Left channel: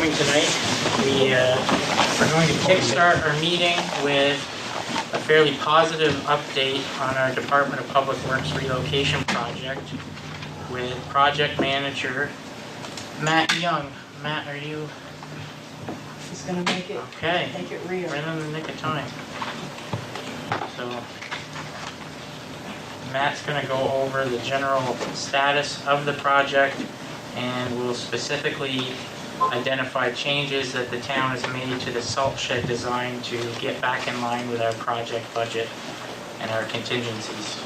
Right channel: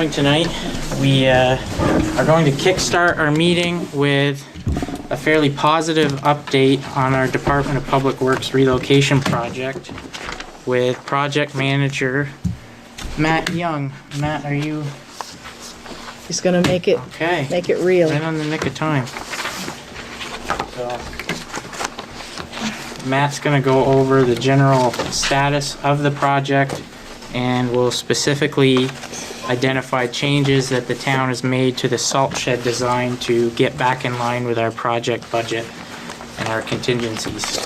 coming tonight. We are going to kickstart our meeting with a fairly positive update on our Department of Public Works relocation project with project manager Matt Young. Matt, are you? He's gonna make it real. Right on the nick of time. So Matt's gonna go over the general status of the project and will specifically identify changes that the town has made to the salt shed design to get back in line with our project budget and our contingencies.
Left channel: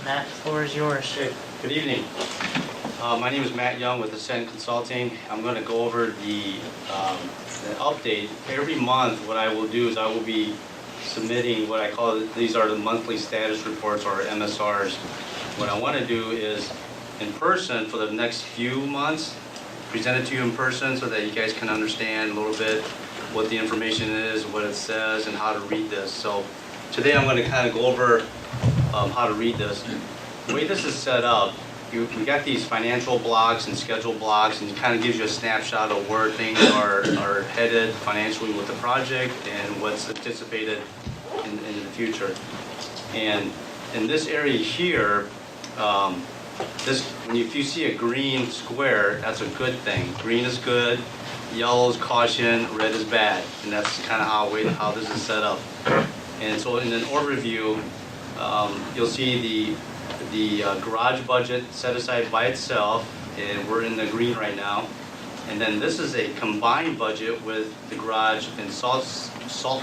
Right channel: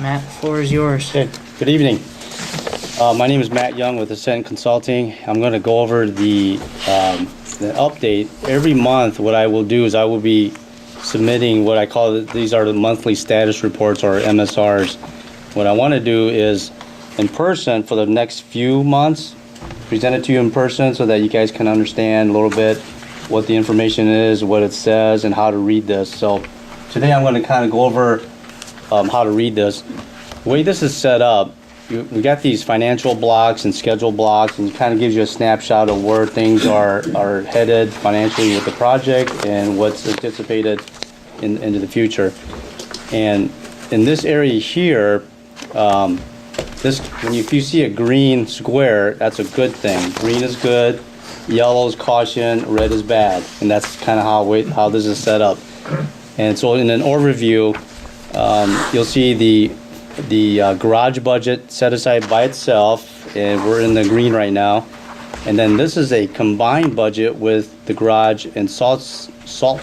Matt, the floor is yours. Okay, good evening. My name is Matt Young with Ascent Consulting. I'm going to go over the update. Every month what I will do is I will be submitting what I call, these are the monthly status reports or MSRs. What I want to do is in person for the next few months, present it to you in person so that you guys can understand a little bit what the information is, what it says, and how to read this. So today I'm going to kind of go over how to read this. The way this is set up, we got these financial blocks and schedule blocks, and it kind of gives you a snapshot of where things are headed financially with the project and what's anticipated into the future. And in this area here, if you see a green square, that's a good thing. Green is good, yellow is caution, red is bad, and that's kind of how this is set up. And so in an overview, you'll see the garage budget set aside by itself, and we're in the green right now. And then this is a combined budget with the garage and salt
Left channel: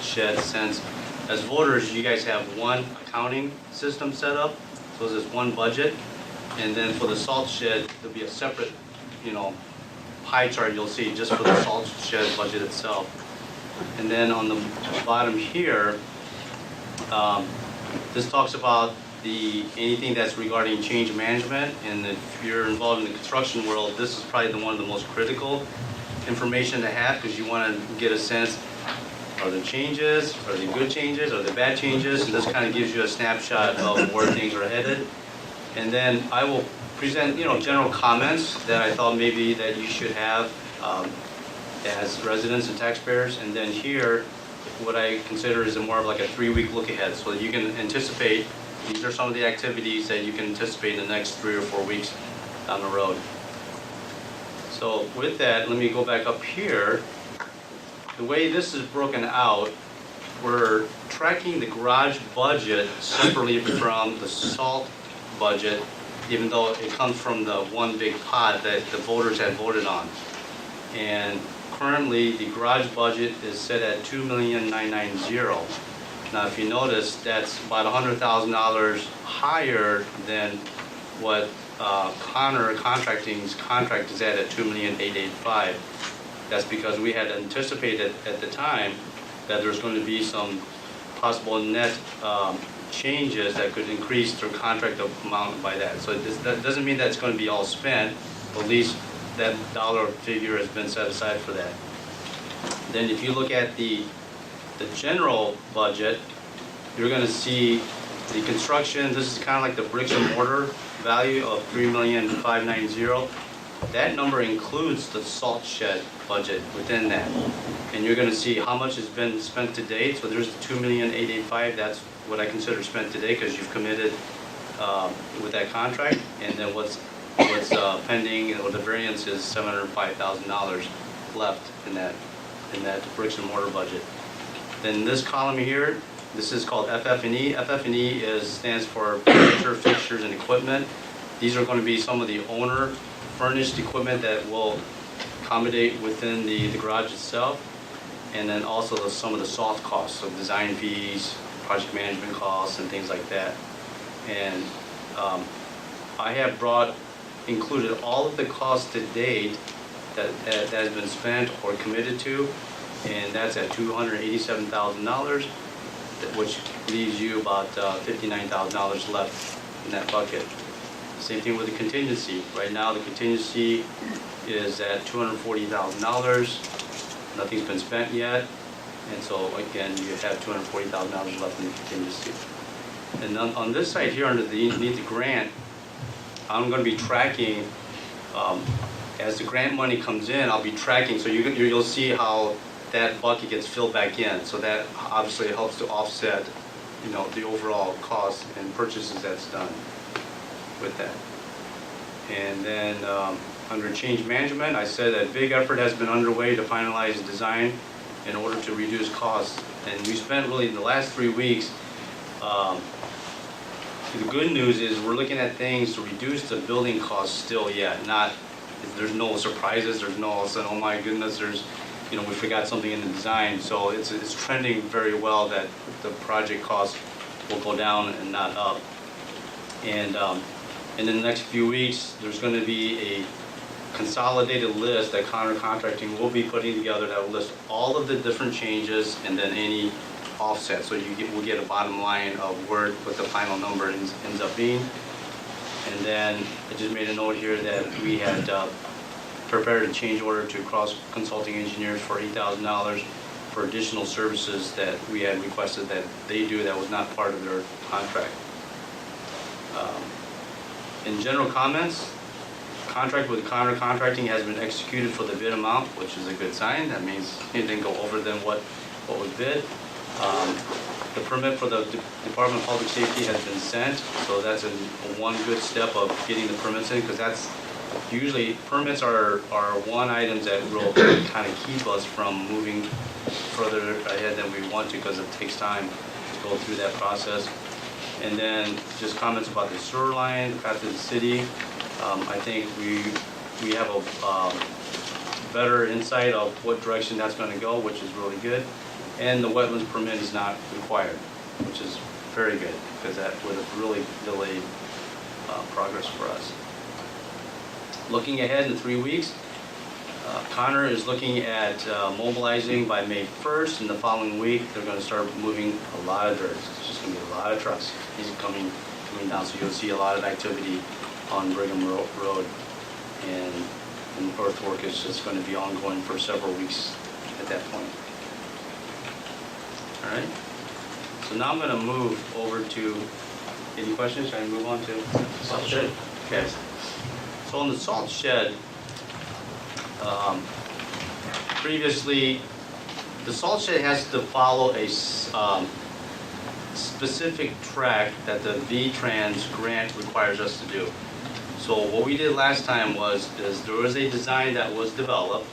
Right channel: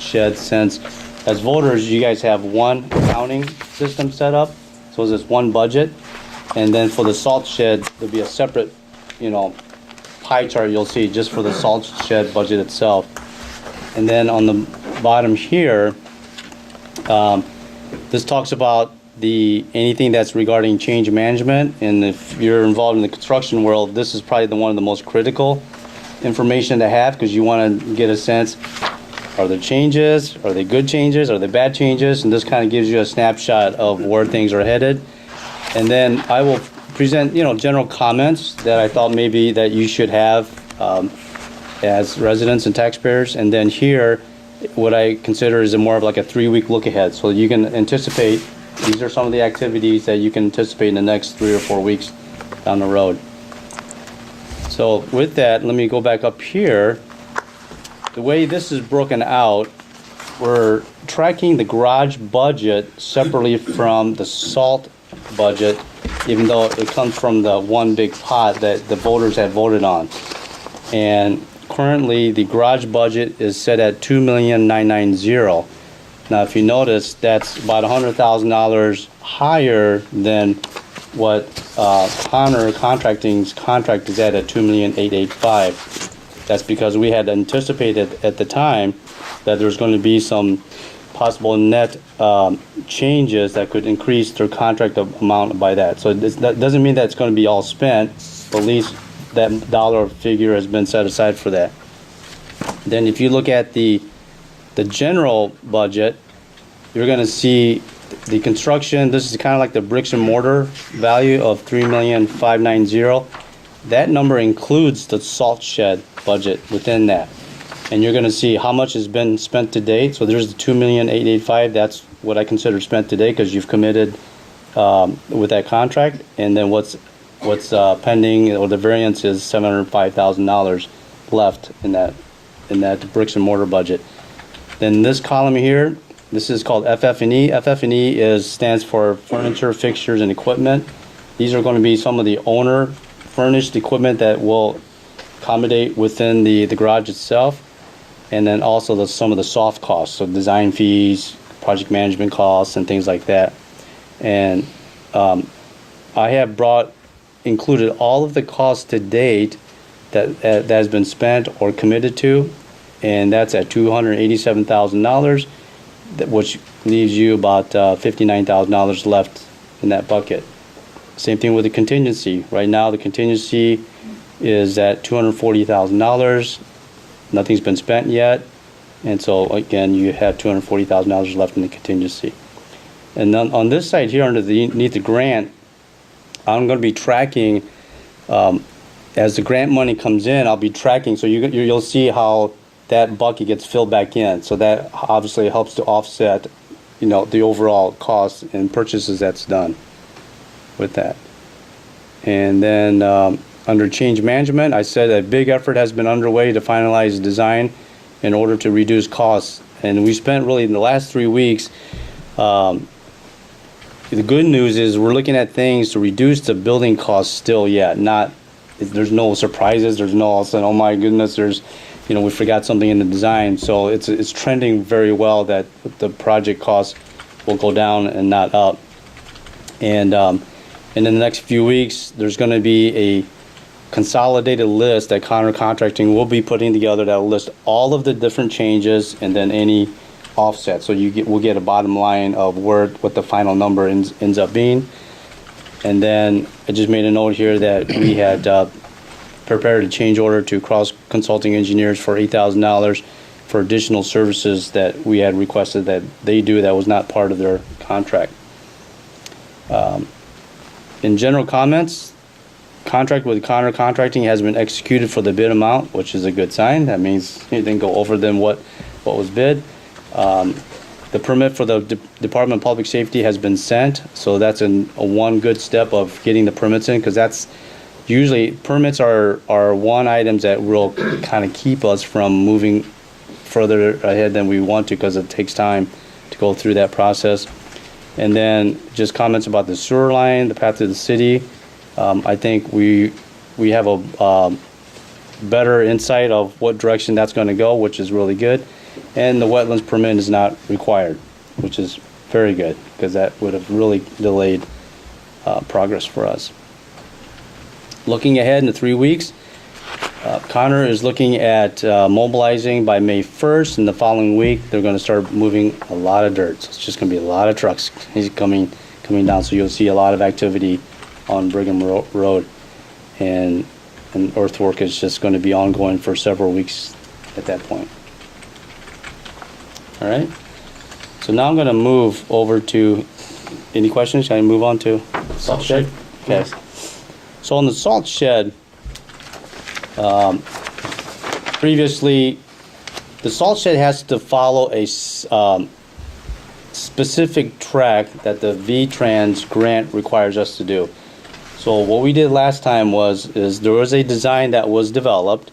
shed, since as voters you guys have one accounting system set up, so it's one budget. And then for the salt shed, there'll be a separate, pie chart you'll see just for the salt shed budget itself. And then on the bottom here, this talks about anything that's regarding change management. And if you're involved in the construction world, this is probably one of the most critical information to have, because you want to get a sense, are there changes? Are they good changes? Are they bad changes? And this kind of gives you a snapshot of where things are headed. And then I will present, general comments that I thought maybe that you should have as residents and taxpayers. And then here, what I consider is more of like a 3-week look ahead. So you can anticipate, these are some of the activities that you can anticipate in the next 3 or 4 weeks down the road. So with that, let me go back up here. The way this is broken out, we're tracking the garage budget separately from the salt budget, even though it comes from the one big pot that the voters had voted on. And currently the garage budget is set at $2,990,000. Now if you notice, that's about $100,000 higher than what Connor Contracting's contract is at $2,885,000. That's because we had anticipated at the time that there was going to be some possible net changes that could increase their contract amount by that. So that doesn't mean that it's going to be all spent, but at least that dollar figure has been set aside for that. Then if you look at the general budget, you're going to see the construction. This is kind of like the bricks and mortar value of $3,590,000. That number includes the salt shed budget within that. And you're going to see how much has been spent to date. So there's the $2,885,000. That's what I consider spent today, because you've committed with that contract. And then what's pending, or the variance, is $705,000 left in that bricks and mortar budget. Then this column here, this is called FF&E. FF&E stands for furniture, fixtures, and equipment. These are going to be some of the owner furnished equipment that will accommodate within the garage itself. And then also some of the soft costs, so design fees, project management costs, and things like that. And I have included all of the costs to date that has been spent or committed to, and that's at $287,000, which leaves you about $59,000 left in that bucket. Same thing with the contingency. Right now the contingency is at $240,000. Nothing's been spent yet, and so again you have $240,000 left in the contingency. And then on this side here, underneath the grant, I'm going to be tracking as the grant money comes in, I'll be tracking, so you'll see how that bucket gets filled back in. So that obviously helps to offset, the overall cost and purchases that's done with that. And then under change management, I said a big effort has been underway to finalize design in order to reduce costs. And we spent really in the last 3 weeks, the good news is we're looking at things to reduce the building costs still yet. There's no surprises, there's no all of a sudden, oh my goodness, we forgot something in the design. So it's trending very well that the project costs will go down and not up. And in the next few weeks, there's going to be a consolidated list that Connor Contracting will be putting together that will list all of the different changes and then any offset. So we'll get a bottom line of what the final number ends up being. And then I just made a note here that we had prepared a change order to Cross Consulting Engineers for $8,000 for additional services that we had requested that they do that was not part of their contract. In general comments, contract with Connor Contracting has been executed for the bid amount, which is a good sign. That means it didn't go over than what was bid. The permit for the Department of Public Safety has been sent, so that's a one good step of getting the permits in, because that's usually permits are one items that will kind of keep us from moving further ahead than we want to, because it takes time to go through that process. And then just comments about the sewer line, the path to the city. I think we have a better insight of what direction that's going to go, which is really good. And the wetlands permit is not required, which is very good, because that would have really delayed progress for us. Looking ahead in the 3 weeks, Connor is looking at mobilizing by May 1st, and the following week they're going to start moving a lot of dirt. It's just going to be a lot of trucks coming down, so you'll see a lot of activity on Brigham Road, and earthwork is just going to be ongoing for several weeks at that point. All right, so now I'm going to move over to, any questions? Can I move on to salt shed? Okay. Yes. So on the salt shed, previously, the salt shed has to follow a specific track that the V-Trans grant requires us to do. So what we did last time is there was a design that was developed.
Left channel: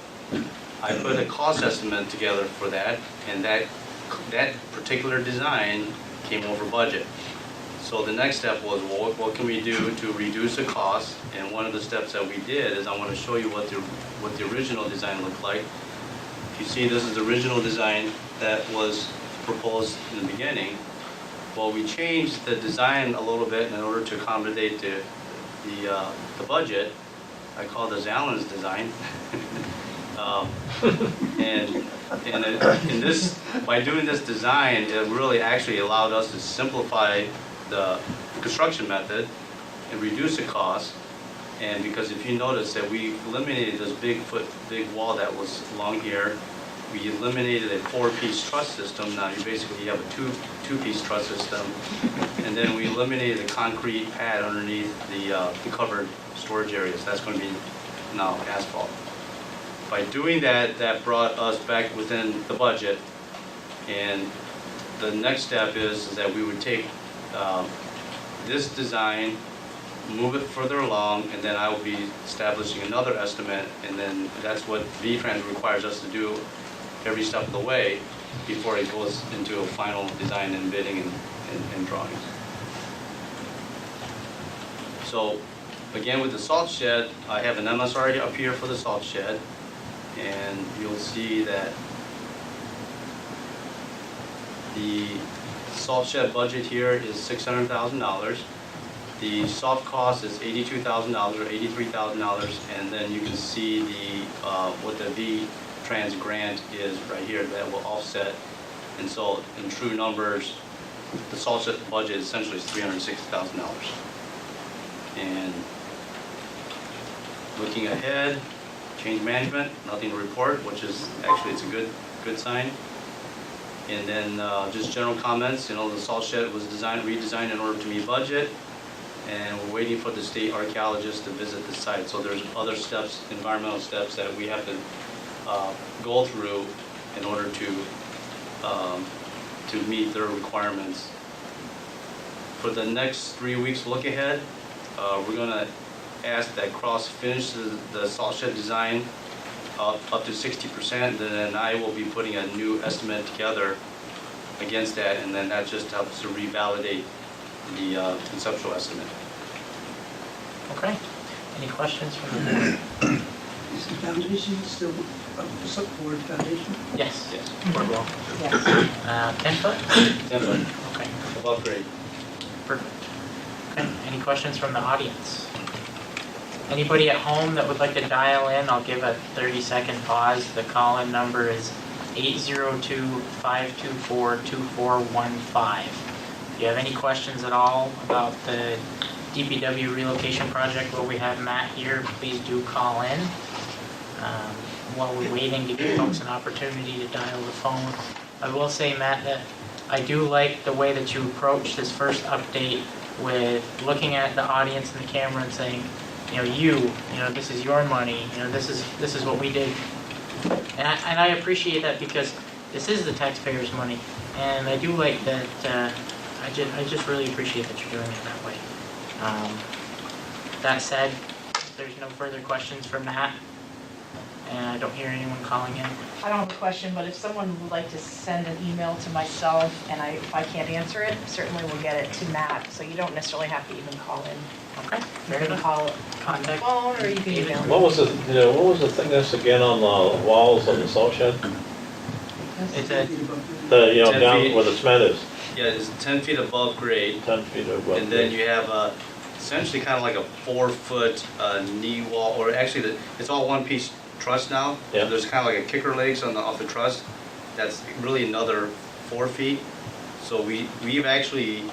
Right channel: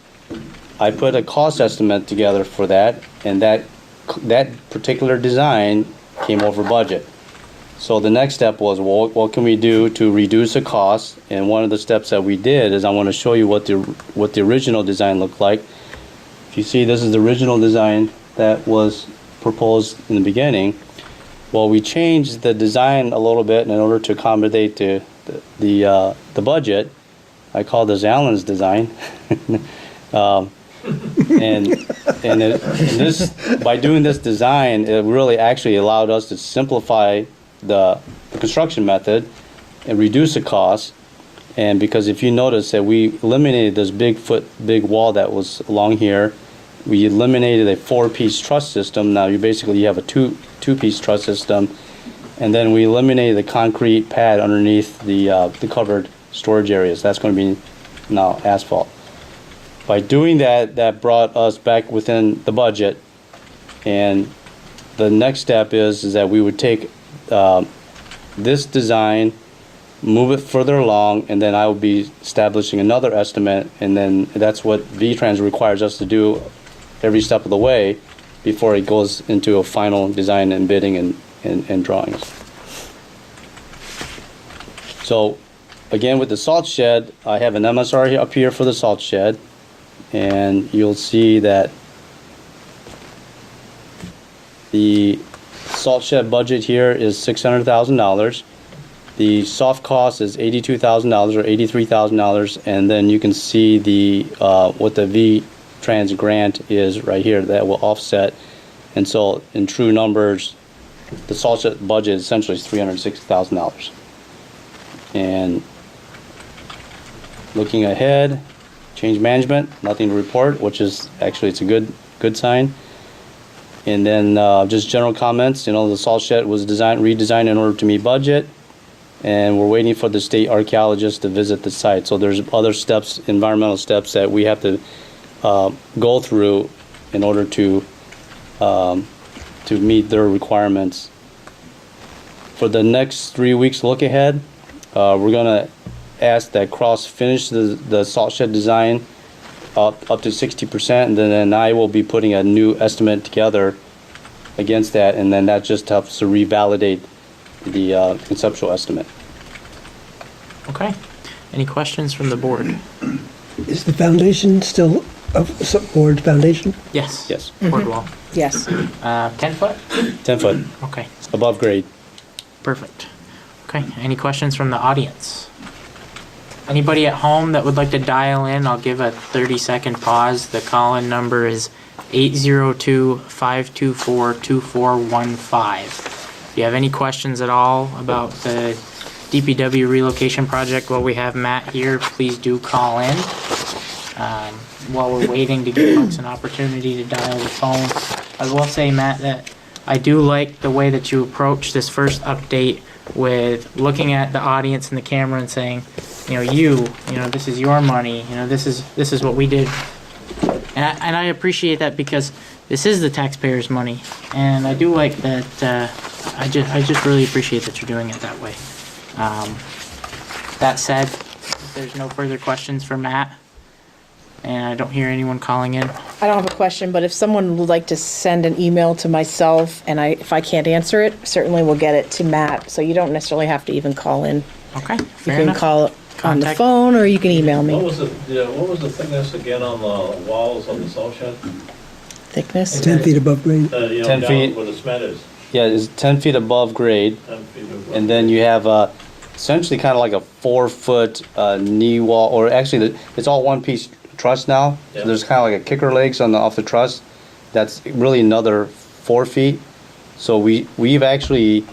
I put a cost estimate together for that, and that particular design came over budget. So the next step was, well, what can we do to reduce the cost? And one of the steps that we did is I want to show you what the original design looked like. If you see, this is the original design that was proposed in the beginning. Well, we changed the design a little bit in order to accommodate the budget. I call this Albans design. This, by doing this design, it really actually allowed us to simplify the construction method and reduce the cost. And because if you notice that we eliminated this big wall that was along here, we eliminated a 4-piece truss system. Now you have a two-piece truss system, and then we eliminated the concrete pad underneath the covered storage areas. That's going to be now asphalt. By doing that, that brought us back within the budget. And the next step is that we would take this design, move it further along, and then I will be establishing another estimate, and then that's what V-Trans requires us to do every step of the way before it goes into a final design and bidding and drawings. So again, with the salt shed, I have an MSR up here for the salt shed, and you'll see that the salt shed budget here is $600,000. The soft cost is $82,000 or $83,000, and then you can see the what the V-Trans grant is right here that will offset. And so in true numbers, the salt shed budget essentially is $360,000. And looking ahead, change management, nothing to report, which is actually, it's a good sign. And then just general comments, the salt shed was redesigned in order to meet budget. and we're waiting for the state archaeologist to visit the site. So there's other steps, environmental steps that we have to go through in order to meet their requirements. For the next 3 weeks look ahead, we're gonna ask that Cross finish the salt shed design up to 60%, and then I will be putting a new estimate together against that, and then that just helps to revalidate the conceptual estimate. Okay. Any questions from the board? Is the foundation still a board foundation? Yes. Yes. Board wall. Yes. 10 foot? 10 foot Okay. above grade. Perfect. Okay. Any questions from the audience? Anybody at home that would like to dial in, I'll give a 30-second pause. The call-in number is 802-524-2415. If you have any questions at all about the DPW relocation project while we have Matt here, please do call in. While we're waiting to give folks an opportunity to dial the phone, I will say, Matt, that I do like the way that you approach this first update with looking at the audience and the camera and saying, this is your money, this is what we did. And I appreciate that because this is the taxpayers' money. And I do like that, I just really appreciate that you're doing it that way. That said, if there's no further questions for Matt, and I don't hear anyone calling in. I don't have a question, but if someone would like to send an email to myself, and if I can't answer it, certainly we'll get it to Matt. So you don't necessarily have to even call in. Okay, You fair can enough. call on the Contact. phone, or you can email What me. was the thickness again on the walls of the salt shed? Thickness. 10 feet above grade? 10 Down feet. where the cement is, Yeah, it's 10 feet above grade, 10 feet above. and then you have essentially kind of like a 4-foot knee wall, or actually it's all one piece truss now. Yeah. So there's kind of like a kicker legs off the truss. That's really another 4 feet. So we've actually,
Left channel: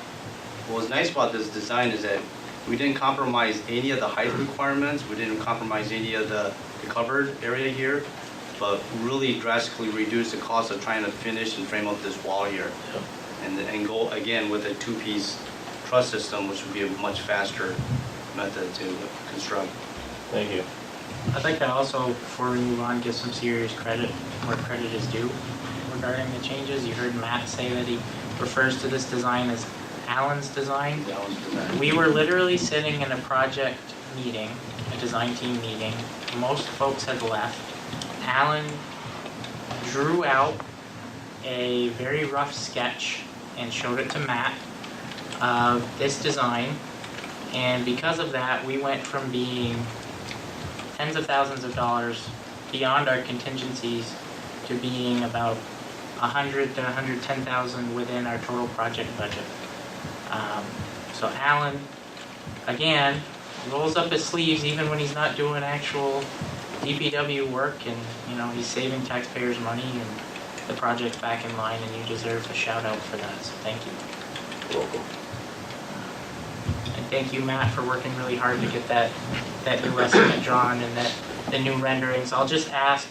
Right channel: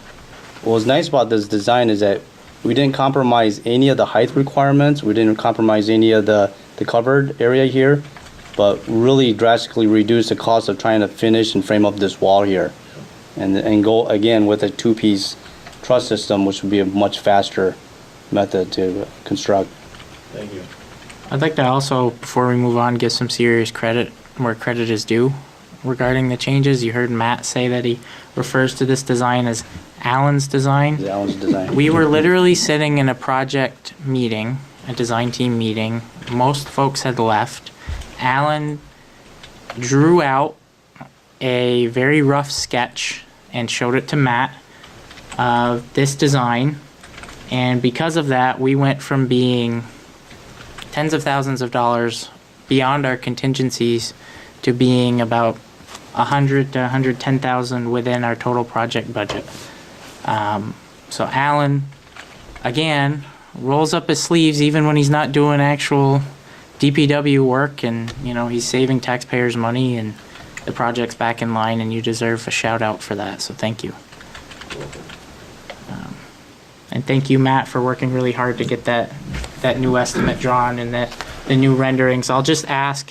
what's nice about this design is that we didn't compromise any of the height requirements. We didn't compromise any of the covered area here, but really drastically reduce the cost of trying to finish and frame up this wall here. And go again with a 2-piece truss system, which would be a much faster method to construct. Thank you. I'd like to also, before we move on, give some serious credit where credit is due regarding the changes. You heard Matt say that he refers to this design as Allen's design. That was the design. We were literally sitting in a project meeting, a design team meeting. Most folks had left. Allen drew out a very rough sketch and showed it to Matt of this design. And because of that, we went from being tens of thousands of dollars beyond our contingencies to being about 100 to 110,000 within our total project budget. So Alan, again, rolls up his sleeves even when he's not doing actual DPW work, and he's saving taxpayers money, and the project's back in line, and you deserve a shout out for that. So thank you. And thank you, Matt, for working really hard to get that new estimate drawn and the new renderings. I'll just ask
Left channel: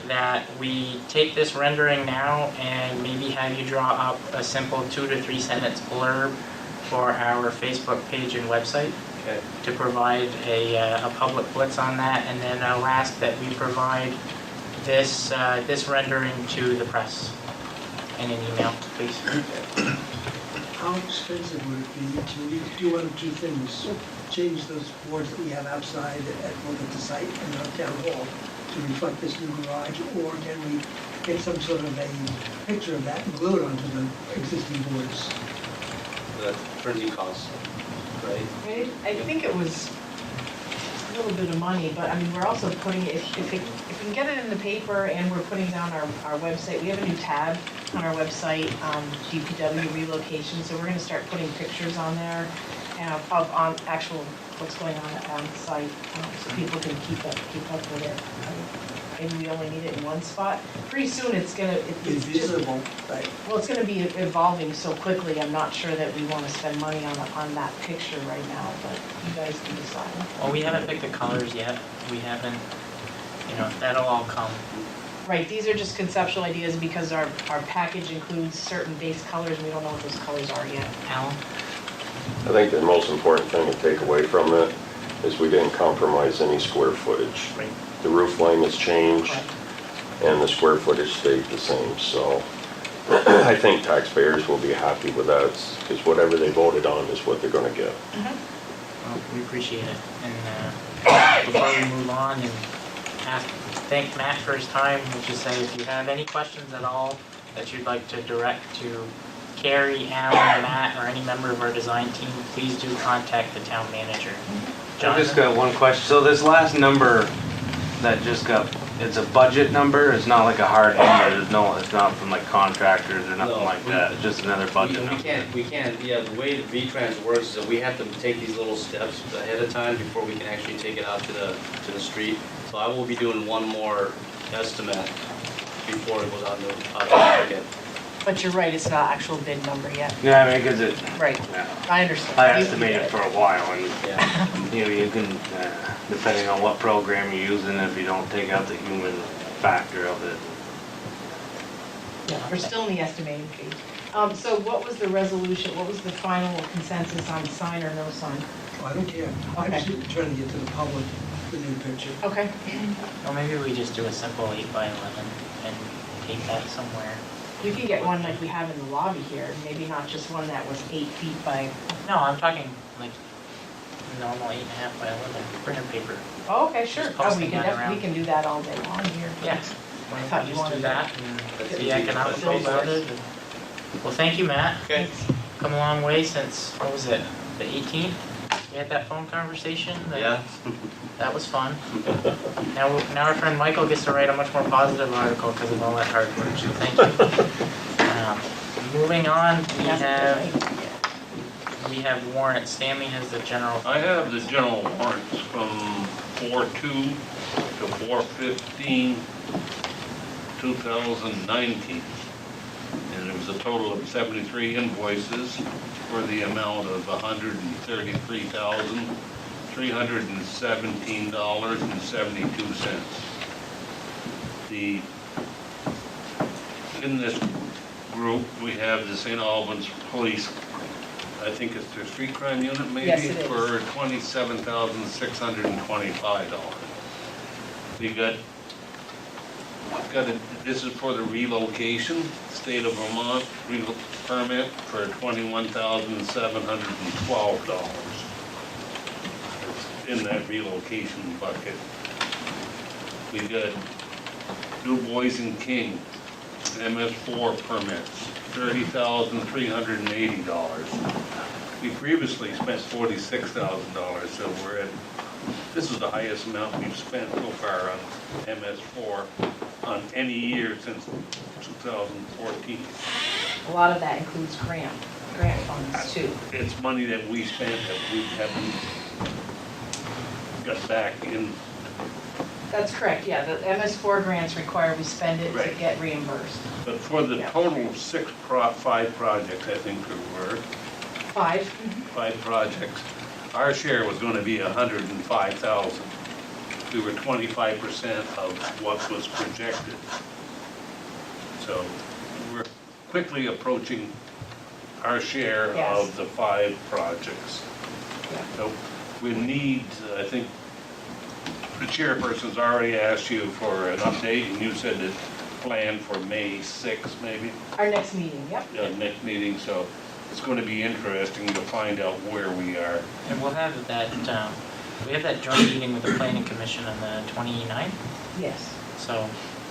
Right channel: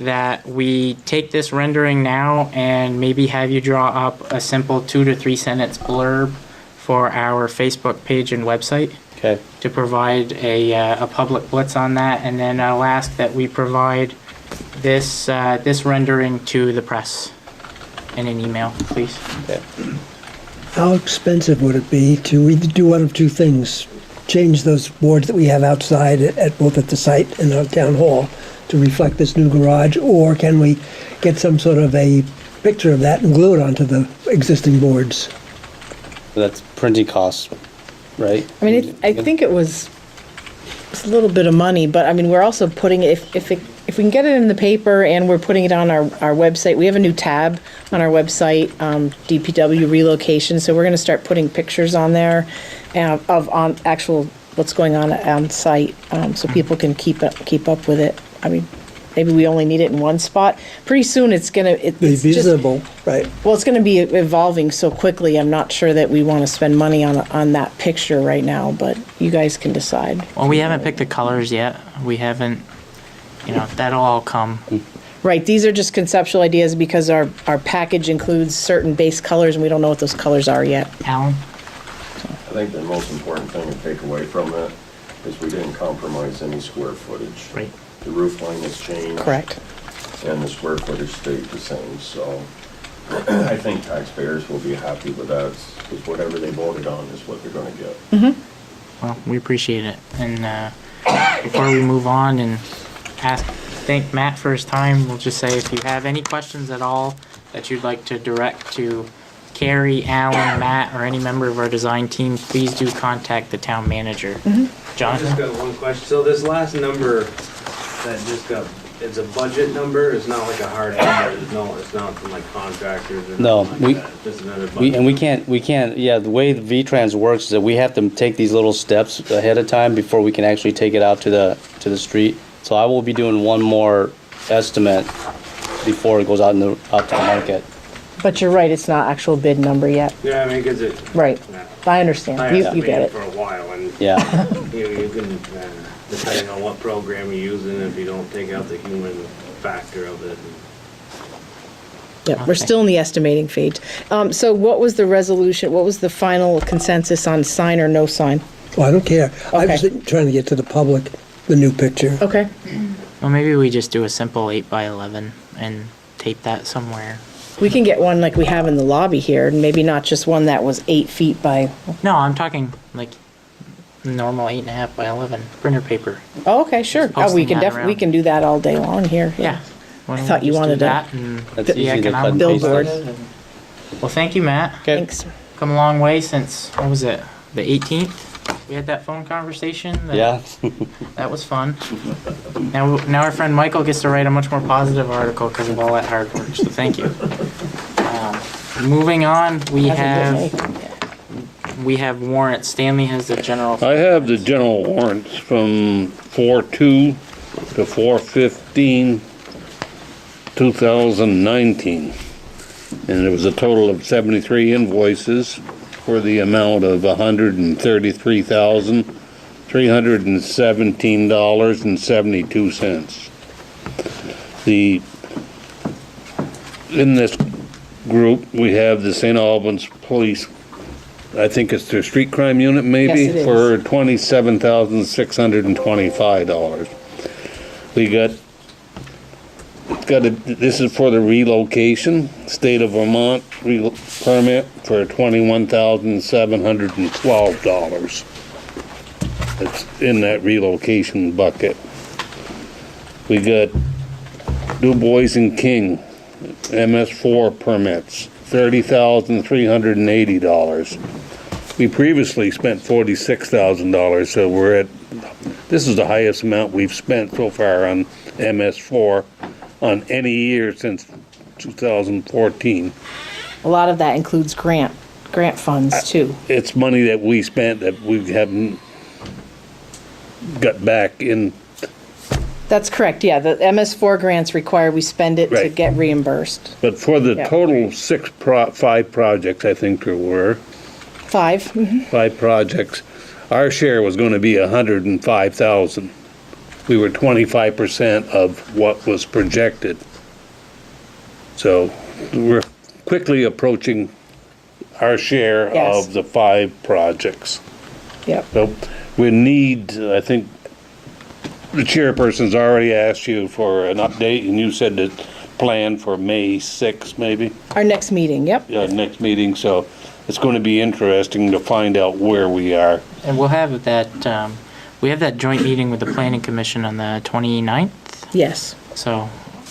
that we take this rendering now and maybe have you draw up a simple 2 to 3 sentence blurb for our Facebook page and website. Okay. To provide a public blitz on that, and then I'll ask that we provide this rendering to the press in an email, please. Okay. How expensive would it be to either do one of two things? Change those boards that we have outside both at the site and our town hall to reflect this new garage, or can we get some sort of a picture of that and glue it onto the existing boards? That's printing costs, right? I mean, I think it's a little bit of money, but I mean, we're also putting it, if we can get it in the paper and we're putting it on our website. We have a new tab on our website, DPW relocation, so we're going to start putting pictures on there on actual what's going on site, so people can keep up with it. I mean, maybe we only need it in one spot. Pretty soon it's Be just visible, right? well, it's going to be evolving so quickly. I'm not sure that we want to spend money on that picture right now, but you guys can decide. Well, we haven't picked the colors yet. We haven't, that'll all come. Right, these are just conceptual ideas because our package includes certain base colors and we don't know what those colors are yet. Alan? think the most important thing to take away from it is we didn't compromise any square footage. Right. The roof line has changed. Correct. And the square footage stayed the same, so I think taxpayers will be happy with that, because whatever they voted on is what they're gonna get. Well, we appreciate it. And before we move on and thank Matt for his time, we'll just say if you have any questions at all that you'd like to direct to Carrie, Alan, Matt, or any member of our design team, please do contact the town manager. I just Jonathan? got one question. So this last number that just got, it's a budget number? It's not like a hard number? It's not from like contractors or nothing No, like we- that? It's just another budget? We can't, yeah, the way the V-Trans works is that we have to take these little steps ahead of time before we can actually take it out to the street. So I will be doing one more estimate before it goes out to market. But you're right, it's not actual bid number yet. Yeah, I mean, because it, Right. yeah. I I understand. You estimated get it it. for a while and Yeah, you can, depending on what program you're using, if you don't take out the human factor of it. Yeah, we're still in the estimating phase. So what was the resolution, what was the final consensus on sign or no sign? Well, I don't care. I was Okay. trying to get to the public, the new picture. Okay. Well, maybe we just do a simple 8x11 and tape that somewhere. We can get one like we have in the lobby here, and maybe not just one that was 8 feet by, No, I'm talking like normal 8.5 by 11 printer paper. oh, okay, sure. Just Oh, we posting can that we around. can do that all day long here. Yeah. Why don't thought we you just do wanted to- that and That's get the easy to get economic done. base Billboard. started. Well, thank you, Matt. okay. Thanks. Come a long way since, what was it, the 18th? We had that phone conversation. Yeah, That was fun. Now our friend Michael gets to write a much more positive article because of all that hard work, so thank you. Moving on, we have warrants. Stanley has the general. I have the general warrants from 4/2 to 4/15, 2019. And it was a total of 73 invoices for the amount of $133,317.72. In this group, we have the St. Albans Police, I think it's their street crime unit maybe, Yes, it is. for $27,625. We got this is for the relocation, state of Vermont permit for $21,712. It's in that relocation bucket. We got Du Bois and King, MS4 permits, $30,380. We previously spent $46,000, so this is the highest amount we've spent so far on MS4 on any year since 2014. A lot of that includes grant funds too. It's money that we spent that we haven't got back in. That's correct, yeah. The MS4 grants require we spend it to Right. get reimbursed. But for the Yeah. total 5 projects, I think there were 5. 5 projects, our share was going to be $105,000. We were 25% of what was projected. So we're quickly approaching our share Yes. of the 5 projects. Yep. So we need, I think, the chairperson's already asked you for an update, and you said that plan for May 6th, maybe, Our next meeting, yep. next meeting, so it's gonna be interesting to find out where we are. And we'll have that, we have that joint meeting with the planning commission on the 29th. Yes. So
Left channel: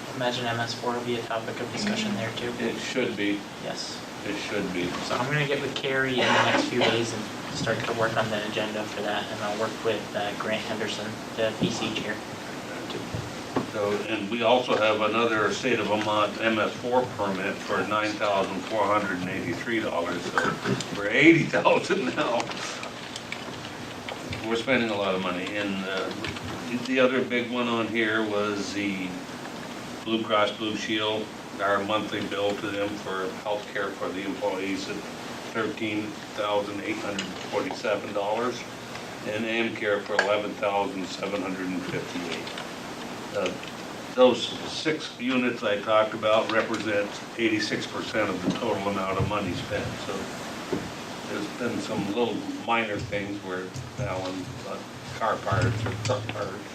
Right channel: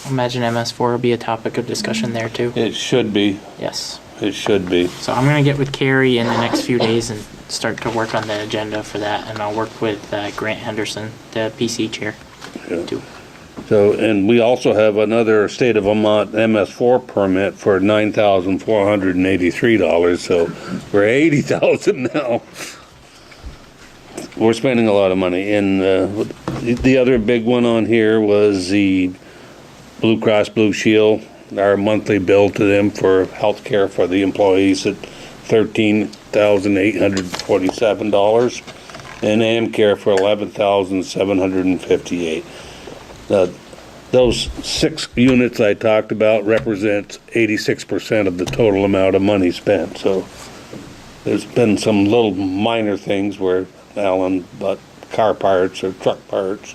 imagine MS4 will be a topic of discussion there too. It should be, Yes. it should be. So I'm gonna get with Carrie in the next few days and start to work on the agenda for that, and I'll work with Grant Henderson, the PC chair. too. So, and we also have another state of Vermont MS4 permit for $9,483, so we're $80,000 now. We're spending a lot of money, and the other big one on here was the Blue Cross Blue Shield, our monthly bill to them for health care for the employees at $13,847, and AmCare for $11,758. Those 6 units I talked about represent 86% of the total amount of money spent, so There's been some little minor things where Alan bought car parts or truck parts,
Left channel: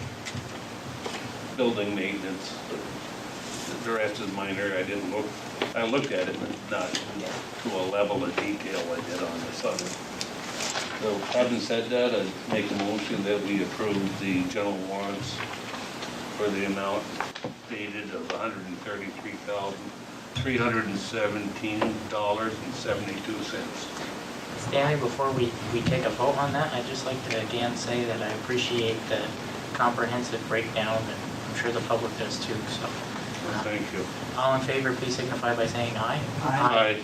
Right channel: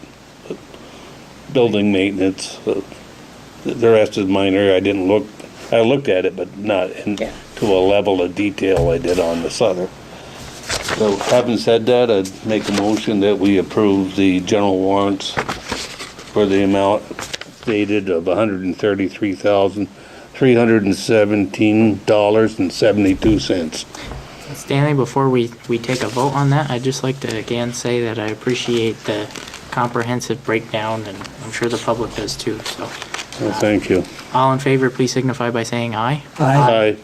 building maintenance. The rest is minor. I looked at it, but not to a level of detail I did on this other. So having said that, I'd make a motion that we approve the general warrants for the amount stated of $133,317.72. Stanley, before we take a vote on that, I'd just like to again say that I appreciate the comprehensive breakdown, and I'm sure the public does too, so. Well, thank you. All in favor, please signify by saying aye. Aye.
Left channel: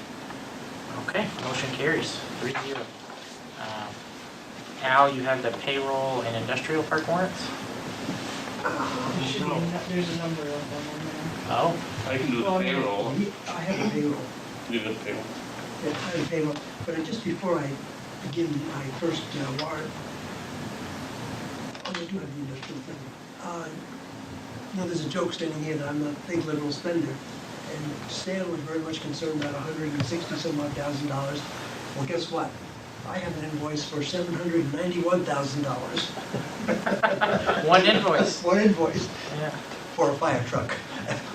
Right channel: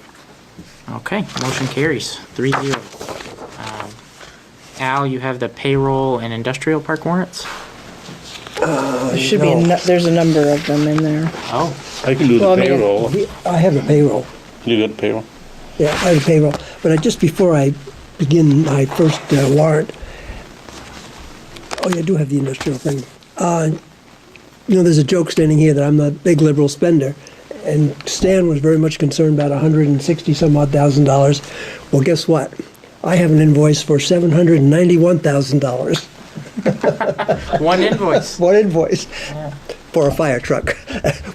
Okay, motion carries 3-0. Al, you have the payroll and industrial park warrants? There should be, there's a number of them in there. Oh, I can do Well, the I mean, payroll. I have the payroll. You got the payroll? Yeah, I have the payroll. But just before I begin my first warrant, oh, you do have the industrial thing. There's a joke standing here that I'm not a big liberal spender, and Stan was very much concerned about $160,000. Well, guess what? I have an invoice for $791,000. one invoice. One invoice Yeah. for a fire truck,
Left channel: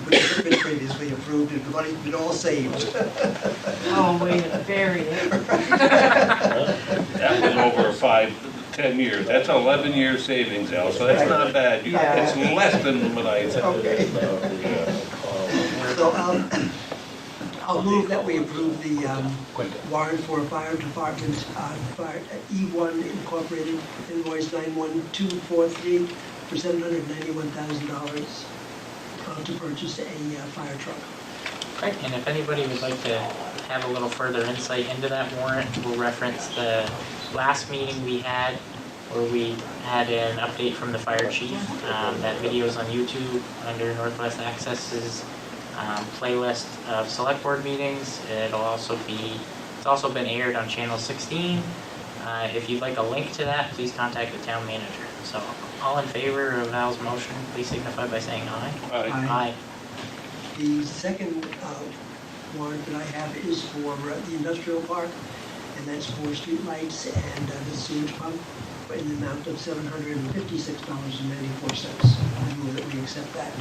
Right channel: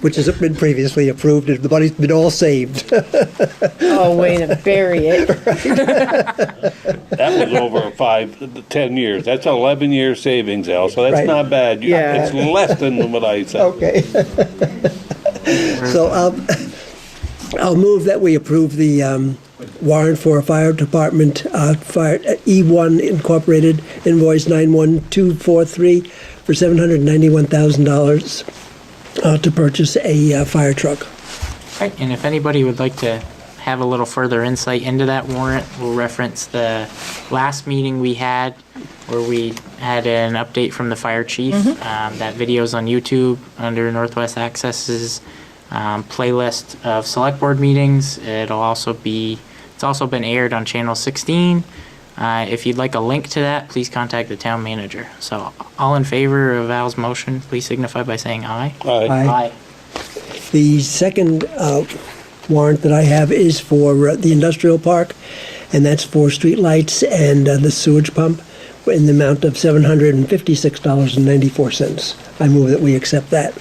which has been previously approved, and the money's been all saved. Oh, way to bury it. That was over 10 years. That's 11-year savings, Al, so that's Right. not bad. Yeah. It's less than what I said. Okay. So I'll move that we approve the warrant for a fire department, fire E1 Incorporated invoice 91243 for $791,000 to purchase a fire truck. Right, and if anybody would like to have a little further insight into that warrant, we'll reference the last meeting we had where we had an update from the fire chief. That video's on YouTube under Northwest Access's playlist of select board meetings. It's also been aired on channel 16. If you'd like a link to that, please contact the town manager. So all in favor of Al's motion, please signify by saying aye. Aye. The second warrant that I have is for the industrial park, and that's for streetlights and the sewage pump in the amount of $756.94. I move that we accept that.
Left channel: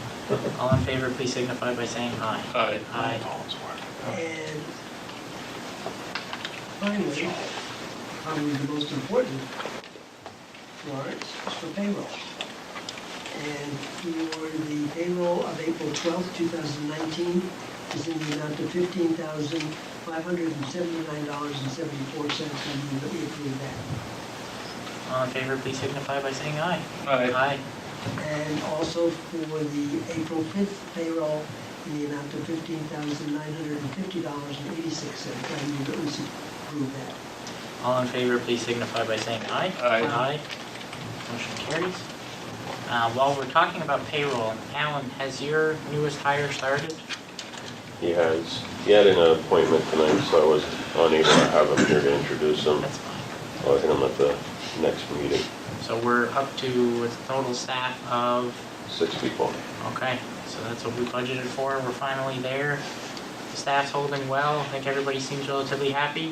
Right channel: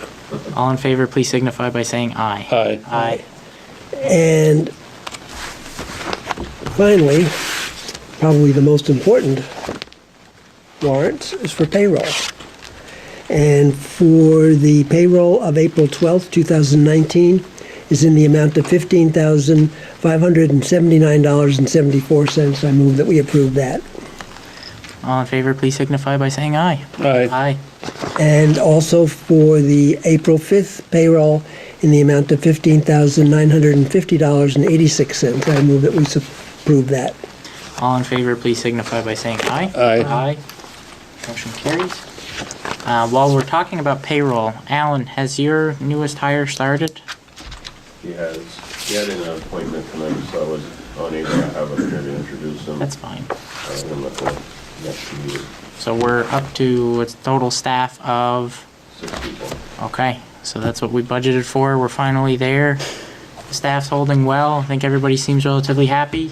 All in favor, please signify by saying aye. Aye. Aye. And finally, probably the most important warrant is for payroll. And for the payroll of April 12th, 2019 is in the amount of $15,579.74. I move that we approve that. All in favor, please signify by saying aye. Aye. Aye. And also for the April 5th payroll in the amount of $15,950.86. I move that we approve that. All in favor, please signify by saying aye. Aye. Aye. Motion carries. While we're talking about payroll, Alan, has your newest hire started? He had an appointment tonight, so I was unable to have him here to introduce him. That's fine. I'll get him at the next meeting. So we're up to a total staff of, 6 people. okay, so that's what we budgeted for. We're finally there. The staff's holding well. I think everybody seems relatively happy.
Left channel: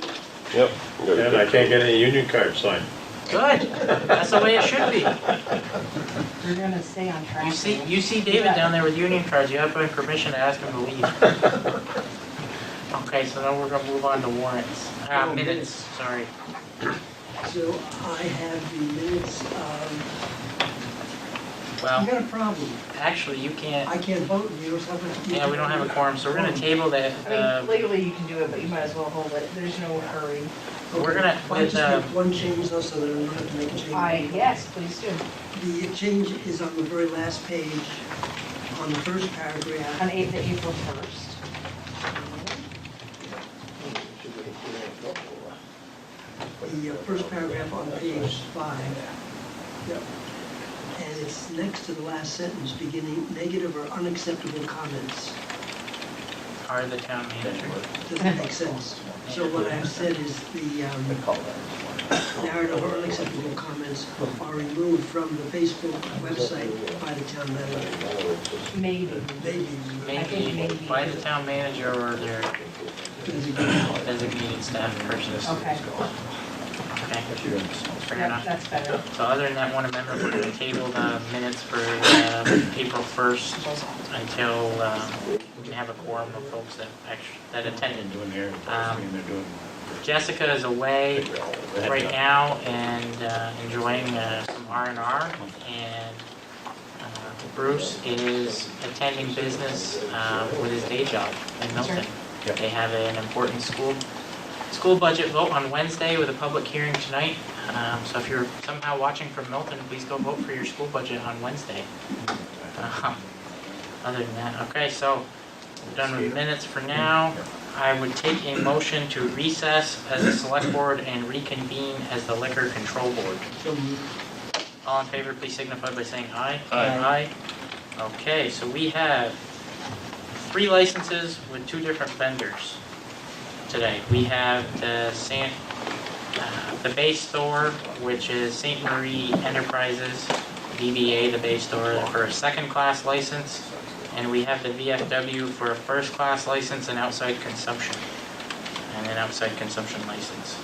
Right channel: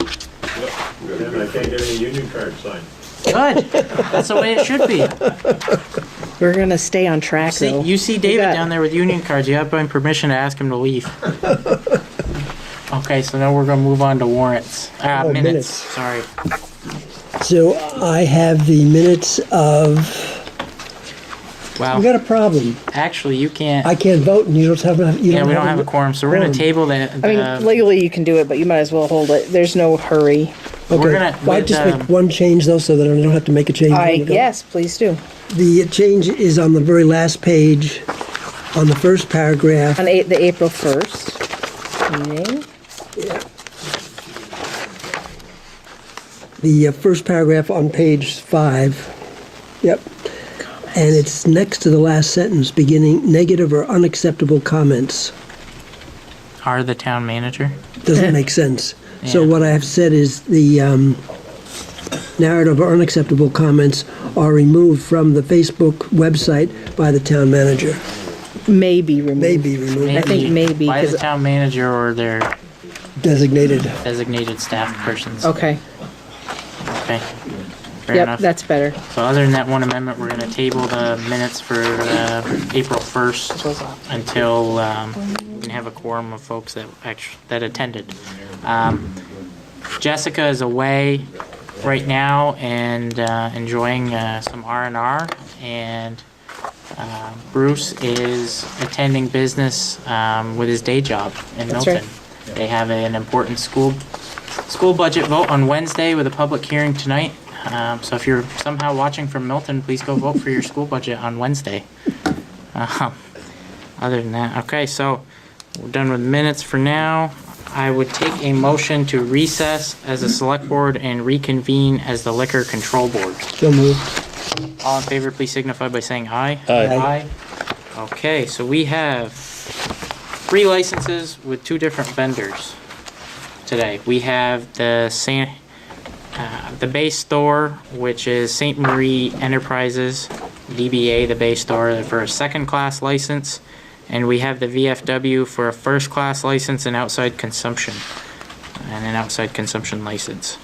Yep. And I can't get any union card signed. Good. That's the way it should be. We're gonna stay on track though. You see David down there with union cards. You have my permission to ask him to leave. Okay, so now we're gonna move on to warrants. Minutes. Minutes. Sorry. So I have the minutes of, we Well, got a problem. actually, you can't. I can't vote and you don't have, Yeah, we don't have a quorum, so we're gonna table that. I mean, legally you can do it, but you might as well hold it. There's no hurry. We're Okay, gonna- well, I with, just make one change though, so that I don't have to make a change. Yes, please do. The change is on the very last page, on the first paragraph. On the April 1st meeting. The first paragraph on page 5. Yep. And it's next to the last sentence, beginning negative or unacceptable comments. Are the town manager? Doesn't make sense. So Yeah. what I have said is the narrative or unacceptable comments are removed from the Facebook website by the town manager. May be removed. May be removed. I think maybe, By the 'cause- town manager or their Designated. designated staff persons. Okay, Okay. Fair yep, enough. that's better. So other than that one amendment, we're gonna table the minutes for April 1st until we can have a quorum of folks that attended. Jessica is away right now and enjoying some R&R, and Bruce is attending business with his day job in That's Milton. They have an important school budget vote on Wednesday with a public hearing tonight. So if you're somehow watching from Milton, please go vote for your school budget on Wednesday. Other than that, okay, so we're done with minutes for now. I would take a motion to recess as a select board and reconvene as the liquor control board. So moved. All in favor, please signify by saying aye. Aye. Okay, so we have 3 licenses with 2 different vendors today. We have the base store, which is St. Marie Enterprises, DBA, the base store, for a second-class license. And we have the VFW for a first-class license and outside consumption, and an outside consumption license.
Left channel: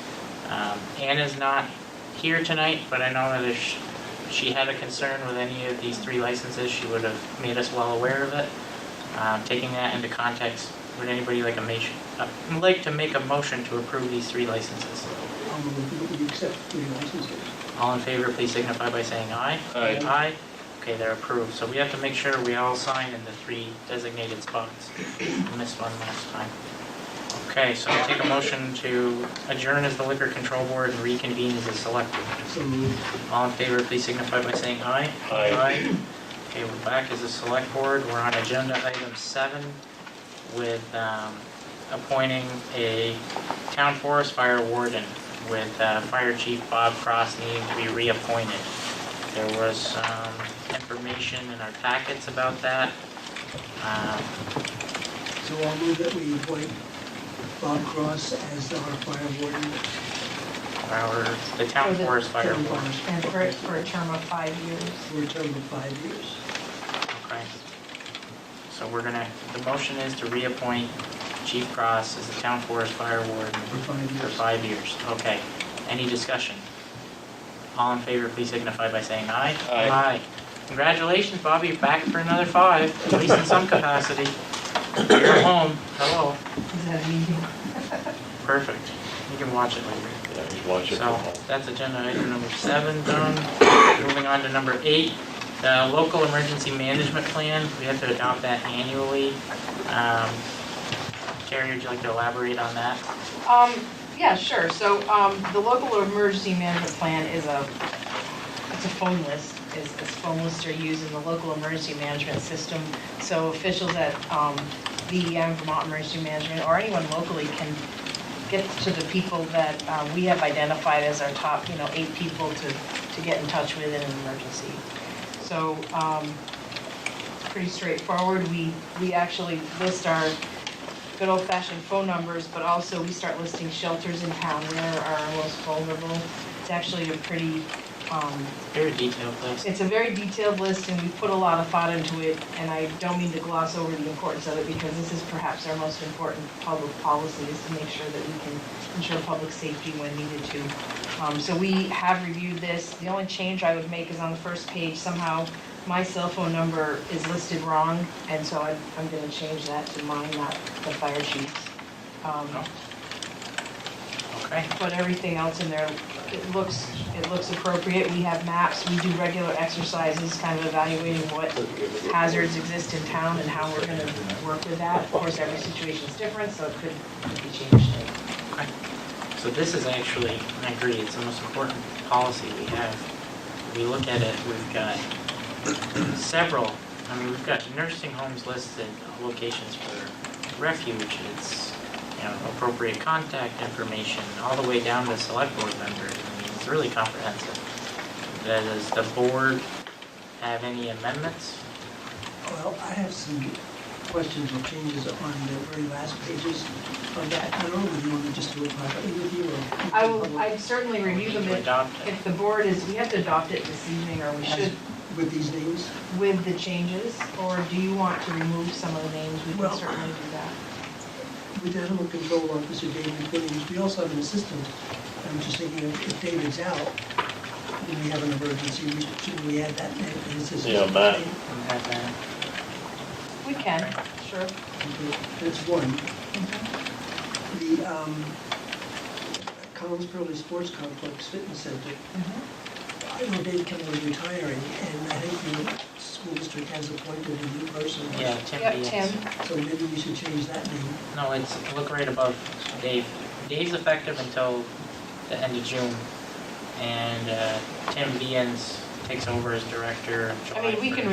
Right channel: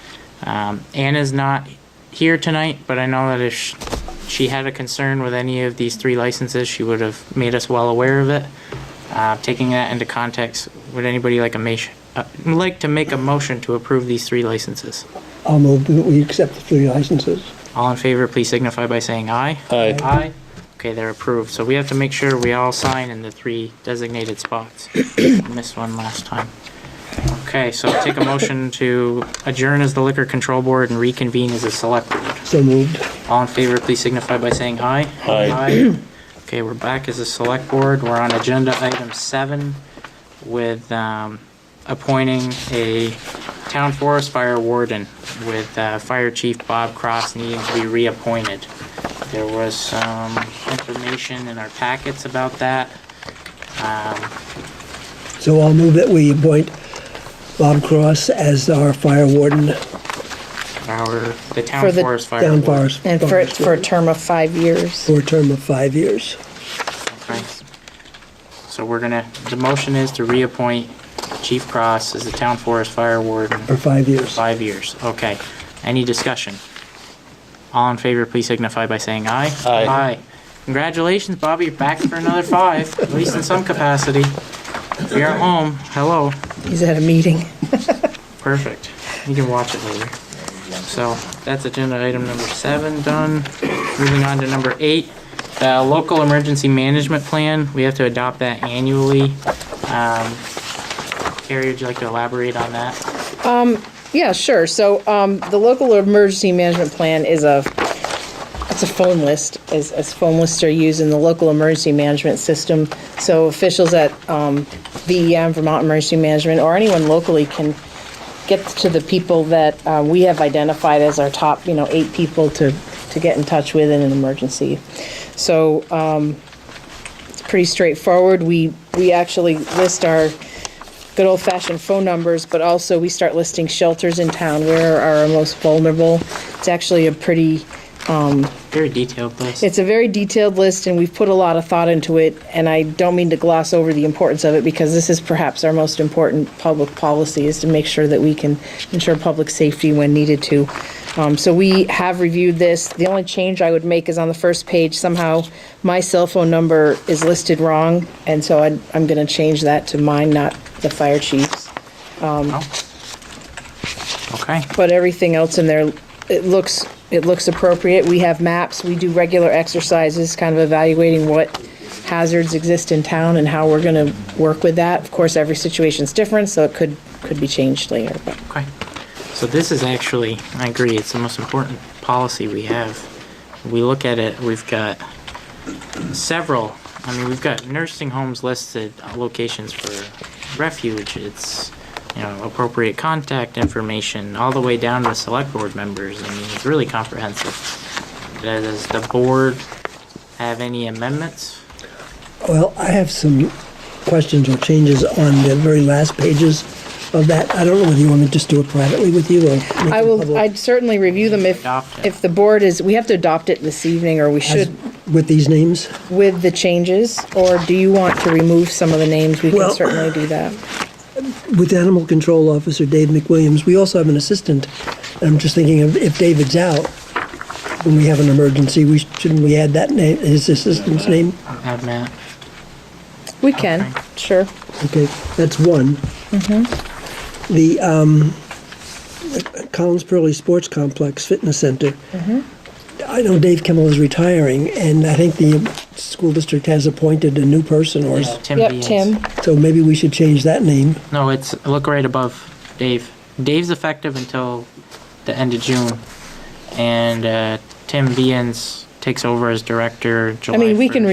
Anna's not here tonight, but I know that if she had a concern with any of these 3 licenses, she would have made us well aware of it. Taking that into context, would anybody like to make a motion to approve these 3 licenses? I'll move that we accept the 3 licenses. All in favor, please signify by saying aye. Aye. Aye. Okay, they're approved. So we have to make sure we all sign in the 3 designated spots. I missed one last time. Okay, so I'll take a motion to adjourn as the liquor control board and reconvene as a select board. So moved. All in favor, please signify by saying aye. Aye. Okay, we're back as a select board. We're on agenda item 7 with appointing a town forest fire warden with Fire Chief Bob Cross needing to be reappointed. There was some information in our packets about that. So I'll move that we appoint Bob Cross as our fire warden. The town For the forest fire Town warden. forest. And for a term of 5 years. For a term of 5 years. Okay. So the motion is to reappoint Chief Cross as the town forest fire warden For 5 for years. 5 years. Okay. Any discussion? All in favor, please signify by saying aye. Aye. Congratulations, Bobby, you're back for another 5, at least in some capacity. If you're at home, hello. He's at a meeting. Perfect. You can watch it later. So that's agenda item number 7 done. Moving on to number 8, the local emergency management plan. We have to adopt that annually. Carrie, would you like to elaborate on that? Yeah, sure. So the local emergency management plan is a phone list, as phone lists are used in the local emergency management system. So officials at VEM, Vermont Emergency Management, or anyone locally can get to the people that we have identified as our top, 8 people to get in touch with in an emergency. So it's pretty straightforward. We actually list our good old-fashioned phone numbers, but also we start listing shelters in town where are our most vulnerable. It's actually a pretty Very detailed list. it's a very detailed list, and we've put a lot of thought into it, and I don't mean to gloss over the importance of it, because this is perhaps our most important public policy, is to make sure that we can ensure public safety when needed to. So we have reviewed this. The only change I would make is on the first page, somehow my cell phone number is listed wrong, and so I'm gonna change that to mine, not the fire chief's. Okay. But everything else in there, it looks appropriate. We have maps, we do regular exercises, kind of evaluating what hazards exist in town and how we're gonna work with that. Of course, every situation's different, so it could be changed later, but. Okay. So this is actually, I agree, it's the most important policy we have. We look at it, we've got several, we've got nursing homes listed, locations for refuge, it's, appropriate contact information, all the way down to select board members. It's really comprehensive. Does the board have any amendments? Well, I have some questions or changes on the very last pages of that. I don't know whether you want me to just do it privately with you or. I'd certainly review them if the board we have to adopt it this evening, or we should, With these names? with the changes, or do you want to remove some of the names? We can Well- certainly do that. with Animal Control Officer Dave McWilliams, we also have an assistant. And I'm just thinking of if David's out, when we have an emergency, shouldn't we add that name, his assistant's Matt. name? Have Matt. We can, sure. Okay, that's one. The Collins Pearly Sports Complex Fitness Center. I know Dave Kimmel is retiring, and I think the school district has appointed a new person, or Yeah, Tim Yep, Beans. Tim. so maybe we should change that name. No, look right above Dave. Dave's effective until the end of June, and Tim Beans takes over as director July I mean, we can 1st.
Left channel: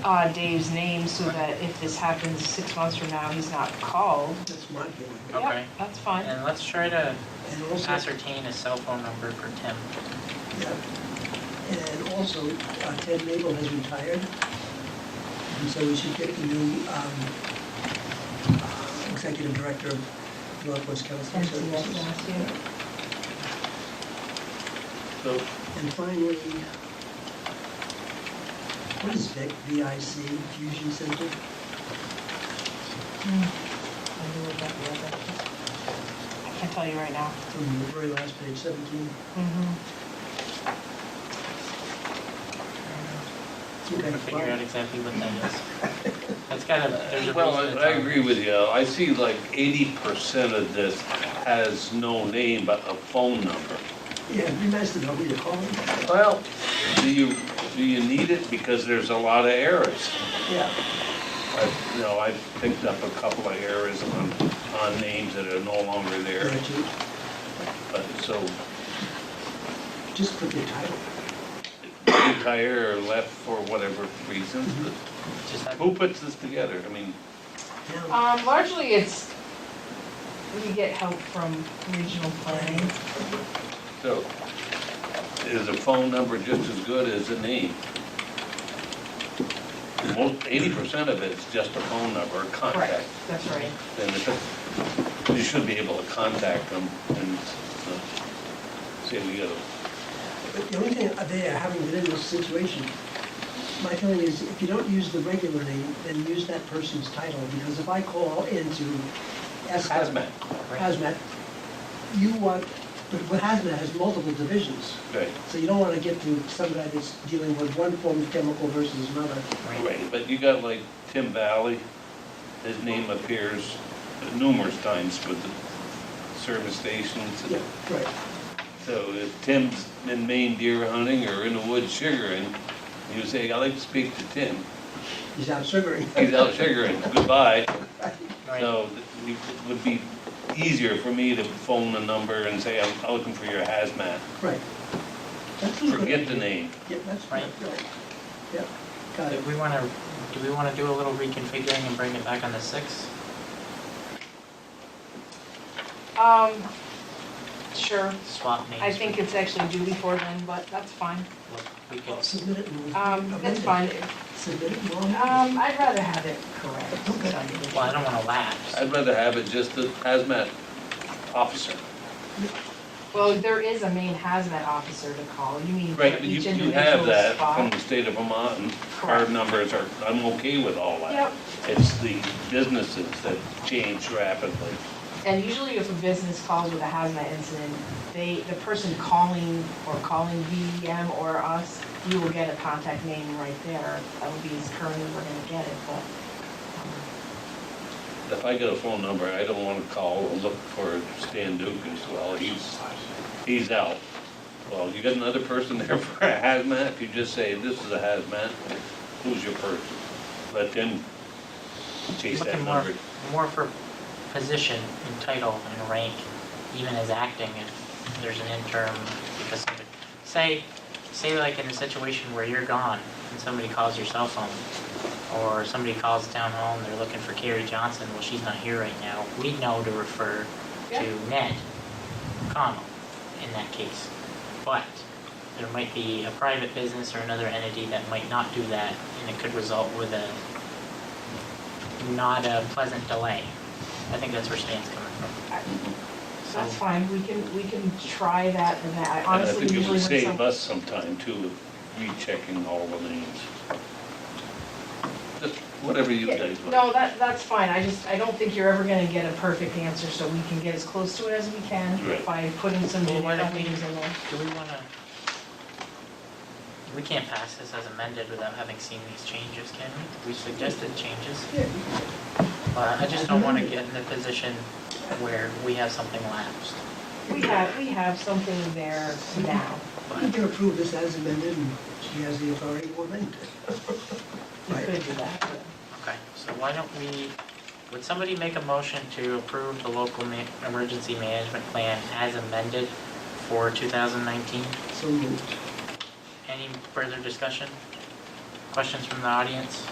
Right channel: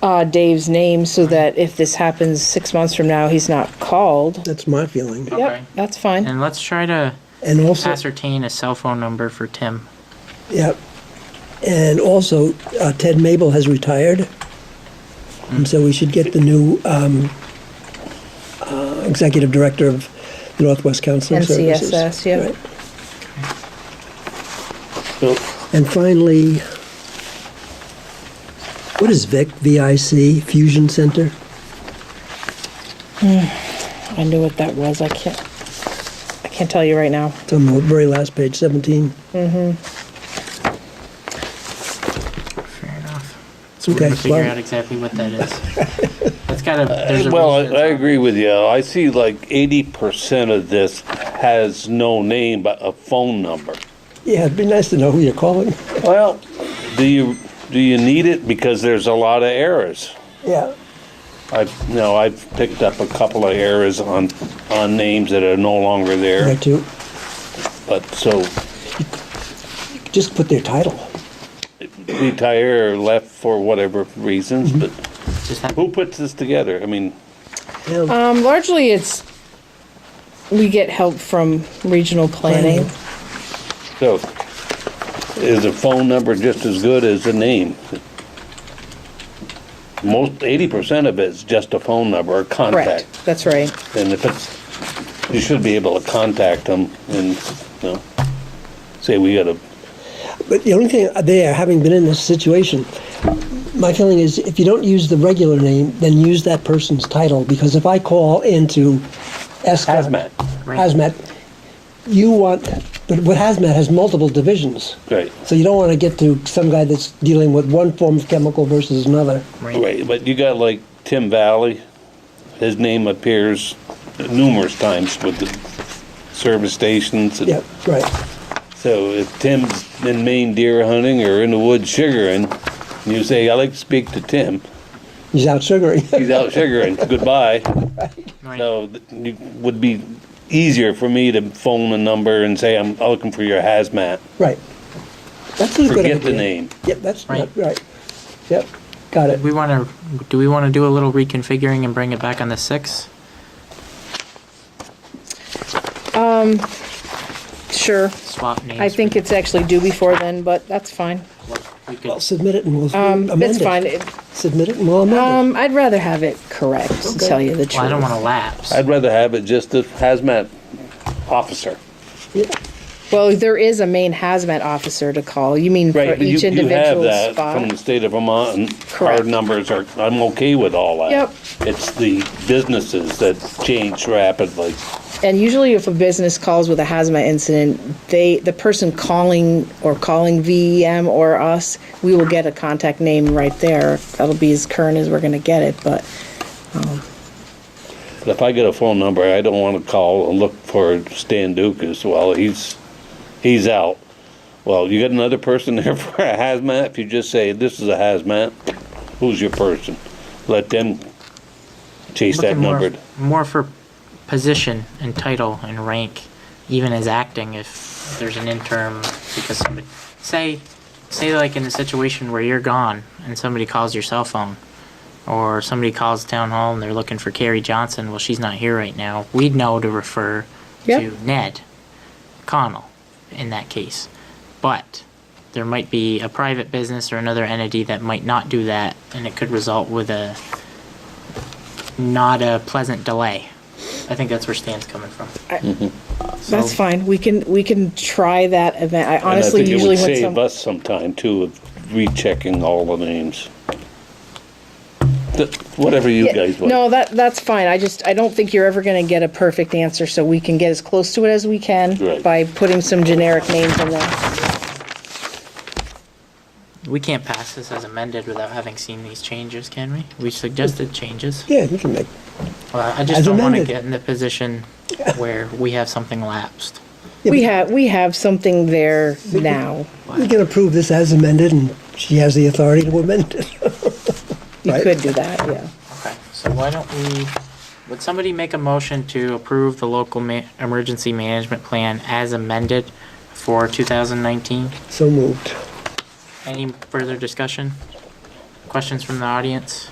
remove Dave's name so that if this happens 6 months from now, he's not called. That's my feeling. Okay. Yep, that's fine. And let's try to And also, ascertain a cell phone number for Tim. yeah, and also Ted Mabel has retired, and so we should get the new executive director of the Northwest Counseling Services. NCSS, yeah. Right. So, And finally, what is VIC, V-I-C, Fusion Center? I knew what that was. I can't tell you right now. It's on the very last page, 17. Fair enough. So we're Okay, gonna figure well- out exactly what that is. That's there's a well, reason I it's- agree with you. I see like 80% of this has no name but a phone number. Yeah, it'd be nice to know who you're calling. Well, do you need it? Because there's a lot of errors. Yeah. I've picked up a couple of errors on names that are no longer Right, there. too. But so Just put their title. retire or left for whatever reasons. But just have- who puts this together? I mean, Yeah. Largely we get help from regional planning. so is a phone number just as good as a name? Most 80% of it's just a phone number or contact. Correct, that's right. And if you should be able to contact them and say we got a. But the only thing there, having been in this situation, my feeling is if you don't use the regular name, then use that person's title. Because if I call into Hazmat. Right. Hazmat, but what Hazmat has multiple divisions. Right. So you don't want to get to some guy that's dealing with one form of chemical versus another. Right, but you got like Tim Valley, his name appears numerous times with the service stations. Yeah, right. So if Tim's in Maine deer hunting or in the woods sugaring, and you say, "I'd like to speak to Tim," He's out sugaring. he's out sugaring, goodbye. Right. So it would be easier for me to phone a number and say, I'm looking for your hazmat. Right. That's a good idea. Forget the name. Yep, that's Right. right. Yep, got it. Do we want to do a little reconfiguring and bring it back on the 6th? Sure. Swap names. I think it's actually due before then, but that's fine. we could. Well, submit it and we'll amend it. It's fine. Submit it and we'll amend I'd rather have it correct, to tell you the truth. Well, I don't want to lapse. I'd rather have it just a hazmat officer. it. Yeah. Well, there is a main hazmat officer to call. You mean for Right, but each you have individual that from the spot? state of Vermont, and Correct. our numbers are, I'm okay with all that. Yep. It's the businesses that change rapidly. And usually if a business calls with a hazmat incident, the person calling VEM or us, we will get a contact name right there. That'll be as current as we're gonna get it, but But if I get a phone number, I don't wanna call and look for Stan Dukas, well, he's out. Well, you got another person there for a hazmat? If you just say, this is a hazmat, who's your person? Let them chase that Looking number. more for position and title and rank, even as acting if there's an interim, because say like in a situation where you're gone and somebody calls your cell phone, or somebody calls town hall and they're looking for Carrie Johnson, well, she's not here right now, we'd know to refer Yeah. to Ned Connell in that case. But there might be a private business or another entity that might not do that, and it could result with not a pleasant delay. I think that's where Stan's coming from. that's fine. We can try that event. I honestly And I usually think it when would save us some time too, of rechecking all the names. Whatever you Yeah, guys want. no, that's fine. I don't think you're ever gonna get a perfect answer, so we can get as close to it as we can Right. by putting some generic names in there. We can't pass this as amended without having seen these changes, can we? We suggested changes. Yeah, you can make, Well, I just As don't want to amended. get in the position where we have something lapsed. Yeah, We have something there now. we can approve this as amended, and she has the authority to amend it. You Right. could do that, yeah. Okay, so why don't would somebody make a motion to approve the local emergency management plan as amended for 2019? So moved. Any further discussion? Questions from the audience?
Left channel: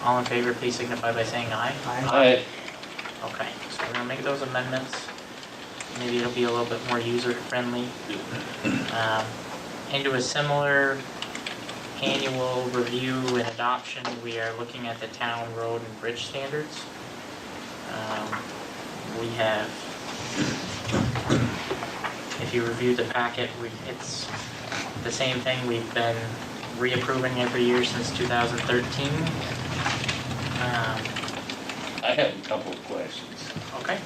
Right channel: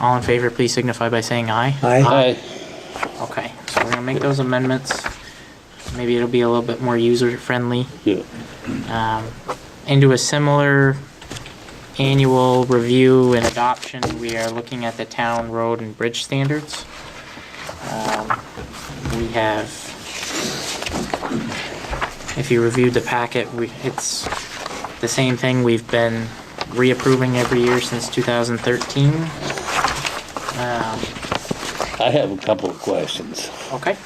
All in favor, please signify by saying aye. Aye. Okay, so we're gonna make those amendments. Maybe it'll be a little bit more user-friendly. Yeah. Into a similar annual review and adoption, we are looking at the town road and bridge standards. We have, if you reviewed the packet, it's the same thing we've been reapproving every year since 2013. I have a couple of questions. Okay,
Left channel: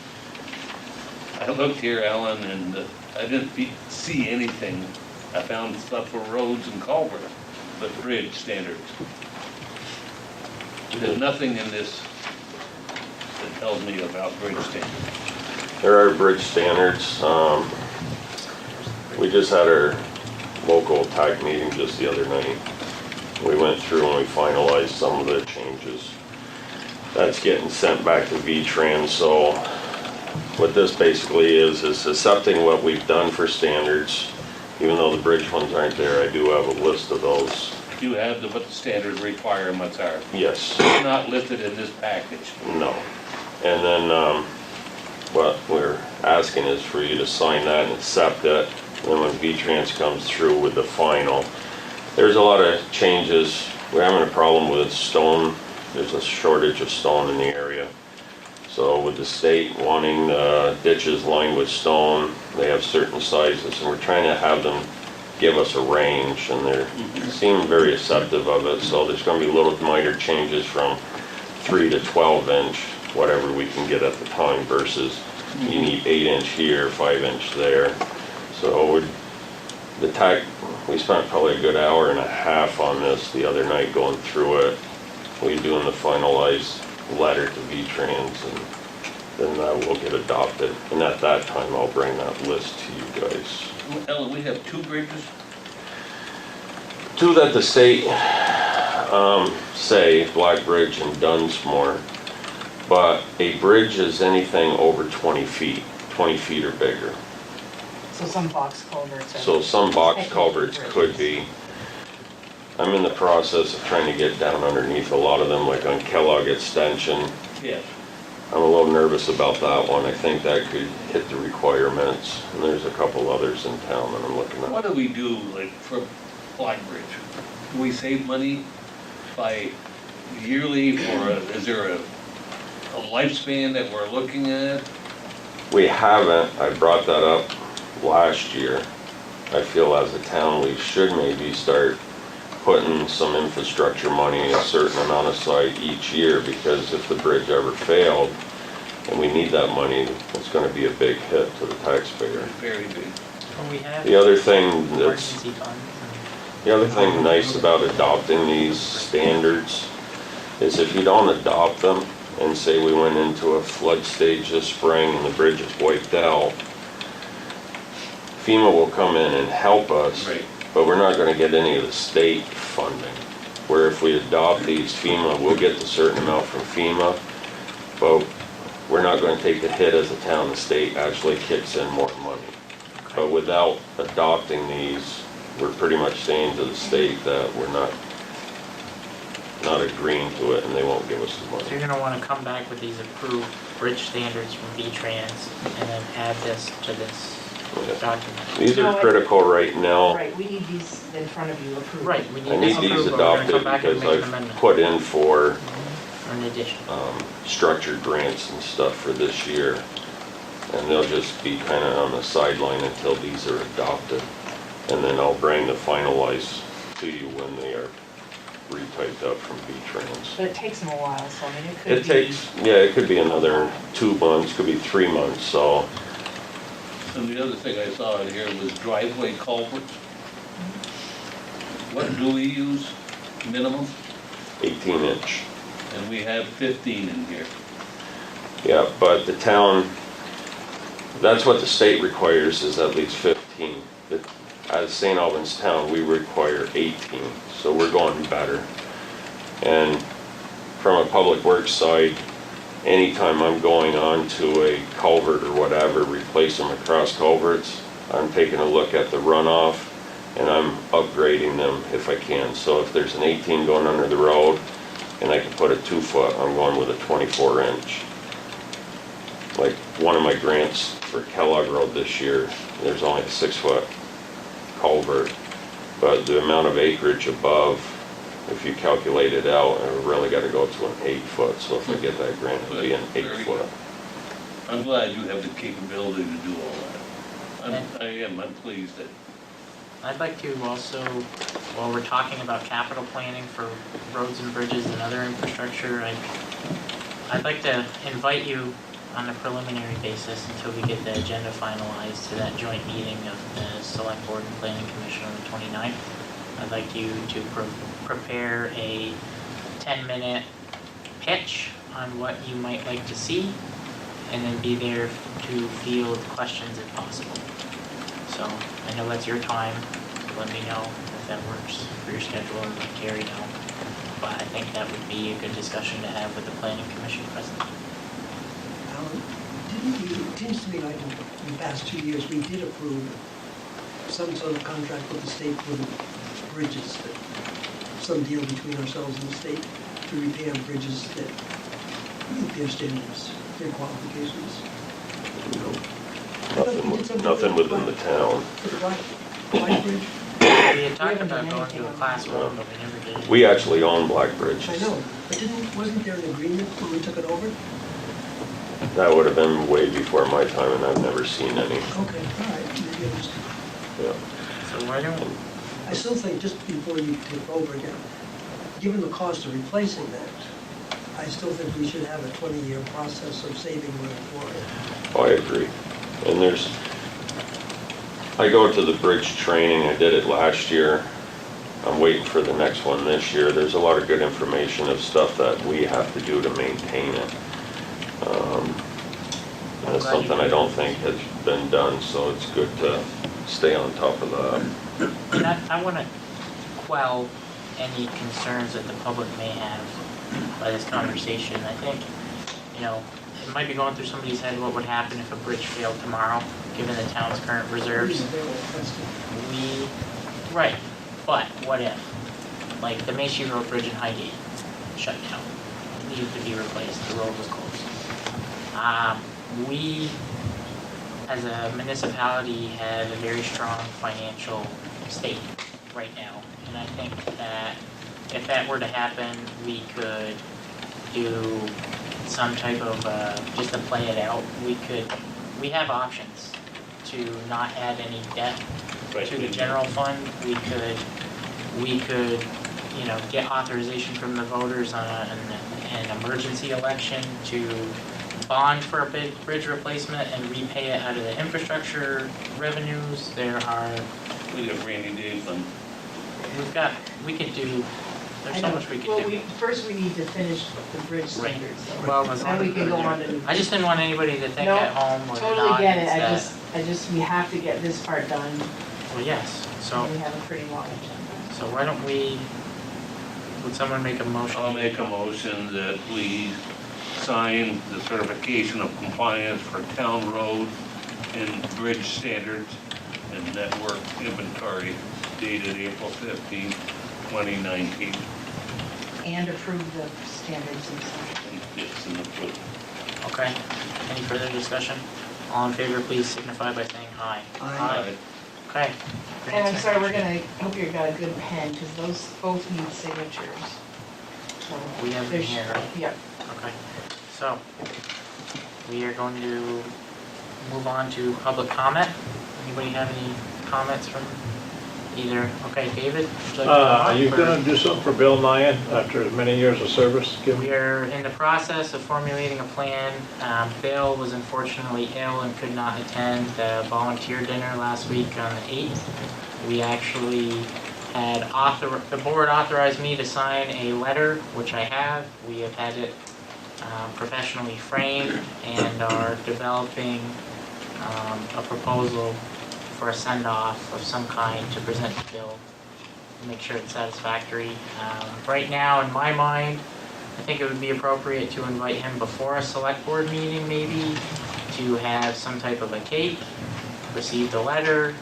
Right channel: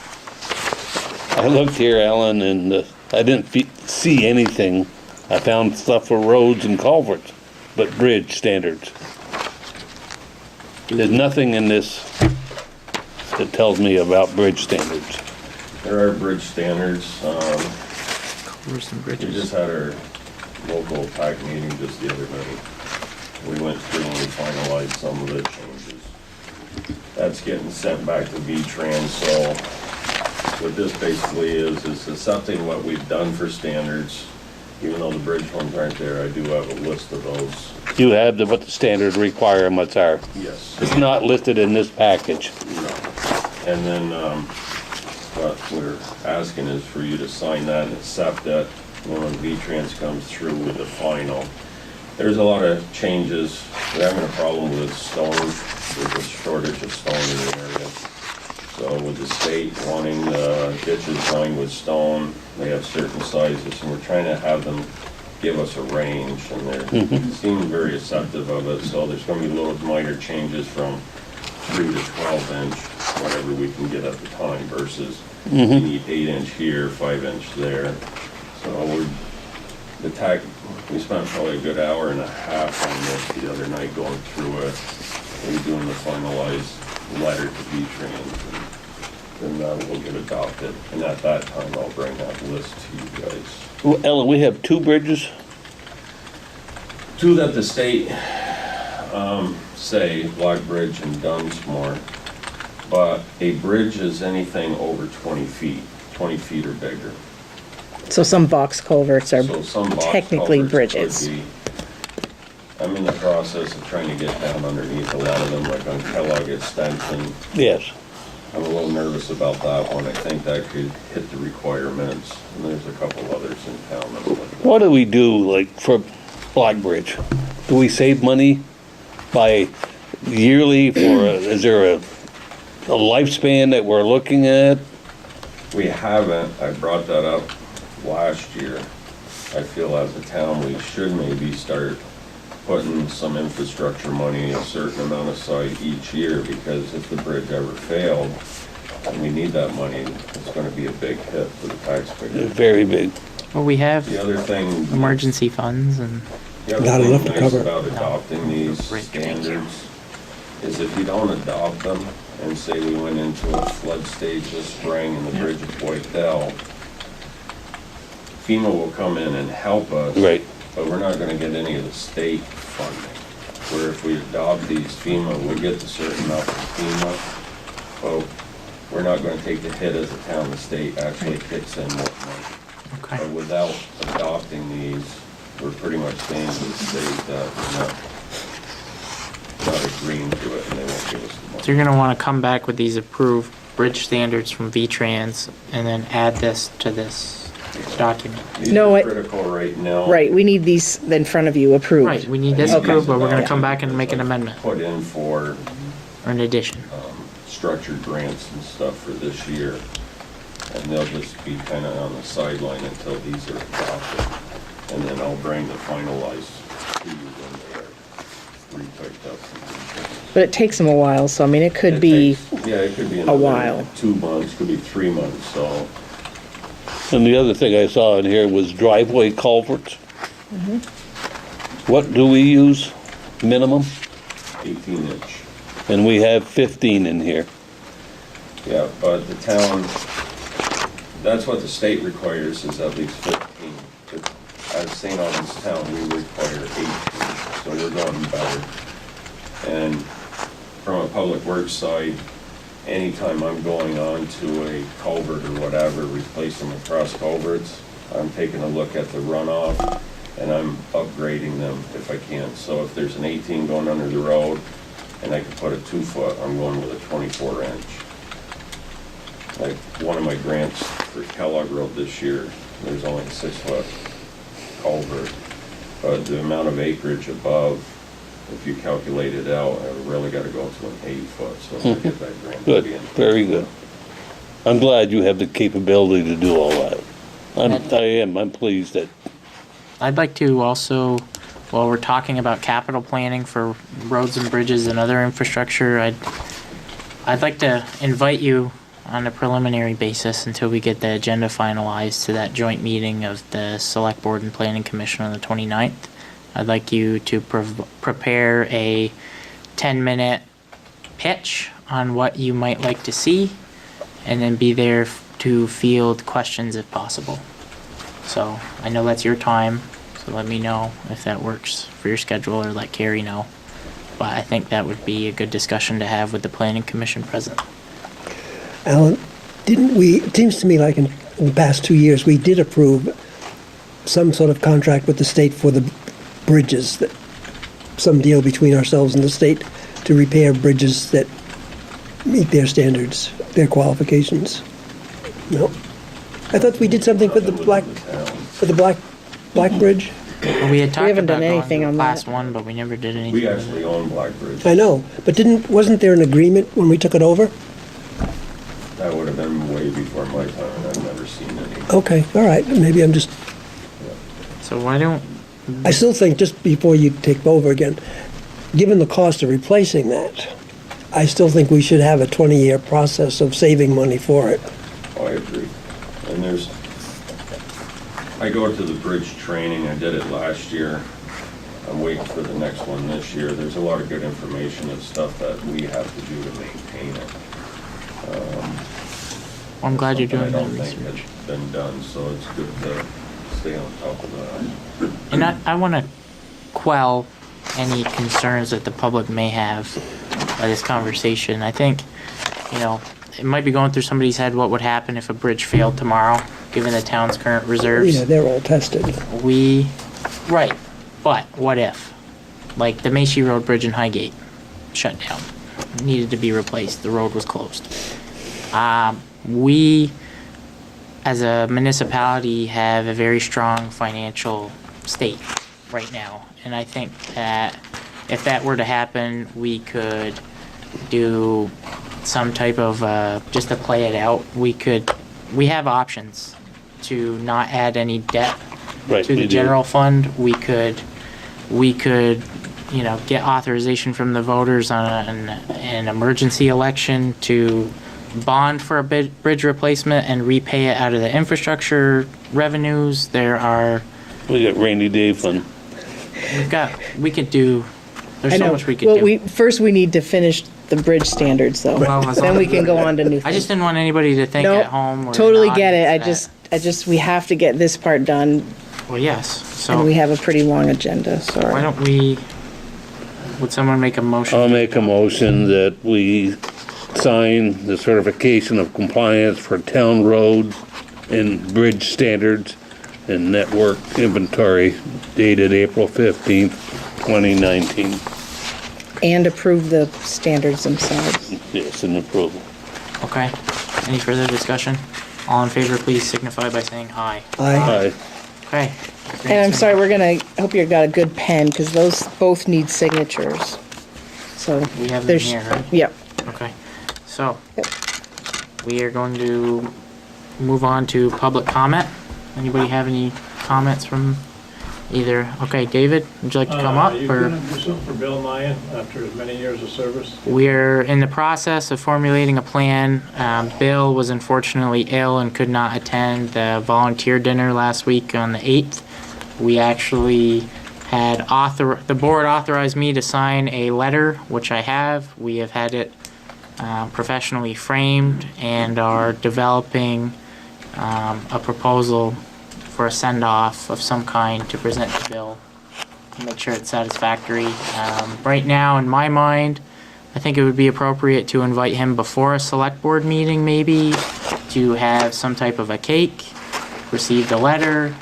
I looked here, Alan, and I didn't see anything. I found stuff for roads and culverts, but bridge standards. There's nothing in this that tells me about bridge standards. There are bridge standards. there's some We bridges. just had our local TAC meeting just the other night. We went through and we finalized some of the changes. That's getting sent back to V-Trans, so what this basically is accepting what we've done for standards. Even though the bridge ones aren't there, I do have a list of those. You have what the standard requirements are. Yes. It's not listed in this package. No. And then, what we're asking is for you to sign that and accept it. Then when V-Trans comes through with the final, there's a lot of changes. We're having a problem with stone. There's a shortage of stone in the area. So with the state wanting ditches lined with stone, they have certain sizes, and we're trying to have them give us a range, and they seem very acceptive of it. So there's going to be little minor changes from 3 to 12 inch, whatever we can get at the time, versus you need 8 inch here, 5 inch there. So the TAC, we spent probably a good hour and a half on this the other night going through it. We're doing the finalized letter to V-Trans, and then that will get adopted. And at that time, I'll bring that list to you guys. Well, Ellen, we have 2 bridges. 2 that the state say, Black Bridge and Dunsmore, but a bridge is anything over 20 feet or bigger. So some box culverts are So some box technically culverts could bridges. be. I'm in the process of trying to get down underneath a lot of them, like on Kellogg Extension. Yes. I'm a little nervous about that one. I think that could hit the requirements. And there's a couple others in town that I'm looking at. What do we do, like, for Black Bridge? Do we save money by yearly, or is there a lifespan that we're looking at? We haven't. I brought that up last year. I feel as a town, we should maybe start putting some infrastructure money, a certain amount aside each year, because if the bridge ever failed and we need that money, it's gonna be a big hit to the taxpayer. Very big. Well, we have The other thing that's, emergency funds and the other Not thing enough to nice cover. about adopting these standards is if you don't adopt them and say we went into a flood stage this spring and the bridge is wiped out, FEMA will come in and help us. Right. But we're not gonna get any of the state funding. Where if we adopt these FEMA, we'll get a certain amount from FEMA, but we're not gonna take the hit as a town. The state actually kicks in more money. But okay. without adopting these, we're pretty much saying to the state that we're not agreeing to it, and they won't give us the So you're money. gonna wanna come back with these approved bridge standards from V-Trans and then add this to this document. These No, are I- critical right now. Right, we need these in front of you approved. Right, we I need this need these approved, but we're gonna adopted come back and make an because I've amendment Put in for or an addition. structured grants and stuff for this year. And they'll just be kind of on the sideline until these are adopted. And then I'll bring the finalized to you when they are retyped up from V-Trans. But it takes them a while, so I mean, it could It be, takes- Yeah, it could be another while. 2 months, could be 3 months, so. And the other thing I saw in here was driveway culverts. What do we use minimum? 18-inch. And we have 15 in here. Yeah, but the town, that's what the state requires, is at least 15. But at St. Albans Town, we require 18, so we're going better. And from a public works side, anytime I'm going on to a culvert or whatever, replace them across culverts, I'm taking a look at the runoff and I'm upgrading them if I can. So if there's an 18 going under the road and I can put a 2-foot, I'm going with a 24-inch. Like one of my grants for Kellogg Road this year, there's only a 6-foot culvert, but the amount of acreage above, if you calculate it out, I really gotta go to an 8-foot, so if I get that grant, it'll Good, be an very 8-foot. good. I'm glad you have the capability to do all that. I'm pleased that, I'd like to also, while we're talking about capital planning for roads and bridges and other infrastructure, I'd like to invite you on a preliminary basis until we get the agenda finalized to that joint meeting of the Select Board and Planning Commission on the 29th. I'd like you to prepare a 10-minute pitch on what you might like to see, and then be there to field questions if possible. So I know that's your time, so let me know if that works for your schedule, or let Carrie know. But I think that would be a good discussion to have with the Planning Commission president. Alan, didn't we, it seems to me like in the past 2 years, we did approve some sort of contract with the state for the bridges, that some deal between ourselves and the state to repair bridges that meet their standards, their qualifications. No? I thought we did something for the Nothing Black, within the town. for the Black Bridge. We had talked haven't about done going anything to on class that. 1, but we never did anything. We actually own Black Bridge. I know, but wasn't there an agreement when we took it over? That would have been way before my time, and I've never seen any. Okay, all right, maybe I'm just, Yeah. So why don't, I still think just before you take over again, given the cost of replacing that, I still think we should have a 20-year process of saving money for it. Oh, I agree. And I go to the bridge training, I did it last year. I'm waiting for the next one this year. There's a lot of good information of stuff that we have to do to maintain it. I'm That's glad you're something doing I don't that this think year. has been done, so it's good to stay on top of that. And I want to quell any concerns that the public may have by this conversation. I think, it might be going through somebody's head what would happen if a bridge failed tomorrow, given the town's current reserves. Yeah, they're all tested. Right, but what if? Like the Macy Road Bridge in Highgate, shut down, needed to be replaced, the road was closed. We, as a municipality, have a very strong financial state right now. And I think that if that were to happen, we could do some type of, just to play it out, we have options to not add any debt Right, to we the do. general fund. We could, get authorization from the voters on an emergency election to bond for a bridge replacement and repay it out of the infrastructure revenues. There's we got rainy day fund. there's so much we could Well, do. first we need to finish the bridge standards though. Well, as Then long we can go on to new I things. just didn't want anybody to think No, at home or totally not get it. that- We have to get this part done, Well, yes, and we so have a pretty long agenda, why sorry. don't would someone make a motion? I'll make a motion that we sign the certification of compliance for town road and bridge standards and network inventory dated April 15th, 2019. And approve the standards themselves. Yes, and approval. Okay, any further discussion? All in favor, please signify by saying aye. Aye. Okay. And I'm sorry, I hope you got a good pen, because those both need signatures. So, We have them there's, here, right? yeah. Okay, so Yep. we are going to move on to public comment. Anybody have any comments from Either, okay, David, would you like to come Are up? you or- gonna do something for Bill Nye after as many years of service? We're in the process of formulating a plan. Bill was unfortunately ill and could not attend the volunteer dinner last week on the 8th. We actually had the board authorized me to sign a letter, which I have. We have had it professionally framed and are developing a proposal for a send-off of some kind to present to Bill. Make sure it's satisfactory. Right now, in my mind, I think it would be appropriate to invite him before a select board meeting, maybe, to have some type of a cake, receive the letter,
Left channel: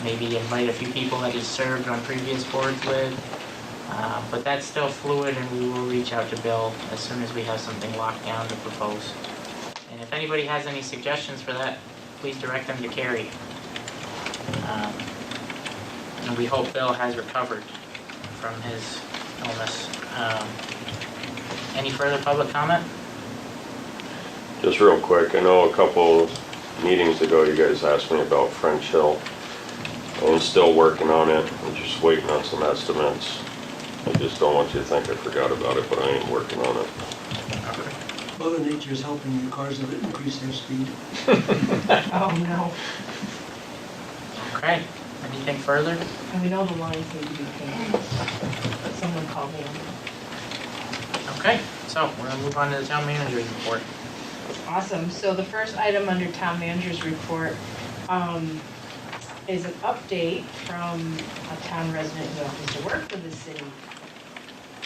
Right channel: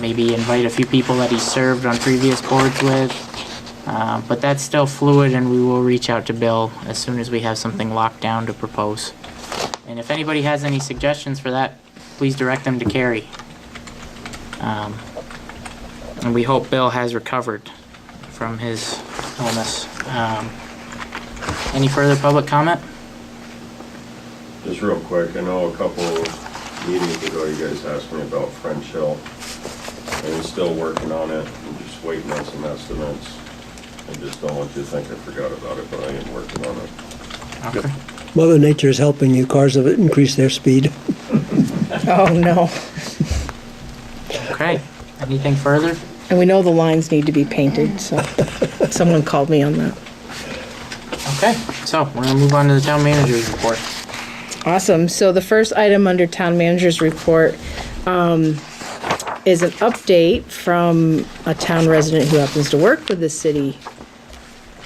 maybe invite a few people that he's served on previous boards with. But that's still fluid, and we will reach out to Bill as soon as we have something locked down to propose. And if anybody has any suggestions for that, please direct them to Carrie. And we hope Bill has recovered from his illness. Any further public comment? Just real quick, I know a couple meetings ago you guys asked me about French Hill. I'm still working on it. I'm just waiting on some estimates. I just don't want you to think I forgot about it, but I am working on it. Okay. Mother Nature is helping you. Cars have increased their speed. Oh, no. Okay. Anything further? And we know the lines need to be painted, so someone called me on that. Okay. So we're gonna move on to the town manager's report. Awesome. So the first item under town manager's report is an update from a town resident who happens to work with the city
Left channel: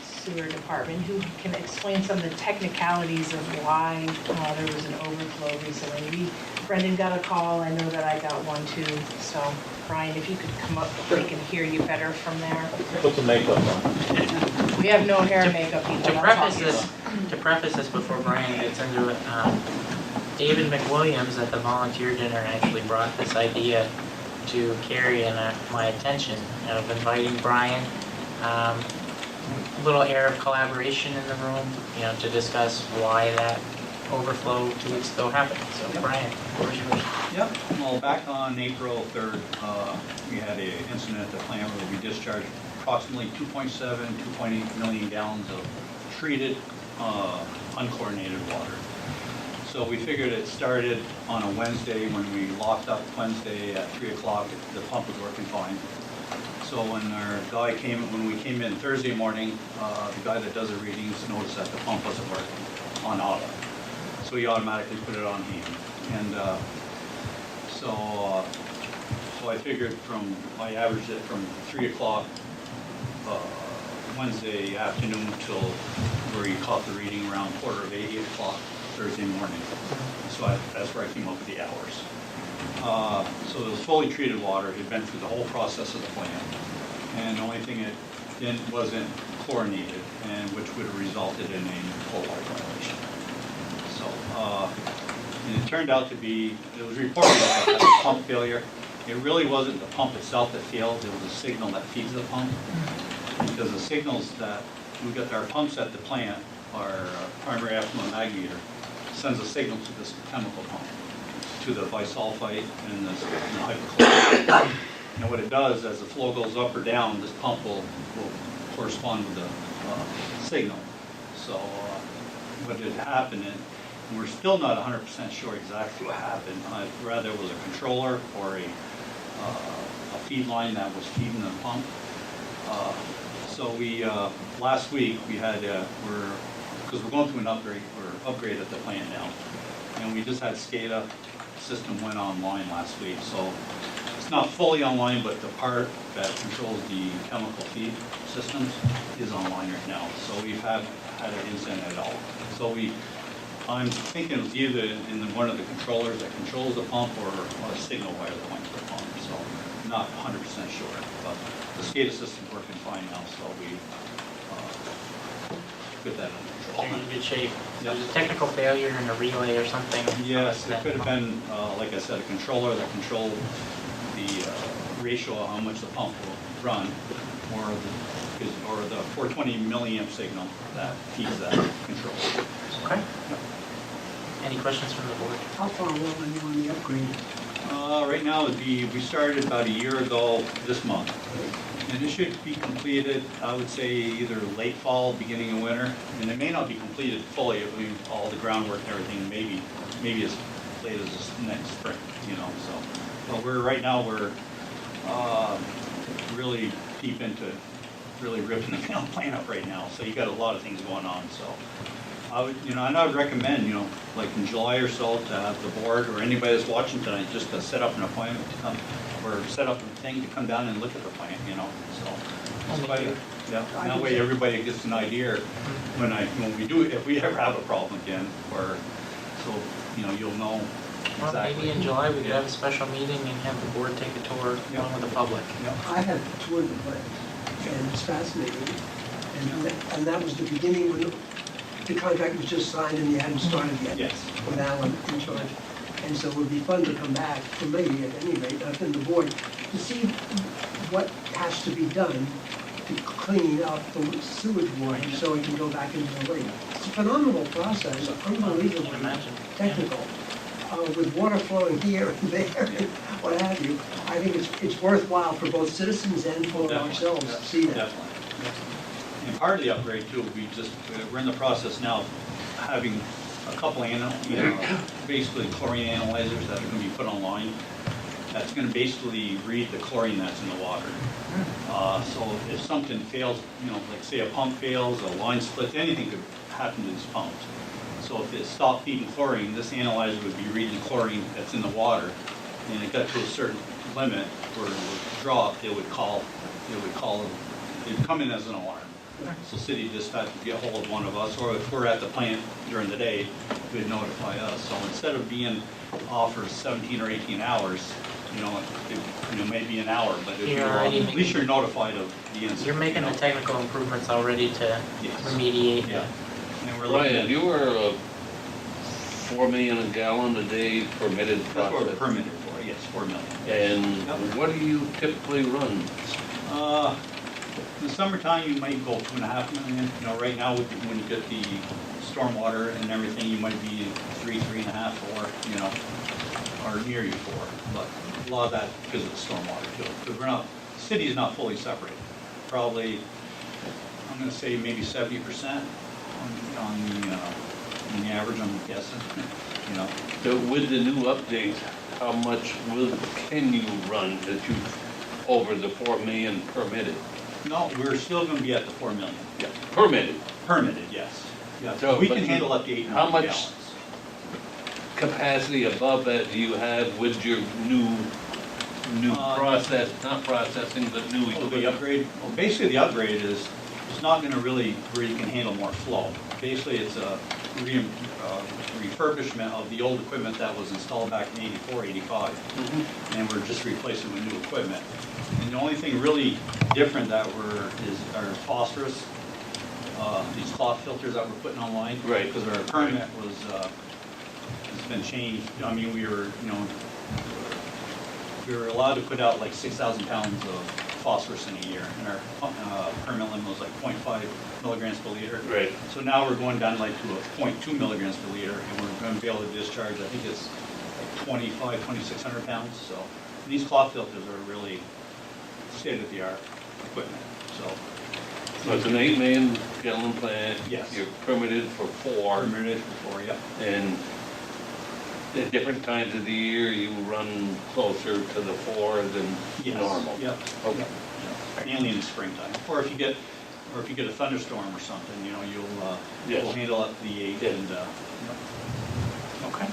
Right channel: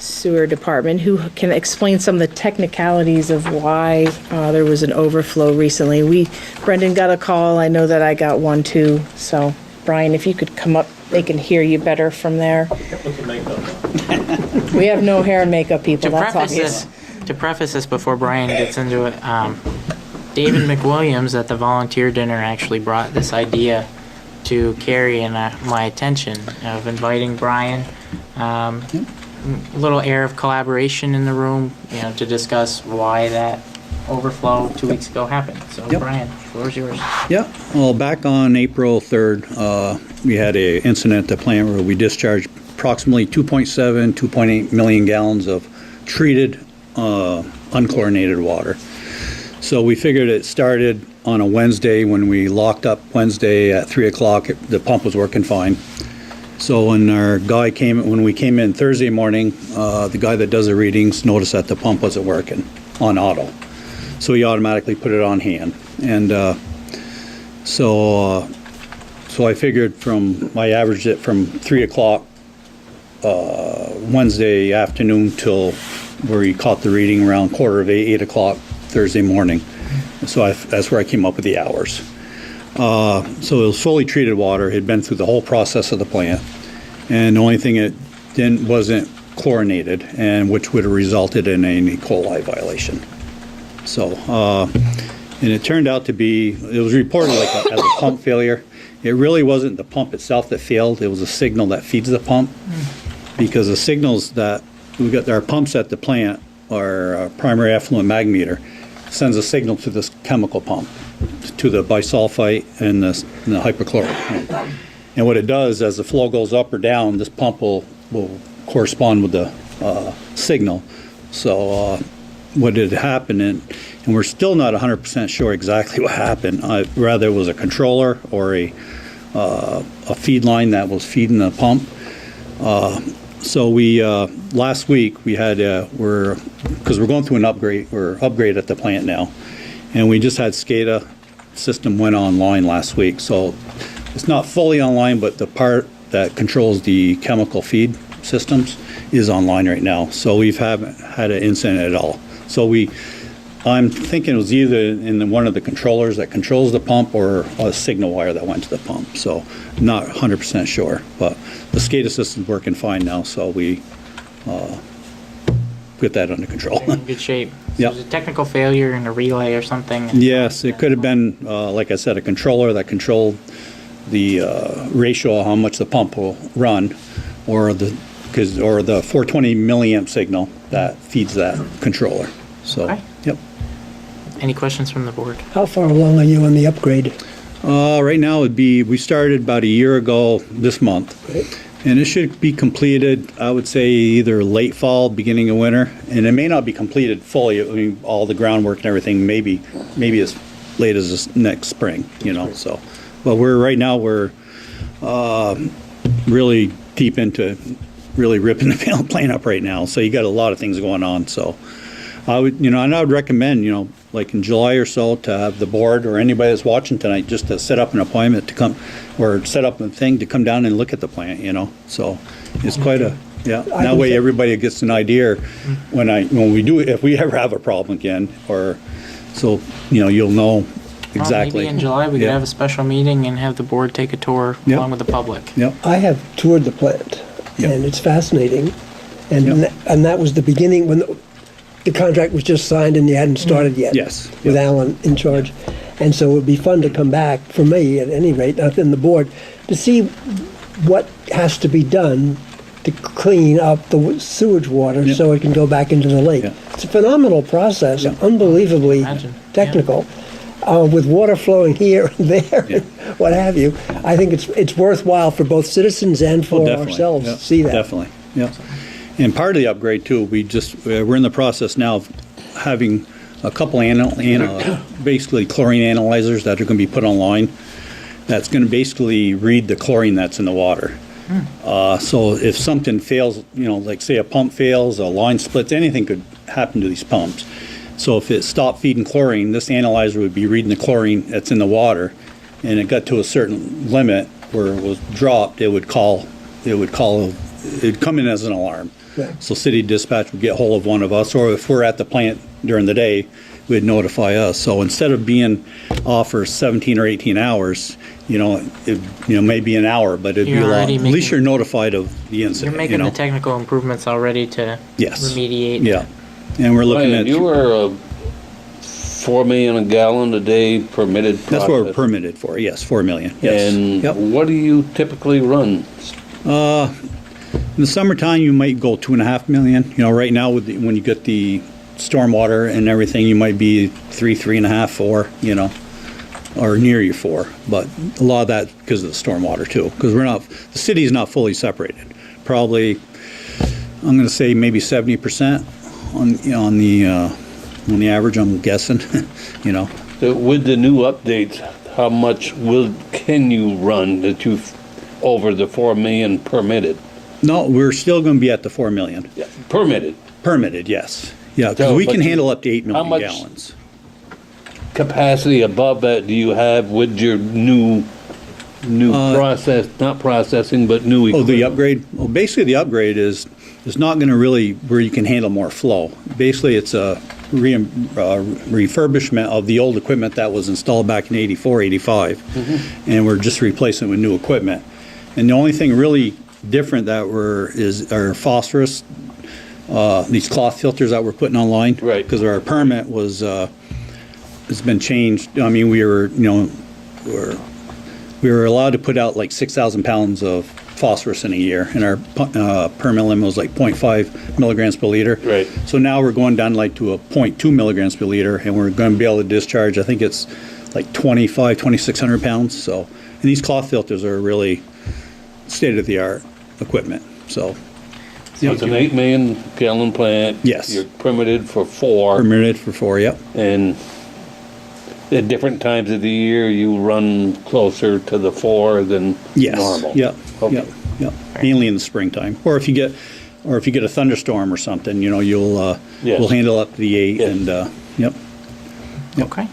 sewer department, who can explain some of the technicalities of why there was an overflow recently. Brendan got a call. I know that I got one too. So Brian, if you could come up, they can hear you better from there. Put the makeup on. We have no hair and makeup people. To That's preface obvious. this before Brian gets into it, David McWilliams at the volunteer dinner actually brought this idea to Carrie and my attention of inviting Brian. A little air of collaboration in the room, to discuss why that overflow 2 weeks ago happened. So Yep. Brian, the floor is yours. Yeah, well, back on April 3rd, we had an incident at the plant where we discharged approximately 2.7, 2.8 million gallons of treated, unchlorinated water. So we figured it started on a Wednesday when we locked up Wednesday at 3 o'clock. The pump was working fine. So when when we came in Thursday morning, the guy that does the readings noticed that the pump wasn't working on auto. So he automatically put it on hand. And so I figured I averaged it from 3 o'clock Wednesday afternoon till where he caught the reading around 7:45, 8 o'clock Thursday morning. So that's where I came up with the hours. So it was fully treated water. It had been through the whole process of the plant. And the only thing it wasn't chlorinated, and which would have resulted in an E. coli violation. So, and it turned out to be, it was reported as a pump failure. It really wasn't the pump itself that failed. It was a signal that feeds the pump. Because the signals that we got, our pumps at the plant, our primary effluent mag meter, sends a signal to this chemical pump, to the bisulfite and the hypochlorite pump. And what it does, as the flow goes up or down, this pump will correspond with the signal. So what had happened, and we're still not 100% sure exactly what happened. Rather it was a controller or a feed line that was feeding the pump. So we last week we had because we're going through an upgrade. We're upgraded at the plant now, and we just had SCADA system went online last week. So it's not fully online, but the part that controls the chemical feed systems is online right now. So we haven't had an incident at all. So I'm thinking it was either in one of the controllers that controls the pump or a signal wire that went to the pump. So not 100% sure, but the SCADA system's working fine now, so we get that under control. In good shape. So Yep. there's a technical failure in a relay or something. Yes, it could have been, like I said, a controller that controlled the ratio of how much the pump will run, or the 420 milliamp signal that feeds that controller. So, Okay. yep. Any questions from the board? How far along are you on the upgrade? Right now it'd be, we started about a year ago this month. And it should be completed, I would say, either late fall, beginning of winter. And it may not be completed fully, I mean, all the groundwork and everything, maybe as late as this next spring, you know, so. But right now, we're really deep into really ripping the plane up right now. So you got a lot of things going on, so. I would, and I would recommend, like in July or so, to have the board or anybody that's watching tonight, just to set up an appointment to come, or set up a thing to come down and look at the plant, so it's quite a, yeah. That way everybody gets an idea when we do, if we ever have a problem again, or, so, you'll know exactly. Maybe in July, we could have a special meeting and have the board take a tour along with the public. Yep. I have toured the plant, Yep. and it's fascinating. And Yep. and that was the beginning when the contract was just signed and you hadn't started yet. Yes. With Yep. Alan in charge. And so it would be fun to come back, for me at any rate, not in the board, to see what has to be done to clean up the sewage water Yep. so it can go back into the lake. Yep. It's a phenomenal process, unbelievably Imagine. technical, with water flowing here and there, Yeah. what have you. I think it's worthwhile for both citizens and Oh, for definitely. ourselves Yep. to see that. Definitely, yep. And part of the upgrade too, we're in the process now of having a couple basically chlorine analyzers that are gonna be put online. That's gonna basically read the chlorine that's in the water. So if something fails, like say a pump fails, a line splits, anything could happen to these pumps. So if it stopped feeding chlorine, this analyzer would be reading the chlorine that's in the water, and it got to a certain limit where it was dropped, it'd come in as an alarm. Right. So city dispatch would get hold of one of us, or if we're at the plant during the day, would notify us. So instead of being off for 17 or 18 hours, it may be an hour, but it'd be You're a lot. already At least making- you're notified of the incident. You're making the technical improvements already to Yes. remediate. Yeah, and we're looking Ryan, at. you were 4 million a gallon a day permitted. That's what we're process. permitted for. Yes, 4 million. Yes. And Yep. what do you typically run? In the summertime, you might go 2.5 million. Right now, when you get the stormwater and everything, you might be 3.5, 4. Or near you 4. But a lot of that because of the stormwater too. Because the city is not fully separated. Probably, I'm going to say maybe 70% on the average. I'm guessing. With the new updates, how much can you run that you over the 4 million permitted? No, we're still going to be at the 4 million. Yeah, permitted. Permitted, yes. Yeah, 'cause So, we but can you- handle up to 8 million how much- gallons. Capacity above that do you have with your new process, not processing, but new Oh, equipment? the upgrade? Well, basically the upgrade is not going to really where you can handle more flow. Basically, it's a refurbishment of the old equipment that was installed back in 84, 85. And we're just replacing it with new equipment. And the only thing really different that is our phosphorus, these cloth filters that we're putting online. Right. Because our permit has been changed. I mean, we were allowed to put out like 6,000 pounds of phosphorus in a year, and our permit limit was like 0.5 milligrams per liter. Right. So now we're going down like to a 0.2 milligrams per liter, and we're going to be able to discharge, I think it's like 2,600 pounds. So, and these cloth filters are really state-of-the-art equipment. So, So it's an 8 million gallon plant. Yes. You're permitted for 4. permitted for 4, yep. And at different times of the year, you run closer to the 4 than Yes. normal. Yep. Okay. Yep. Yep. Mainly in the springtime, or if you get a thunderstorm or something, you'll Yes. we'll handle up to the 8 Yes. and yep. Yep. Okay.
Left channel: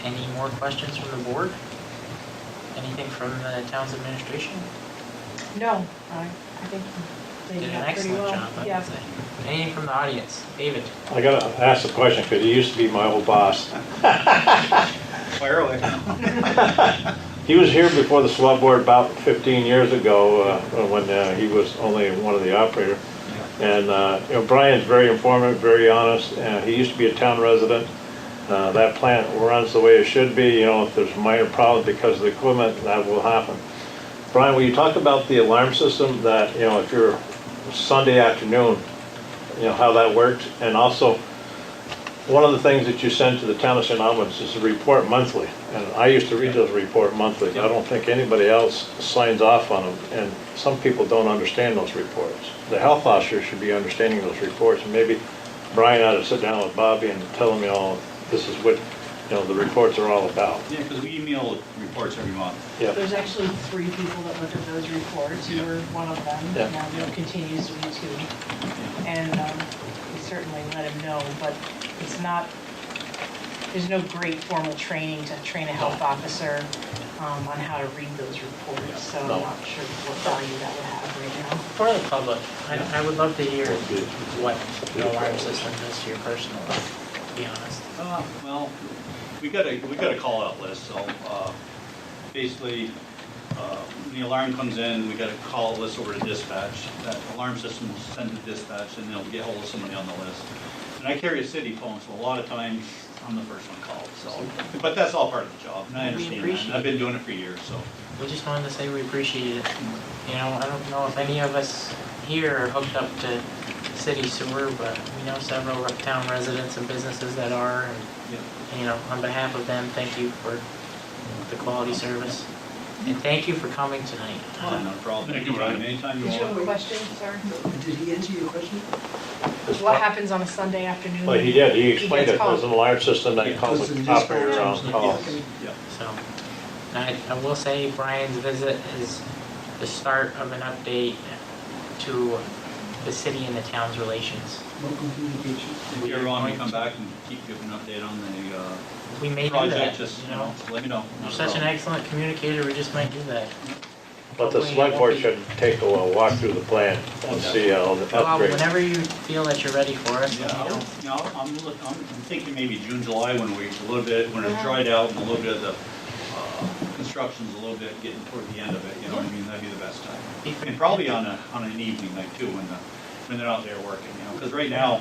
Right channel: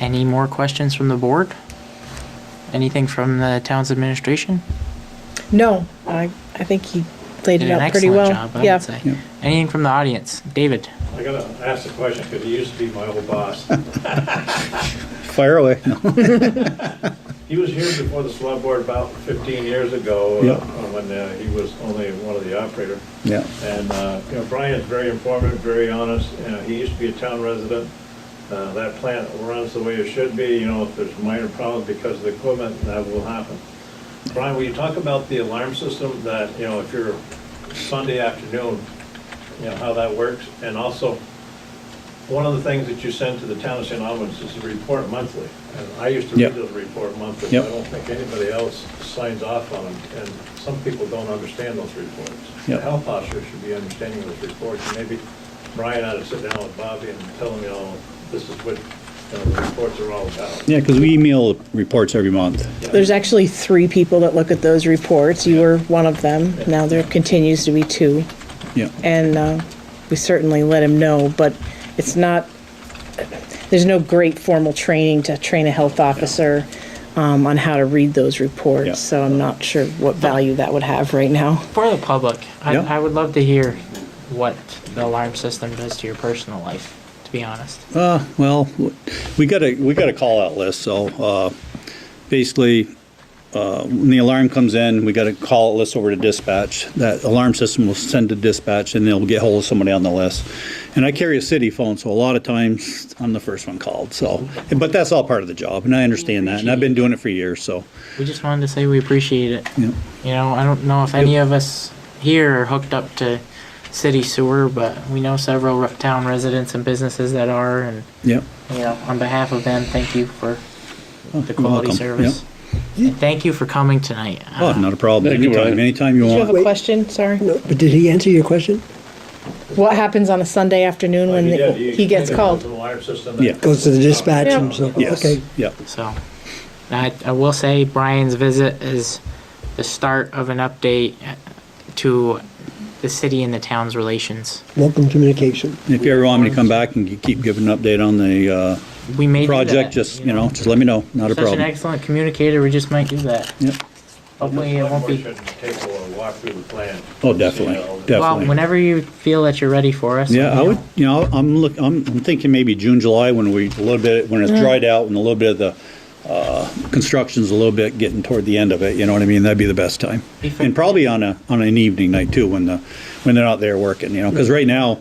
Any more questions from the board? Anything from the town's administration? No, I think he laid it Did an out pretty excellent well. job, I Yeah. would say. Anything from the audience? David? I gotta ask the question, because he used to be my old boss. Fire away. He was here before the select board about 15 years ago, Yeah. when he was only one of the operators. Yeah. And, Brian's very informative, very honest. He used to be a town resident. That plant runs the way it should be. If there's a minor problem because of the equipment, that will happen. Brian, will you talk about the alarm system that, if you're Sunday afternoon, how that works? And also, one of the things that you send to the town of St. Albans is a report monthly. And I used to read Yeah. those report monthly. Yeah. I don't think anybody else signs off on them, and some people don't understand those reports. The Yeah. health officer should be understanding those reports, and maybe Brian ought to sit down with Bobby and tell him, this is what, the reports are all about. Yeah, because we email reports every month. Yeah. There's actually 3 people that look at those reports. You were one of them. Yeah. Now there continues to be 2. Yeah. And we certainly let him know, but it's not, there's no great formal training to train a health officer on how to read those reports. Yeah. So I'm not sure what value that would have right now. For the public, Yeah. I would love to hear what the alarm system does to your personal life, to be honest. Well, we got a call out list, so, basically, when the alarm comes in, we got a call out list over to dispatch. That alarm system will send to dispatch and they'll get hold of somebody on the list. And I carry a city phone, so a lot of times I'm the first one called, so, but that's all part of the job, and I understand that, and I've been doing it for years, so. We just wanted to say we appreciate it. Yeah. I don't know if any of us here are hooked up to city sewer, but we know several town residents and businesses that are, and, Yeah. on behalf of them, thank you for the You're quality welcome. service. And thank you for coming tonight. Oh, not a problem. Thank you, Anytime, Ryan. anytime you Do you have want. a question? Sorry. No, but did he answer your question? What happens on a Sunday afternoon But when he he explained gets it. called? There's an alarm system Yeah. that Goes to the dispatch Yeah. and so, Yes. okay. Yeah. So, I will say Brian's visit is the start of an update to the city and the town's relations. Welcome communication. If you ever want me to come back and keep giving an update on the, We may do project, that, just, just let me know. Not a Such an problem. excellent communicator, we just might do that. Yep. But the Hopefully it select won't board be- should take a walk through the plan. Oh, see definitely. all the- Yeah. Well, Definitely. whenever you feel that you're ready for us. Yeah, I would, I'm thinking maybe June, July, when when it's dried out and a little bit of the, construction's a little bit getting toward the end of it, you know what I mean? That'd be the best time. And probably on an evening night too, when they're not there working, because right now,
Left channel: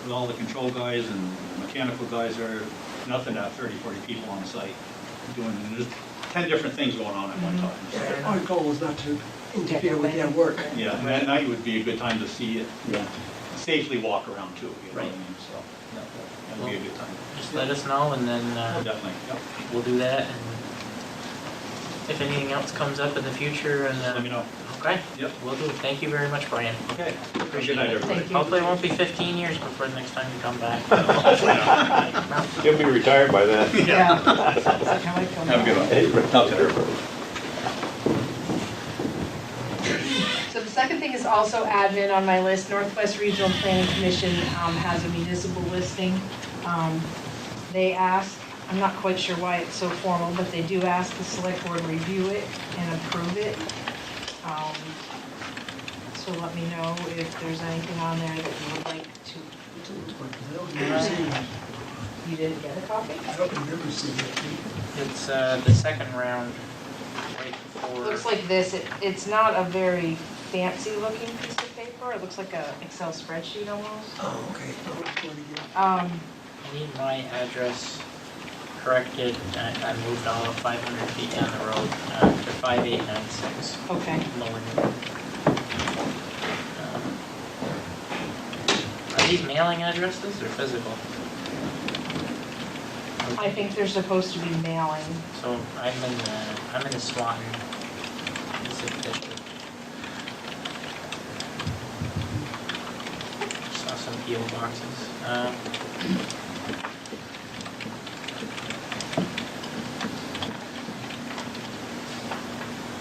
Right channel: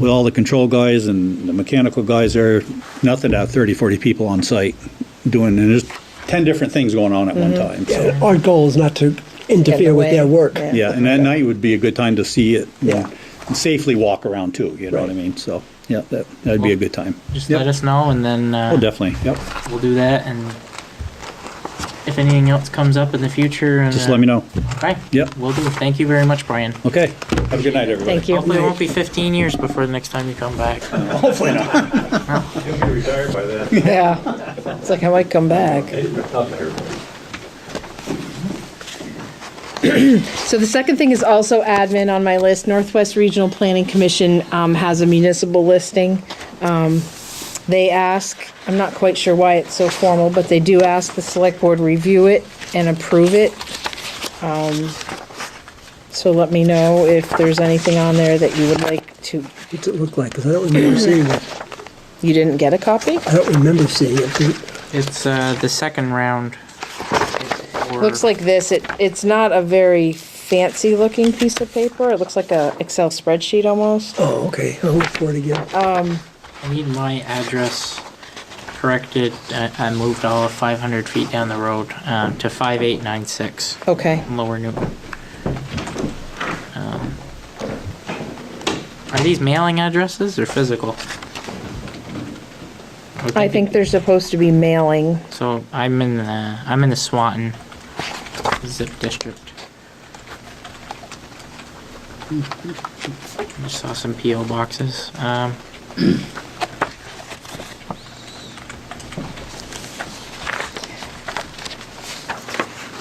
with all the control guys and the mechanical guys there, nothing to have 30, 40 people on site doing, and there's 10 different things going on at one time, so. Yeah, our goal is not to interfere with their work. Yeah, and that night would be a good time to see it, and safely walk around too, you know what I mean? So, yeah, that'd be a good time. Just Yep. let us know and then Oh, definitely, yep. we'll do that. And if anything else comes up in the future, and, Just let me know. Okay. Yep. We'll do. Thank you very much, Brian. Okay, have a good night, everybody. Thank you. Hopefully it won't be 15 years before the next time you come back. You'll be retired by then. Yeah. It's like I might come back. So the second thing is also admin on my list. Northwest Regional Planning Commission has a municipal listing. They ask, I'm not quite sure why it's so formal, but they do ask the select board review it and approve it. So let me know if there's anything on there that you would like to, What's it look like? Because I don't remember seeing it. you didn't get a copy? I don't remember seeing it. It's the second round. Looks like this. It's not a very fancy looking piece of paper. It looks like a Excel spreadsheet almost. Oh, okay. I'll look for it again. I need my address corrected. I moved all of 500 feet down the road to 5896 Okay. Lower Newton. Are these mailing addresses or physical? I think they're supposed to be mailing. So. I'm in the Swanton zip district. Just saw some PO boxes.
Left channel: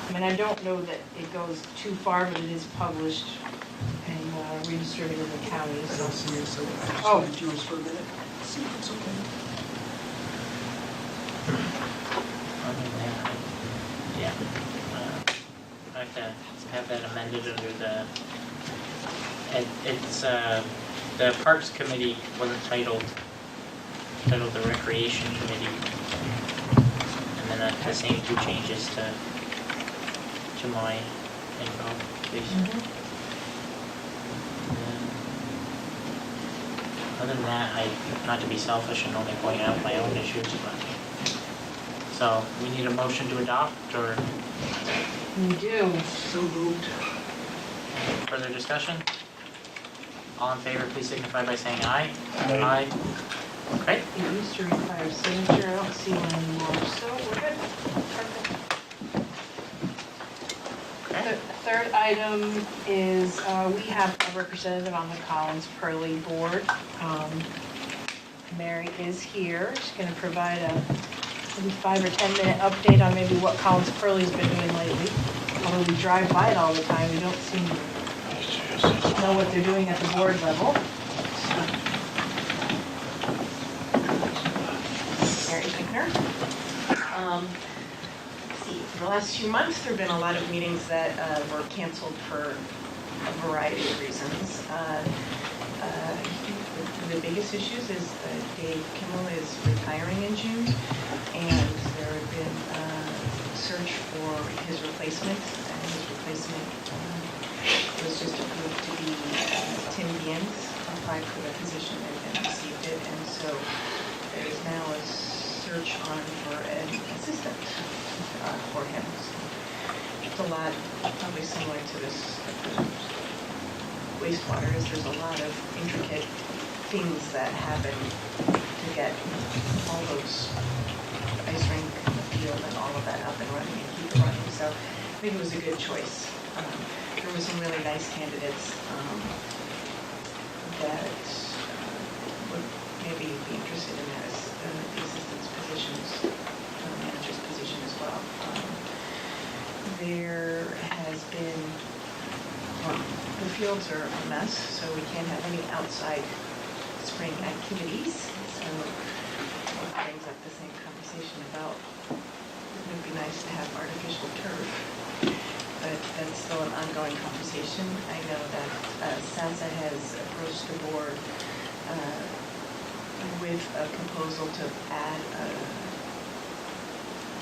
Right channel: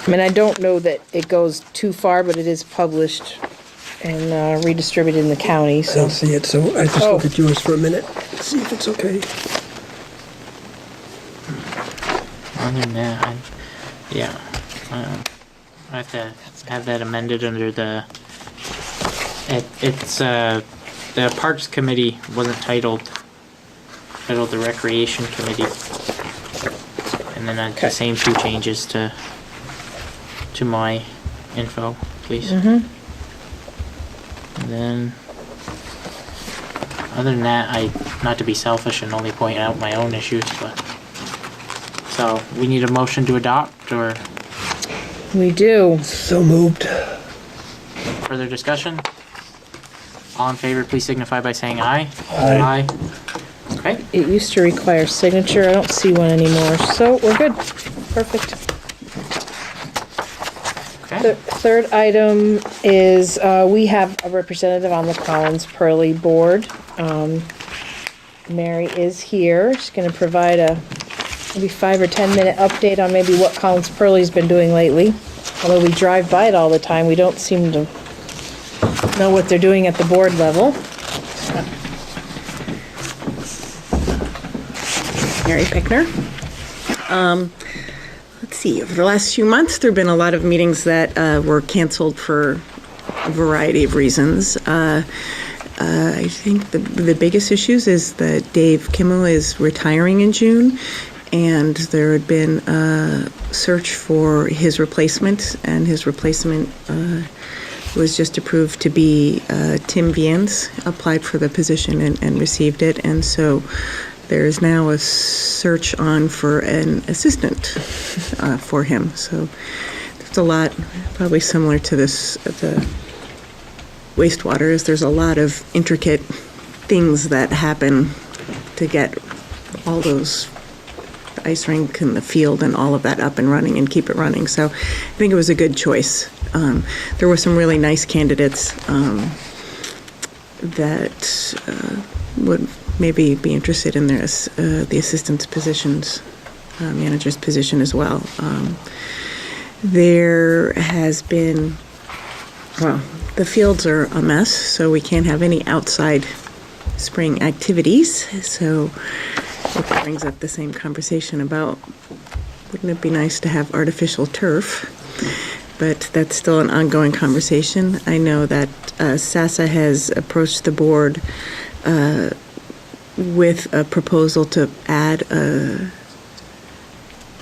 I mean, I don't know that it goes too far, but it is published and redistributed in the county, I so. don't see it, so I just Oh. look at yours for a minute. See if it's okay. Other than that, I have to have that amended under the. It's the Parks Committee wasn't titled the Recreation Committee, and then the same two changes to my info, please. Mhm. And then, other than that, not to be selfish and only point out my own issues, but. So, we need a motion to adopt, or We do. So moved. further discussion? All in favor, please signify by saying aye. Aye. Okay, It used to require signature. I don't see one anymore, so we're good. Perfect. The okay. third item is, we have a representative on the Collins-Purley board. Mary is here. She's gonna provide a maybe 5 or 10 minute update on maybe what Collins-Purley's been doing lately. Although we drive by it all the time, we don't seem to know what they're doing at the board level. Mary Pickner. Let's see, over the last few months, there have been a lot of meetings that were canceled for a variety of reasons. I think the biggest issues is that Dave Kimmel is retiring in June, and there had been a search for his replacement, and his replacement was just approved to be Tim Viens, applied for the position and received it, and so there is now a search on for an assistant for him. So there's a lot, probably similar to this, the wastewater, is there's a lot of intricate things that happen to get all those, the ice rink and the field and all of that up and running and keep it running. So I think it was a good choice. There were some really nice candidates that would maybe be interested in this, the assistant's positions, manager's position as well. There has been, well, the fields are a mess, so we can't have any outside spring activities. So it brings up the same conversation about, wouldn't it be nice to have artificial turf? But that's still an ongoing conversation. I know that SASA has approached the board with a proposal to add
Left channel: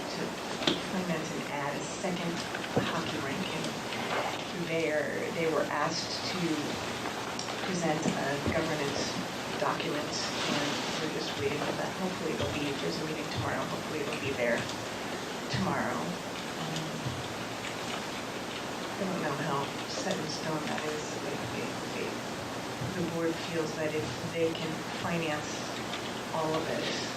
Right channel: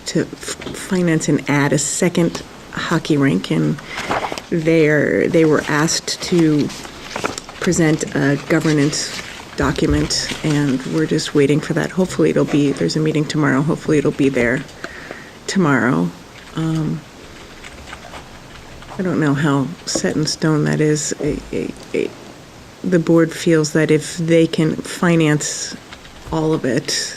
to finance and add a second hockey rink, and they were asked to present a governance document, and we're just waiting for that. Hopefully it'll be, there's a meeting tomorrow, hopefully it'll be there tomorrow. I don't know how set in stone that is. The board feels that if they can finance all of it,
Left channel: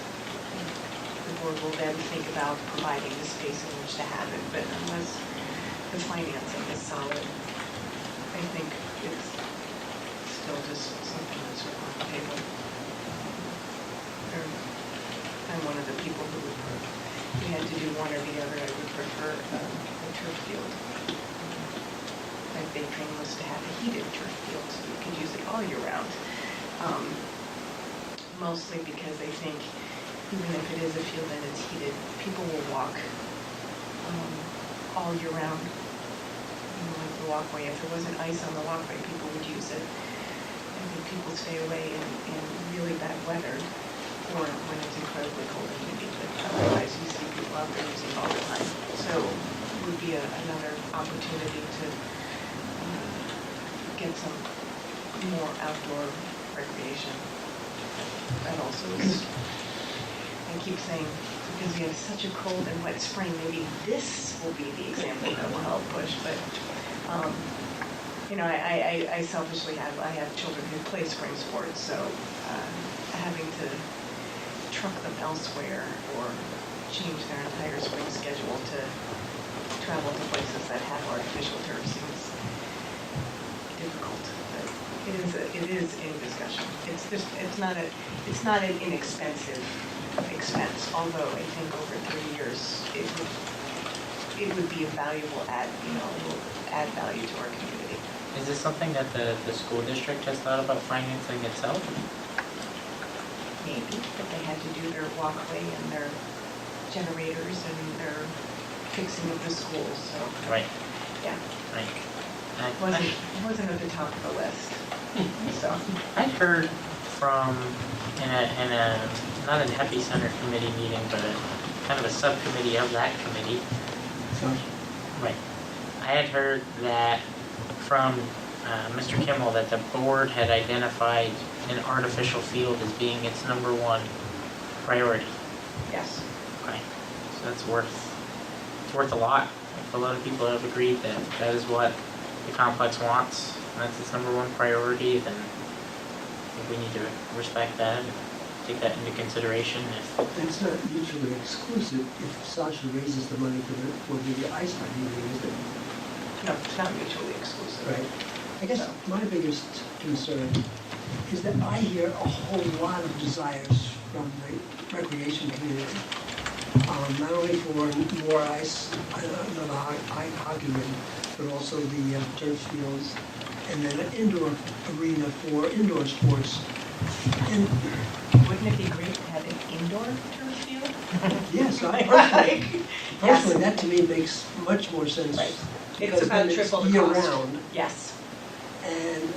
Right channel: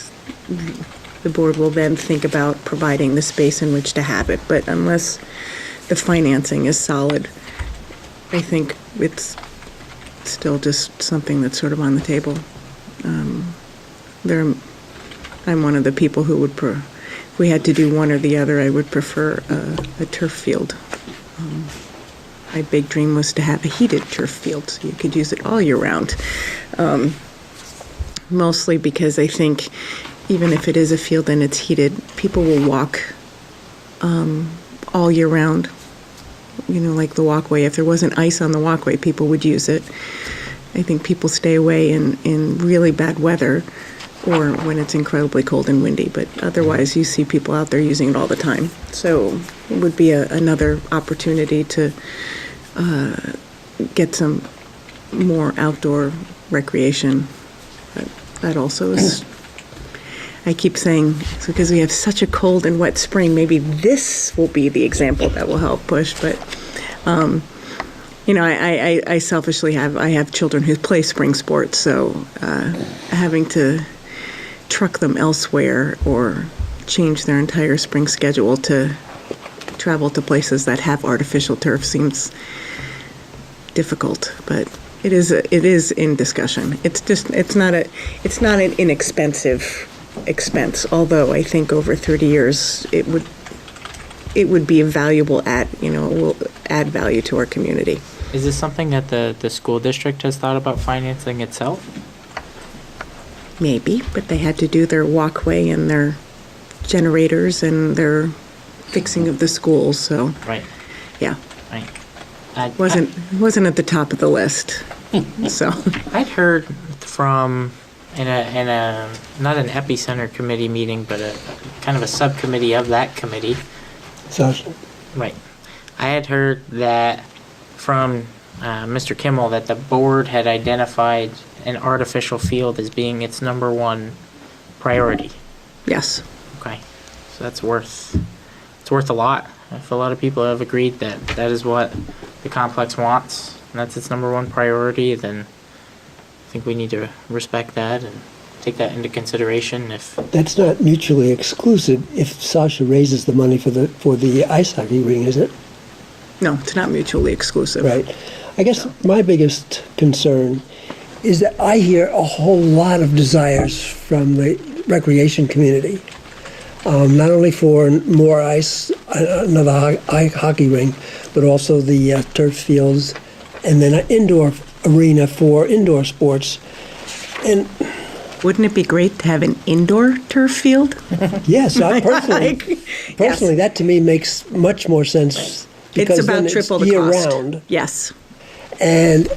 the board will then think about providing the space in which to have it. But unless the financing is solid, I think it's still just something that's sort of on the table. I'm one of the people who would, if we had to do one or the other, I would prefer a turf field. My big dream was to have a heated turf field, so you could use it all year round. Mostly because I think even if it is a field and it's heated, people will walk all year round. You know, like the walkway. If there wasn't ice on the walkway, people would use it. I think people stay away in really bad weather or when it's incredibly cold and windy, but otherwise you see people out there using it all the time. So it would be another opportunity to get some more outdoor recreation. But that also is, I keep saying, it's because we have such a cold and wet spring, maybe this will be the example that will help push. But, you know, I selfishly have children who play spring sports, so having to truck them elsewhere or change their entire spring schedule to travel to places that have artificial turf seems difficult, but it is in discussion. It's not an inexpensive expense, although I think over 30 years it would be a valuable will add value to our community. Is this something that the school district has thought about financing itself? Maybe, but they had to do their walkway and their generators and their fixing of the schools, so Right, yeah, right. wasn't at the top of the list. So I'd heard from in a not an epicenter committee meeting, but a kind of a subcommittee of that committee. So, Right. I had heard that from Mr. Kimmel that the board had identified an artificial field as being its #1 priority. yes, Okay, so it's worth a lot. If a lot of people have agreed that that is what the complex wants, and that's its #1 priority, then think we need to respect that and take that into consideration if, That's not mutually exclusive if Sasha raises the money for the ice hockey ring, is it? No, it's not mutually exclusive. Right. I guess my biggest concern is that I hear a whole lot of desires from the recreation community. Not only for more ice, another hockey ring, but also the turf fields, and then an indoor arena for indoor sports. And Wouldn't it be great to have an indoor turf field? yes, personally, that to me makes much more sense. It's Because then about triple the year cost. round, Yes. and